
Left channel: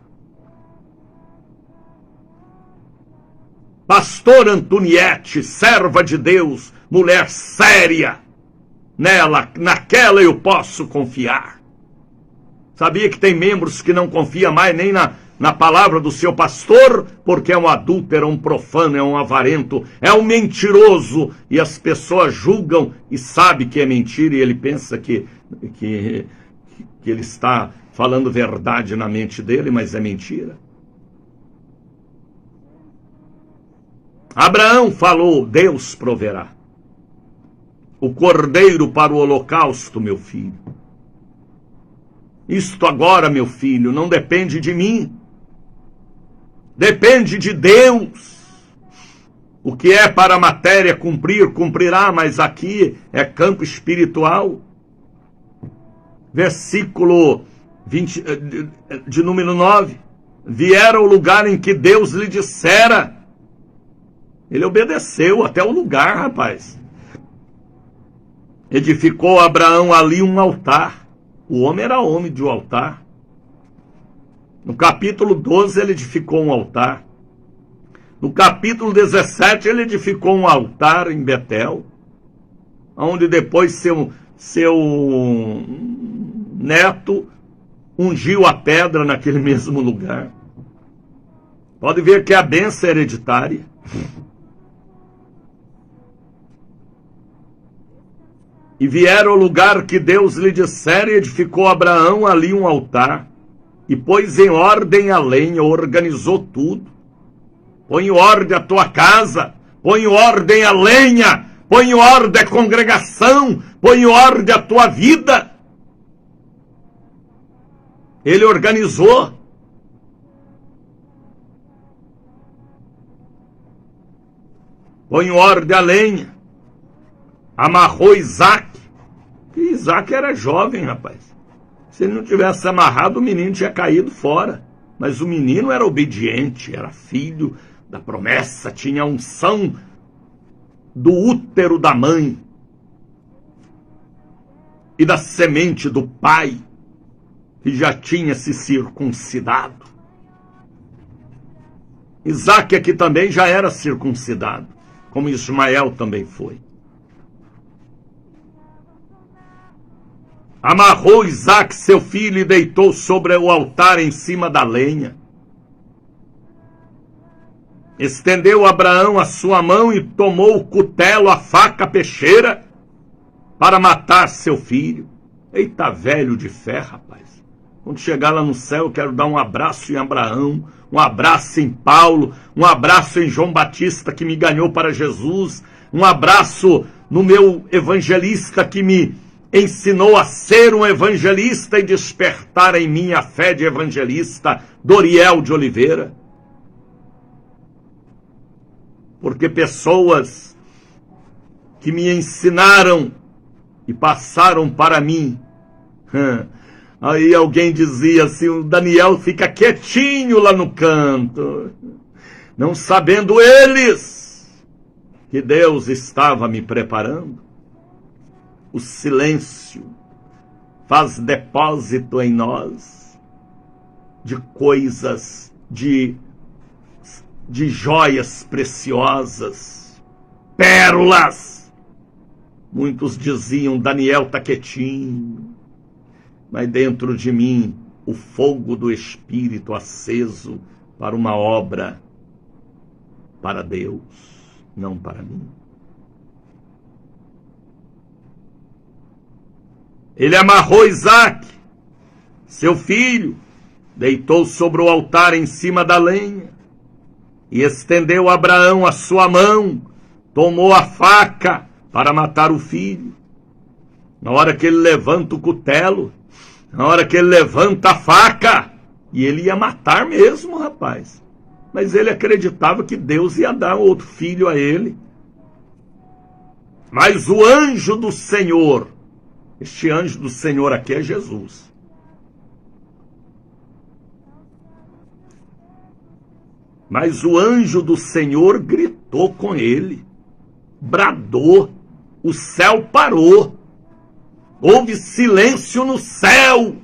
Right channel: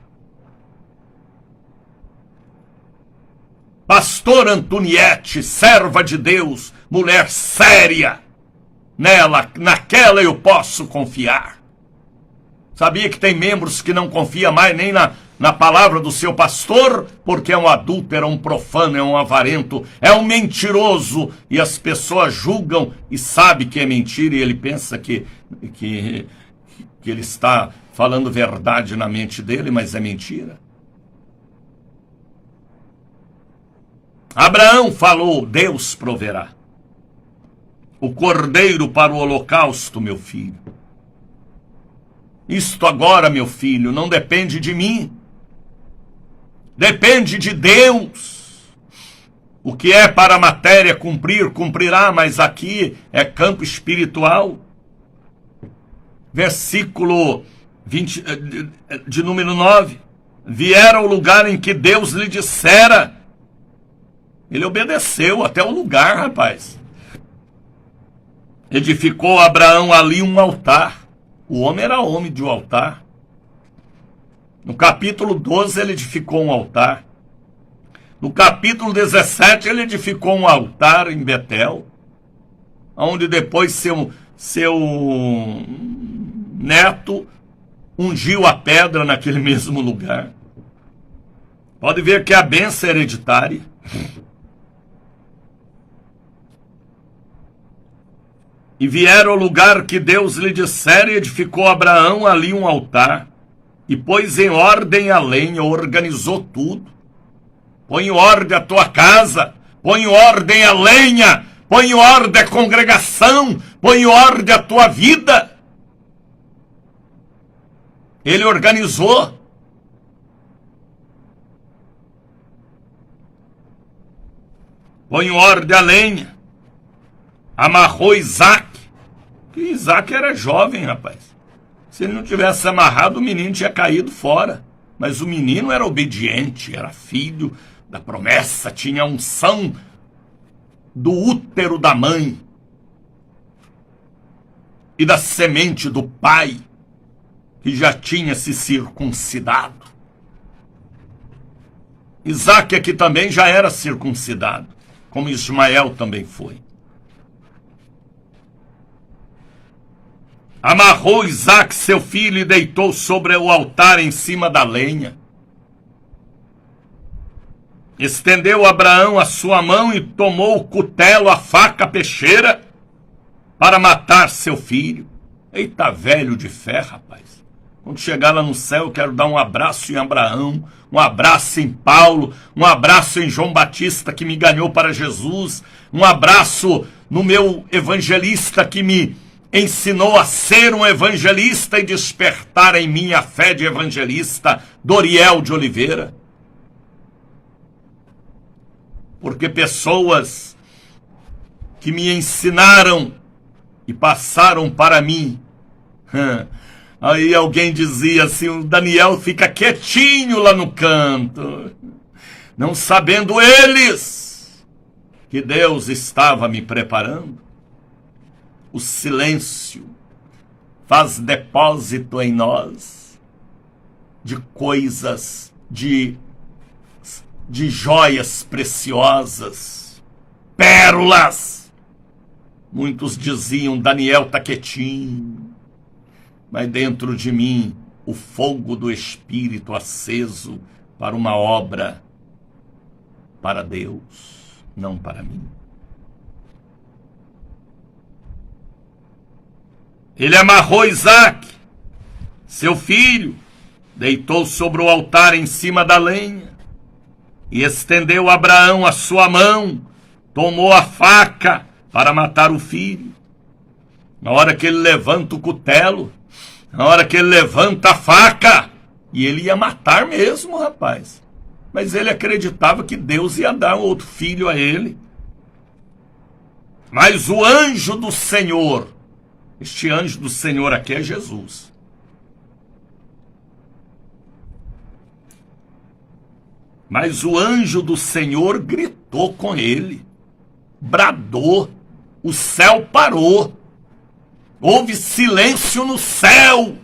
Pastor Antoniette, serva de Deus, mulher séria. Naquela eu posso confiar. Sabia que tem membros que não confiam mais nem na palavra do seu pastor, porque é um adúltero, é um profano, é um avarento, é um mentiroso, e as pessoas julgam e sabem que é mentira, e ele pensa que ele está falando verdade na mente dele, mas é mentira. Abraão falou: Deus proverá o cordeiro para o holocausto, meu filho. Isto agora, meu filho, não depende de mim. Depende de Deus. O que é para a matéria cumprir, cumprirá, mas aqui é campo espiritual. Versículo 20, de número 9. Vieram ao lugar em que Deus lhe dissera. Ele obedeceu até o lugar, rapaz. Edificou Abraão ali um altar. O homem era homem de um altar. No capítulo 12 ele edificou um altar. No capítulo 17 ele edificou um altar em Betel, onde depois seu neto ungiu a pedra naquele mesmo lugar. Pode ver que a bênção é hereditária. E vieram ao lugar que Deus lhe dissera, e edificou Abraão ali um altar, e pôs em ordem a lenha, organizou tudo. Põe em ordem a tua casa, põe em ordem a lenha, põe em ordem a congregação, põe em ordem a tua vida. Ele organizou. Põe em ordem a lenha. Amarrou Isaac. E Isaac era jovem, rapaz. Se ele não tivesse amarrado, o menino tinha caído fora. Mas o menino era obediente, era filho da promessa, tinha a unção do útero da mãe e da semente do pai, que já tinha se circuncidado. Isaac aqui também já era circuncidado, como Ismael também foi. Amarrou Isaac, seu filho, e deitou sobre o altar em cima da lenha. Estendeu Abraão a sua mão e tomou o cutelo, a faca, a peixeira, para matar seu filho. Eita, velho de fé, rapaz. Quando chegar lá no céu, eu quero dar um abraço em Abraão, um abraço em Paulo, um abraço em João Batista, que me ganhou para Jesus, um abraço no meu evangelista, que me ensinou a ser um evangelista e despertar em mim a fé de evangelista, Doriel de Oliveira. Porque pessoas que me ensinaram e passaram para mim, aí alguém dizia assim: o Daniel fica quietinho lá no canto, não sabendo eles que Deus estava me preparando? O silêncio faz depósito em nós de coisas, de joias preciosas, pérolas. Muitos diziam, Daniel está quietinho, mas dentro de mim o fogo do Espírito aceso para uma obra para Deus, não para mim. Ele amarrou Isaque, seu filho, deitou sobre o altar em cima da lenha e estendeu a Abraão a sua mão, tomou a faca para matar o filho. Na hora que ele levanta o cutelo, na hora que ele levanta a faca, e ele ia matar mesmo, rapaz. Mas ele acreditava que Deus ia dar outro filho a ele. Mas o anjo do Senhor, este anjo do Senhor aqui é Jesus. Mas o anjo do Senhor gritou com ele, bradou, o céu parou, houve silêncio no céu,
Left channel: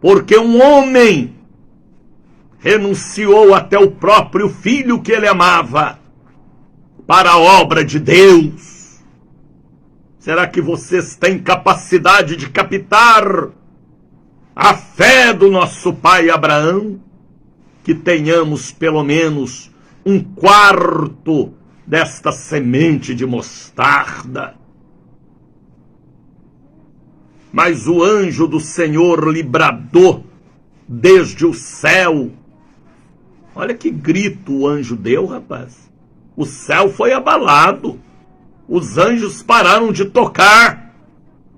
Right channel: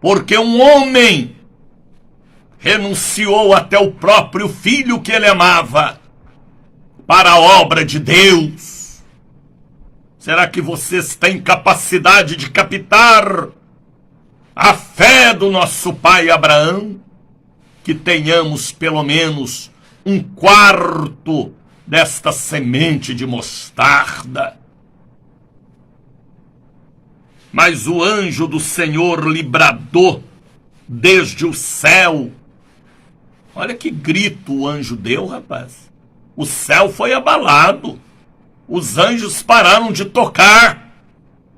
porque um homem renunciou até o próprio filho que ele amava para a obra de Deus. Será que vocês têm capacidade de captar a fé do nosso pai Abraão? Que tenhamos pelo menos 1/4 desta semente de mostarda. Mas o anjo do Senhor lhe bradou desde o céu. Olha que grito o anjo deu, rapaz. O céu foi abalado. Os anjos pararam de tocar.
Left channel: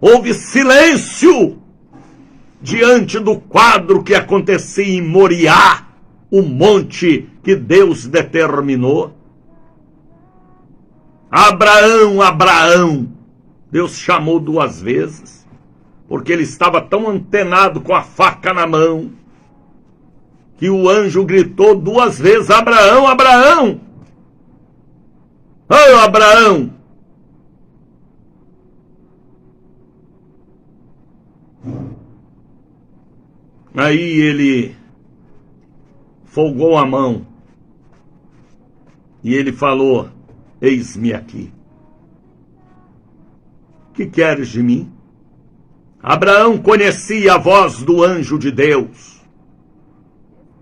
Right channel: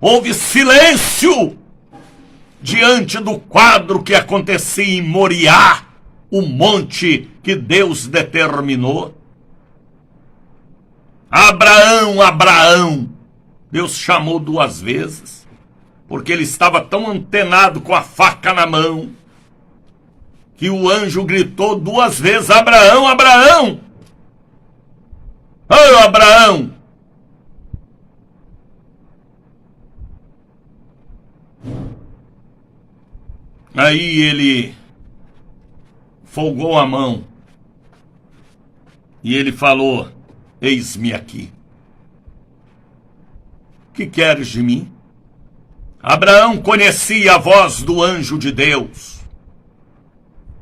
Houve silêncio diante do quadro que acontecia em Moriá, o monte que Deus determinou. Abraão, Abraão. Deus chamou 2 vezes, porque ele estava tão antenado com a faca na mão, que o anjo gritou 2 vezes, Abraão, Abraão! Ei, Abraão! Aí ele folgou a mão e ele falou, eis-me aqui. O que queres de mim? Abraão conhecia a voz do anjo de Deus,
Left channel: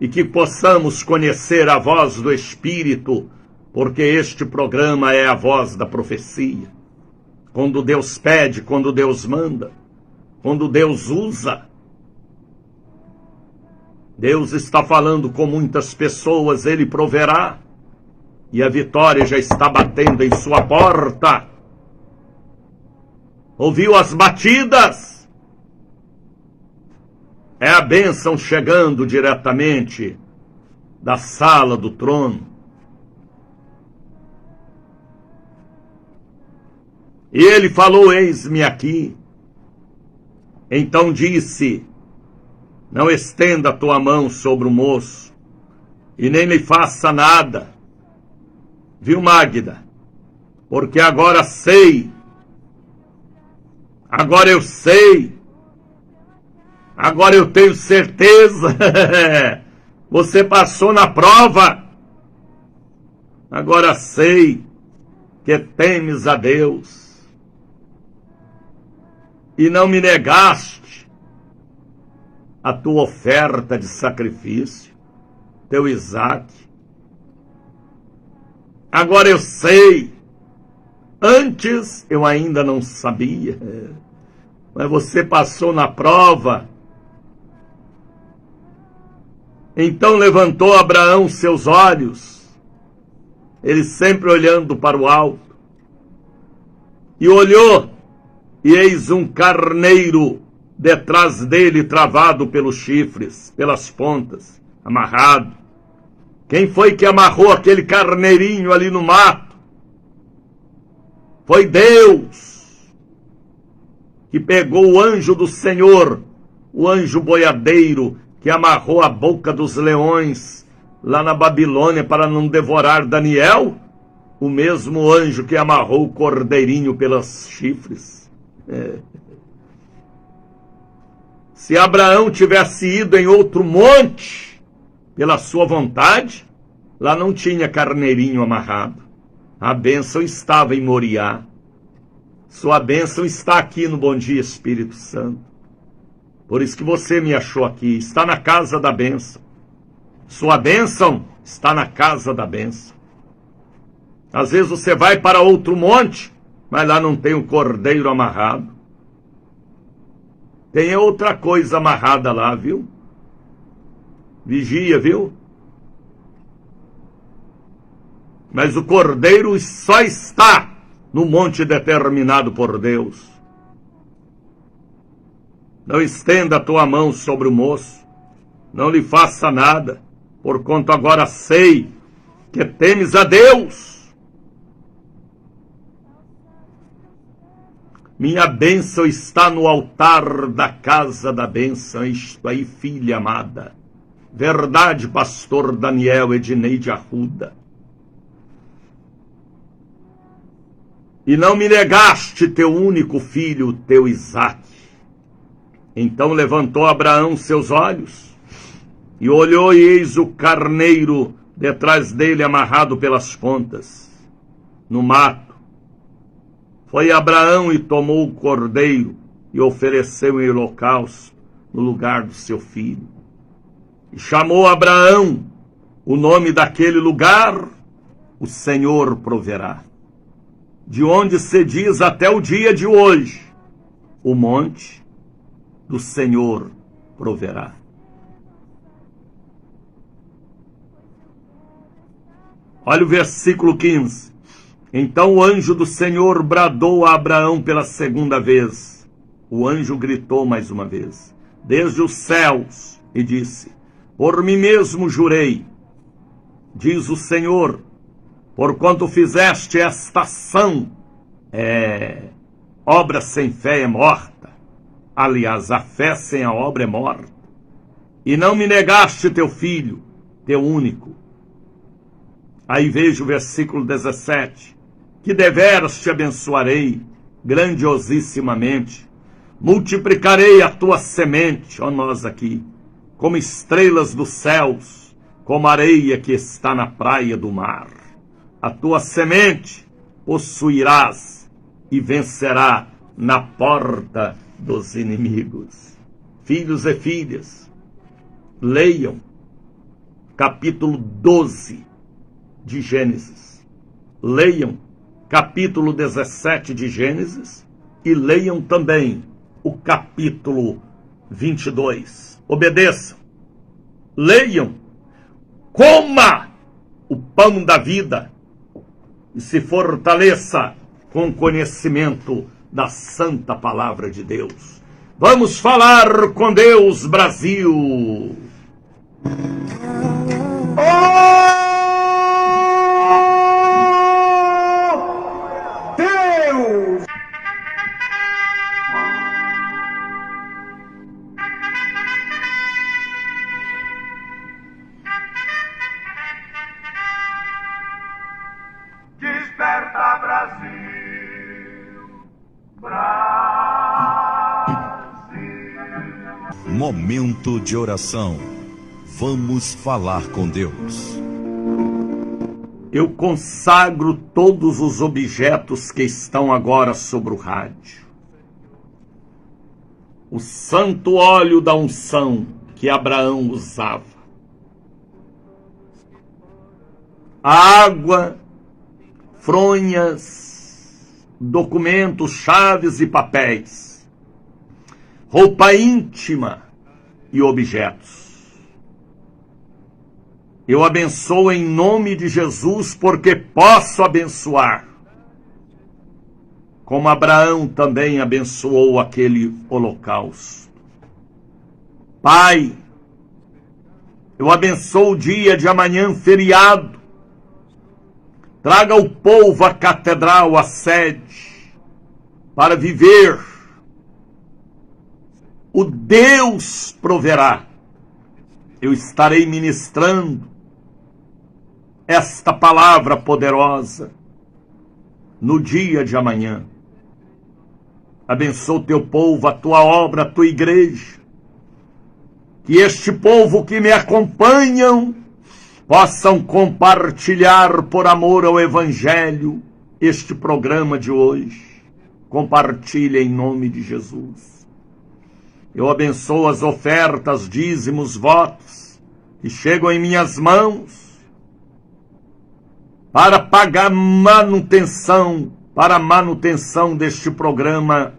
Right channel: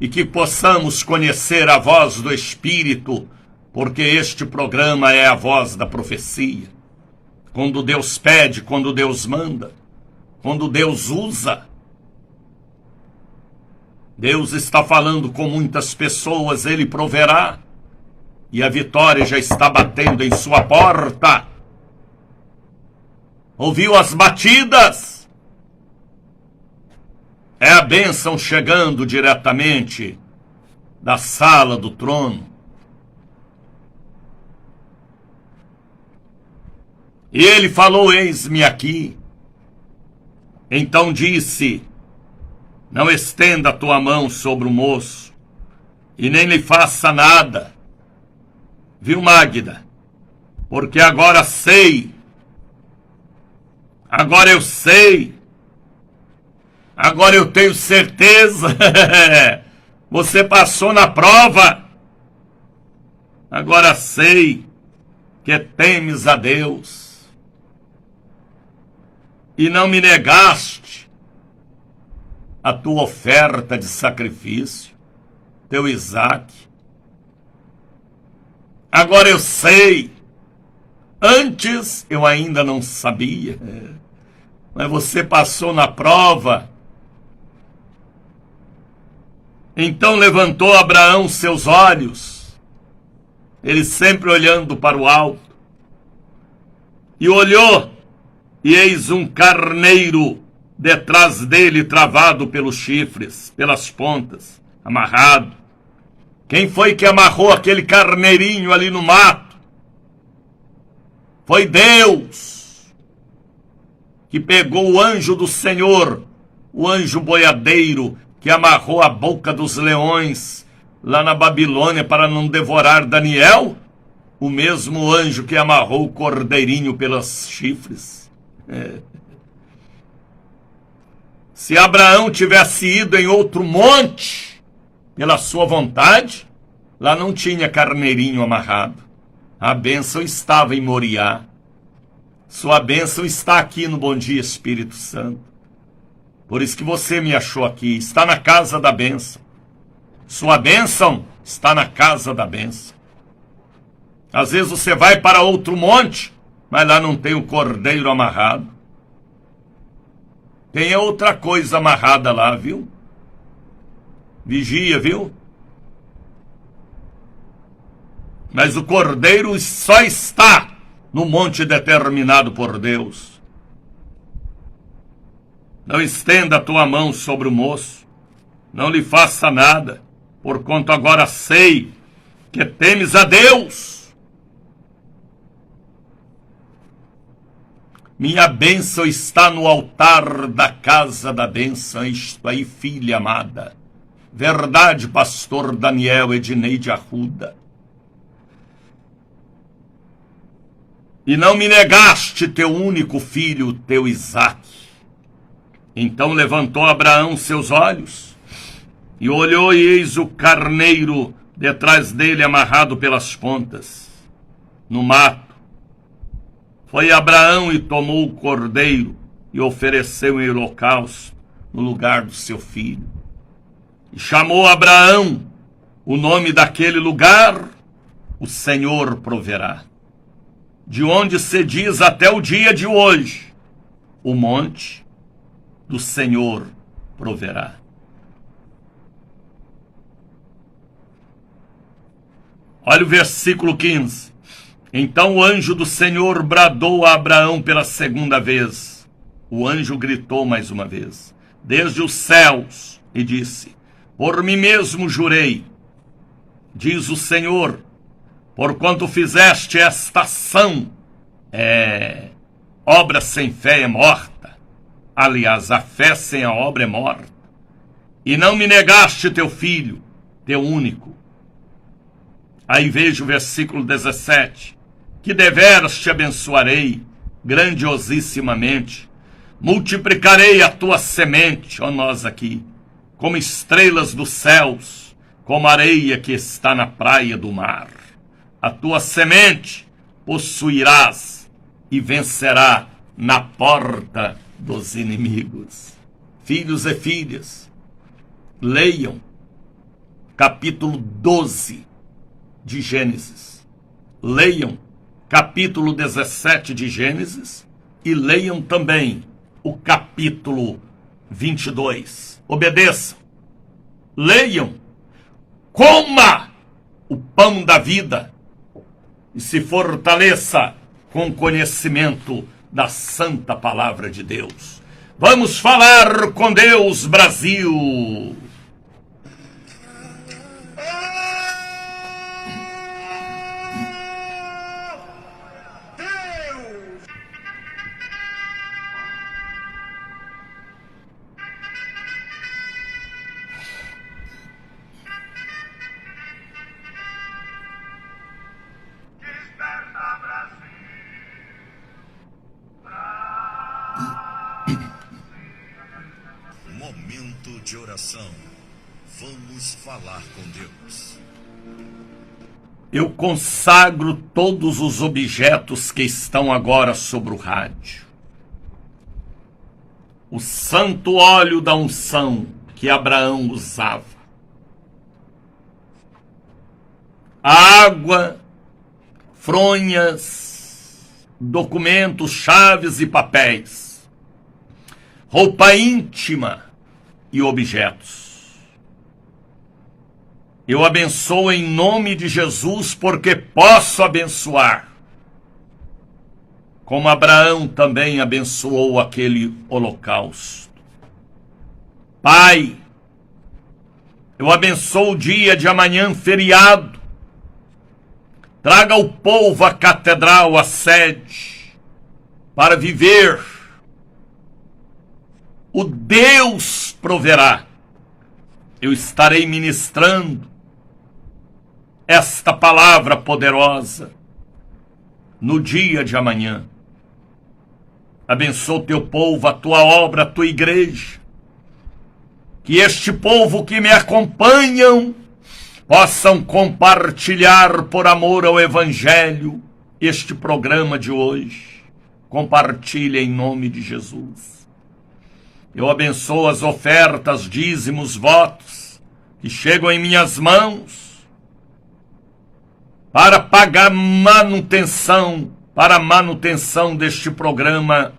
e que possamos conhecer a voz do Espírito, porque este programa é a voz da profecia. Quando Deus pede, quando Deus manda, quando Deus usa. Deus está falando com muitas pessoas, Ele proverá, e a vitória já está batendo em sua porta. Ouviu as batidas? É a bênção chegando diretamente da sala do trono. E ele falou, eis-me aqui. Então disse, não estenda a tua mão sobre o moço, e nem lhe faça nada. Viu, Magda? Porque agora sei. Agora eu sei. Agora eu tenho certeza. Você passou na prova. Agora sei que temes a Deus. E não me negaste a tua oferta de sacrifício, teu Isaque. Agora eu sei. Antes eu ainda não sabia. Mas você passou na prova. Então levantou Abraão seus olhos, ele sempre olhando para o alto, e olhou, e eis um carneiro detrás dele, travado pelos chifres, pelas pontas, amarrado. Quem foi que amarrou aquele carneirinho ali no mato? Foi Deus, que pegou o anjo do Senhor, o anjo boiadeiro, que amarrou a boca dos leões lá na Babilônia para não devorar Daniel, o mesmo anjo que amarrou o cordeirinho pelos chifres. Se Abraão tivesse ido em outro monte, pela sua vontade, lá não tinha carneirinho amarrado. A bênção estava em Moriá. Sua bênção está aqui no Bom Dia Espírito Santo. Por isso que você me achou aqui. Está na casa da bênção. Sua bênção está na casa da bênção. Às vezes você vai para outro monte, mas lá não tem o cordeiro amarrado. Tem outra coisa amarrada lá, viu? Vigia, viu? Mas o cordeiro só está no monte determinado por Deus. Não estenda a tua mão sobre o moço, não lhe faça nada, porquanto agora sei que temes a Deus. Minha bênção está no altar da casa da bênção, isto aí, filha amada. Verdade, pastor Daniel Edneide Arruda. E não me negaste teu único filho, teu Isaque. Então levantou Abraão seus olhos e olhou, e eis o carneiro detrás dele amarrado pelas pontas, no mato. Foi Abraão e tomou o cordeiro e ofereceu em holocausto no lugar do seu filho. E chamou Abraão o nome daquele lugar, o Senhor proverá. De onde se diz até o dia de hoje, o monte do Senhor proverá. Olha o versículo 15. Então o anjo do Senhor bradou a Abraão pela segunda vez. O anjo gritou mais uma vez, desde os céus, e disse: por mim mesmo jurei, diz o Senhor, porquanto fizeste esta ação, obra sem fé é morta. Aliás, a fé sem a obra é morta. E não me negaste teu filho, teu único. Aí veja o versículo 17. Que deveras te abençoarei, grandiosissimamente. Multiplicarei a tua semente, ó nós aqui, como estrelas dos céus, como areia que está na praia do mar. A tua semente possuirás e vencerá na porta dos inimigos. Filhos e filhas, leiam capítulo 12 de Gênesis. Leiam capítulo 17 de Gênesis e leiam também o capítulo 22. Obedeçam, leiam, coma o pão da vida e se fortaleça com conhecimento da santa palavra de Deus. Vamos falar com Deus, Brasil! Desperta, Brasil, Momento de oração. Vamos falar com Deus. Eu consagro todos os objetos que estão agora sobre o rádio. O santo óleo da unção que Abraão usava. A água, fronhas, documentos, chaves e papéis. Roupa íntima e objetos. Eu abençoo em nome de Jesus, porque posso abençoar. Como Abraão também abençoou aquele holocausto. Pai, eu abençoo o dia de amanhã, feriado. Traga o povo à catedral, à sede, para viver. O Deus proverá. Eu estarei ministrando esta palavra poderosa no dia de amanhã. Abençoa o teu povo, a tua obra, a tua igreja. Que este povo que me acompanham possam compartilhar por amor ao Evangelho este programa de hoje. Compartilhe em nome de Jesus. Eu abençoo as ofertas, dízimos, votos que chegam em minhas mãos para pagar para a manutenção deste programa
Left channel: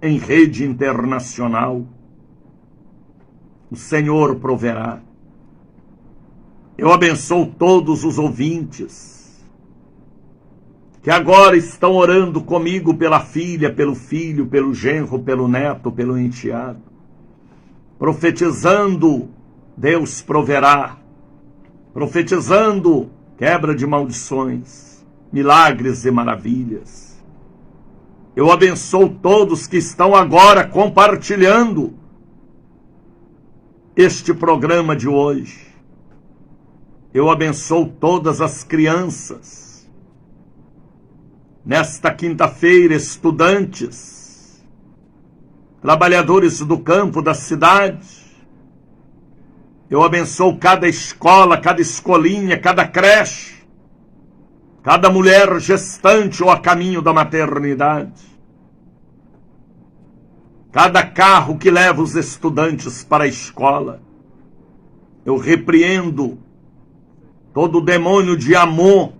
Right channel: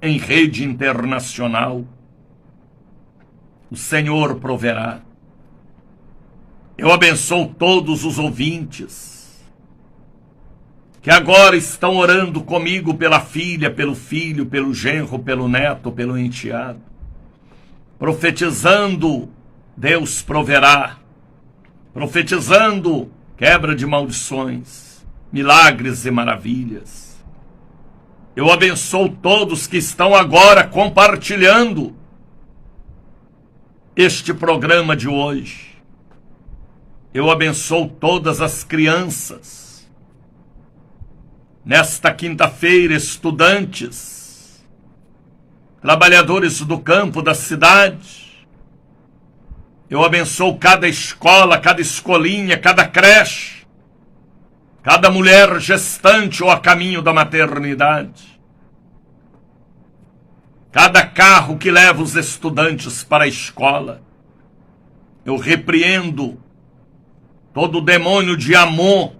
em rede internacional. O Senhor proverá. Eu abençoo todos os ouvintes que agora estão orando comigo pela filha, pelo filho, pelo genro, pelo neto, pelo enteado. Profetizando, Deus proverá. Profetizando, quebra de maldições, milagres e maravilhas. Eu abençoo todos que estão agora compartilhando este programa de hoje. Eu abençoo todas as crianças. Nesta quinta-feira, estudantes, trabalhadores do campo, da cidade. Eu abençoo cada escola, cada escolinha, cada creche, cada mulher gestante ou a caminho da maternidade. Cada carro que leva os estudantes para a escola. Eu repreendo todo o demônio de amor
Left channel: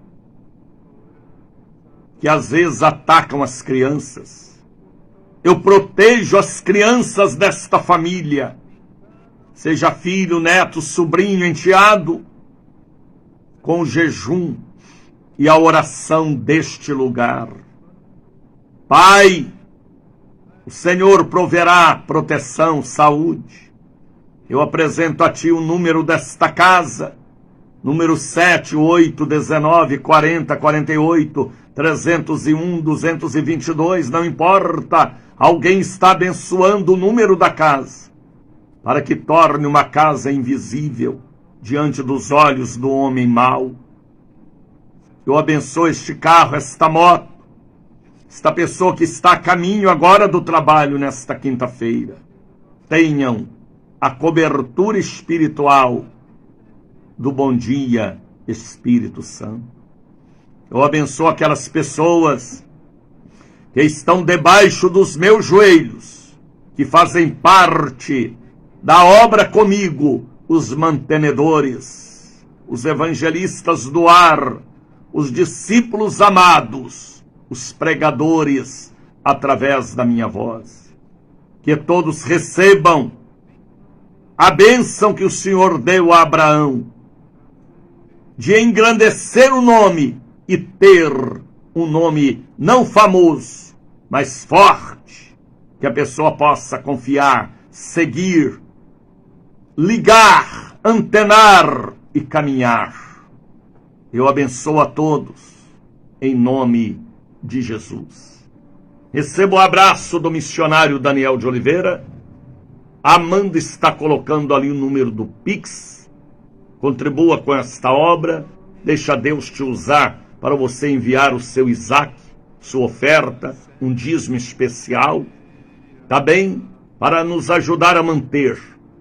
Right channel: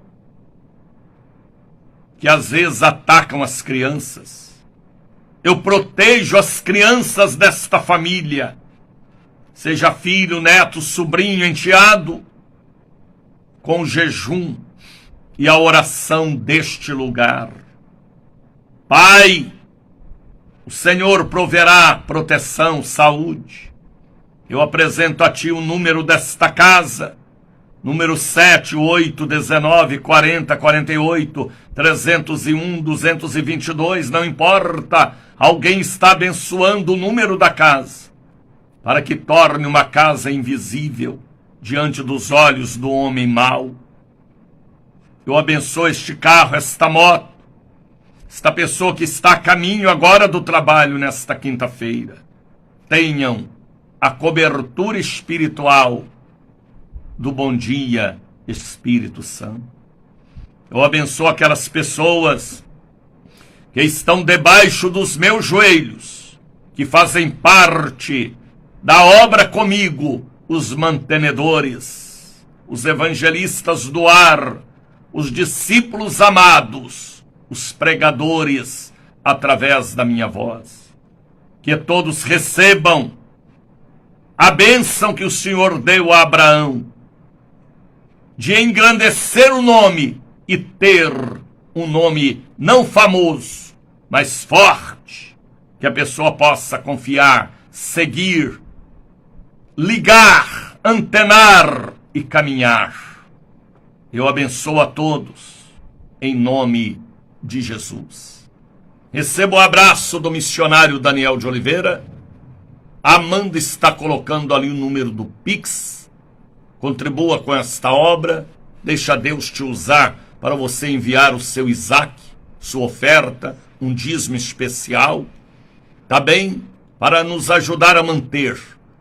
que às vezes atacam as crianças. Eu protejo as crianças desta família, seja filho, neto, sobrinho, enteado, com o jejum e a oração deste lugar. Pai, o Senhor proverá proteção, saúde. Eu apresento a Ti o número desta casa, número 7, 8, 19, 40, 48, 301, 222, não importa. Alguém está abençoando o número da casa, para que torne uma casa invisível diante dos olhos do homem mau. Eu abençoo este carro, esta moto, esta pessoa que está a caminho agora do trabalho nesta quinta-feira. Tenham a cobertura espiritual do bom dia, Espírito Santo. Eu abençoo aquelas pessoas que estão debaixo dos meus joelhos, que fazem parte da obra comigo, os mantenedores, os evangelistas do ar, os discípulos amados, os pregadores através da minha voz. Que todos recebam a bênção que o Senhor deu a Abraão, de engrandecer o nome e ter um nome não famoso, mas forte, que a pessoa possa confiar, seguir, ligar, antenar e caminhar. Eu abençoo a todos, em nome de Jesus. Recebo o abraço do missionário Daniel de Oliveira. A Amanda está colocando ali o número do Pix. Contribua com esta obra. Deixa Deus te usar para você enviar o seu Isaac, sua oferta, um dízimo especial. Tá bem? Para nos ajudar a manter.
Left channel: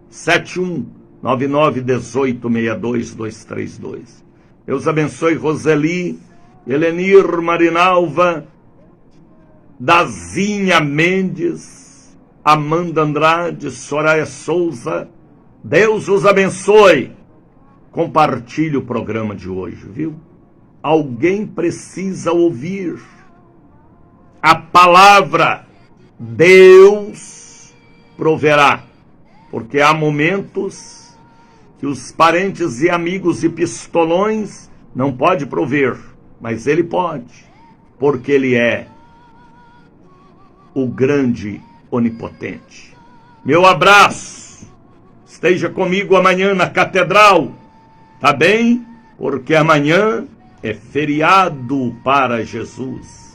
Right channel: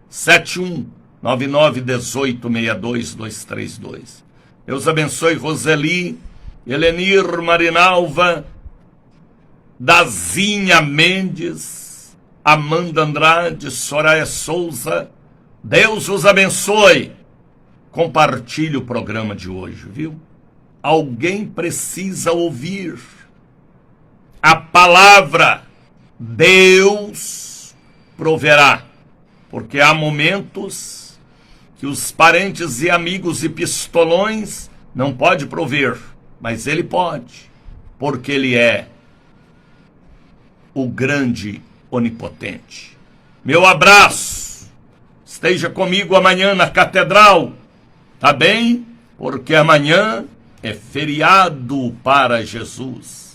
7199186232. Deus abençoe Roseli, Helenir Marinalva, Dazinha Mendes, Amanda Andrade, Soraya Souza. Deus os abençoe. Compartilhe o programa de hoje, viu? Alguém precisa ouvir a palavra. Deus proverá, porque há momentos que os parentes e amigos e pistolões não podem prover, mas Ele pode, porque Ele é o grande onipotente. Meu abraço, esteja comigo amanhã na catedral, tá bem? Porque amanhã é feriado para Jesus.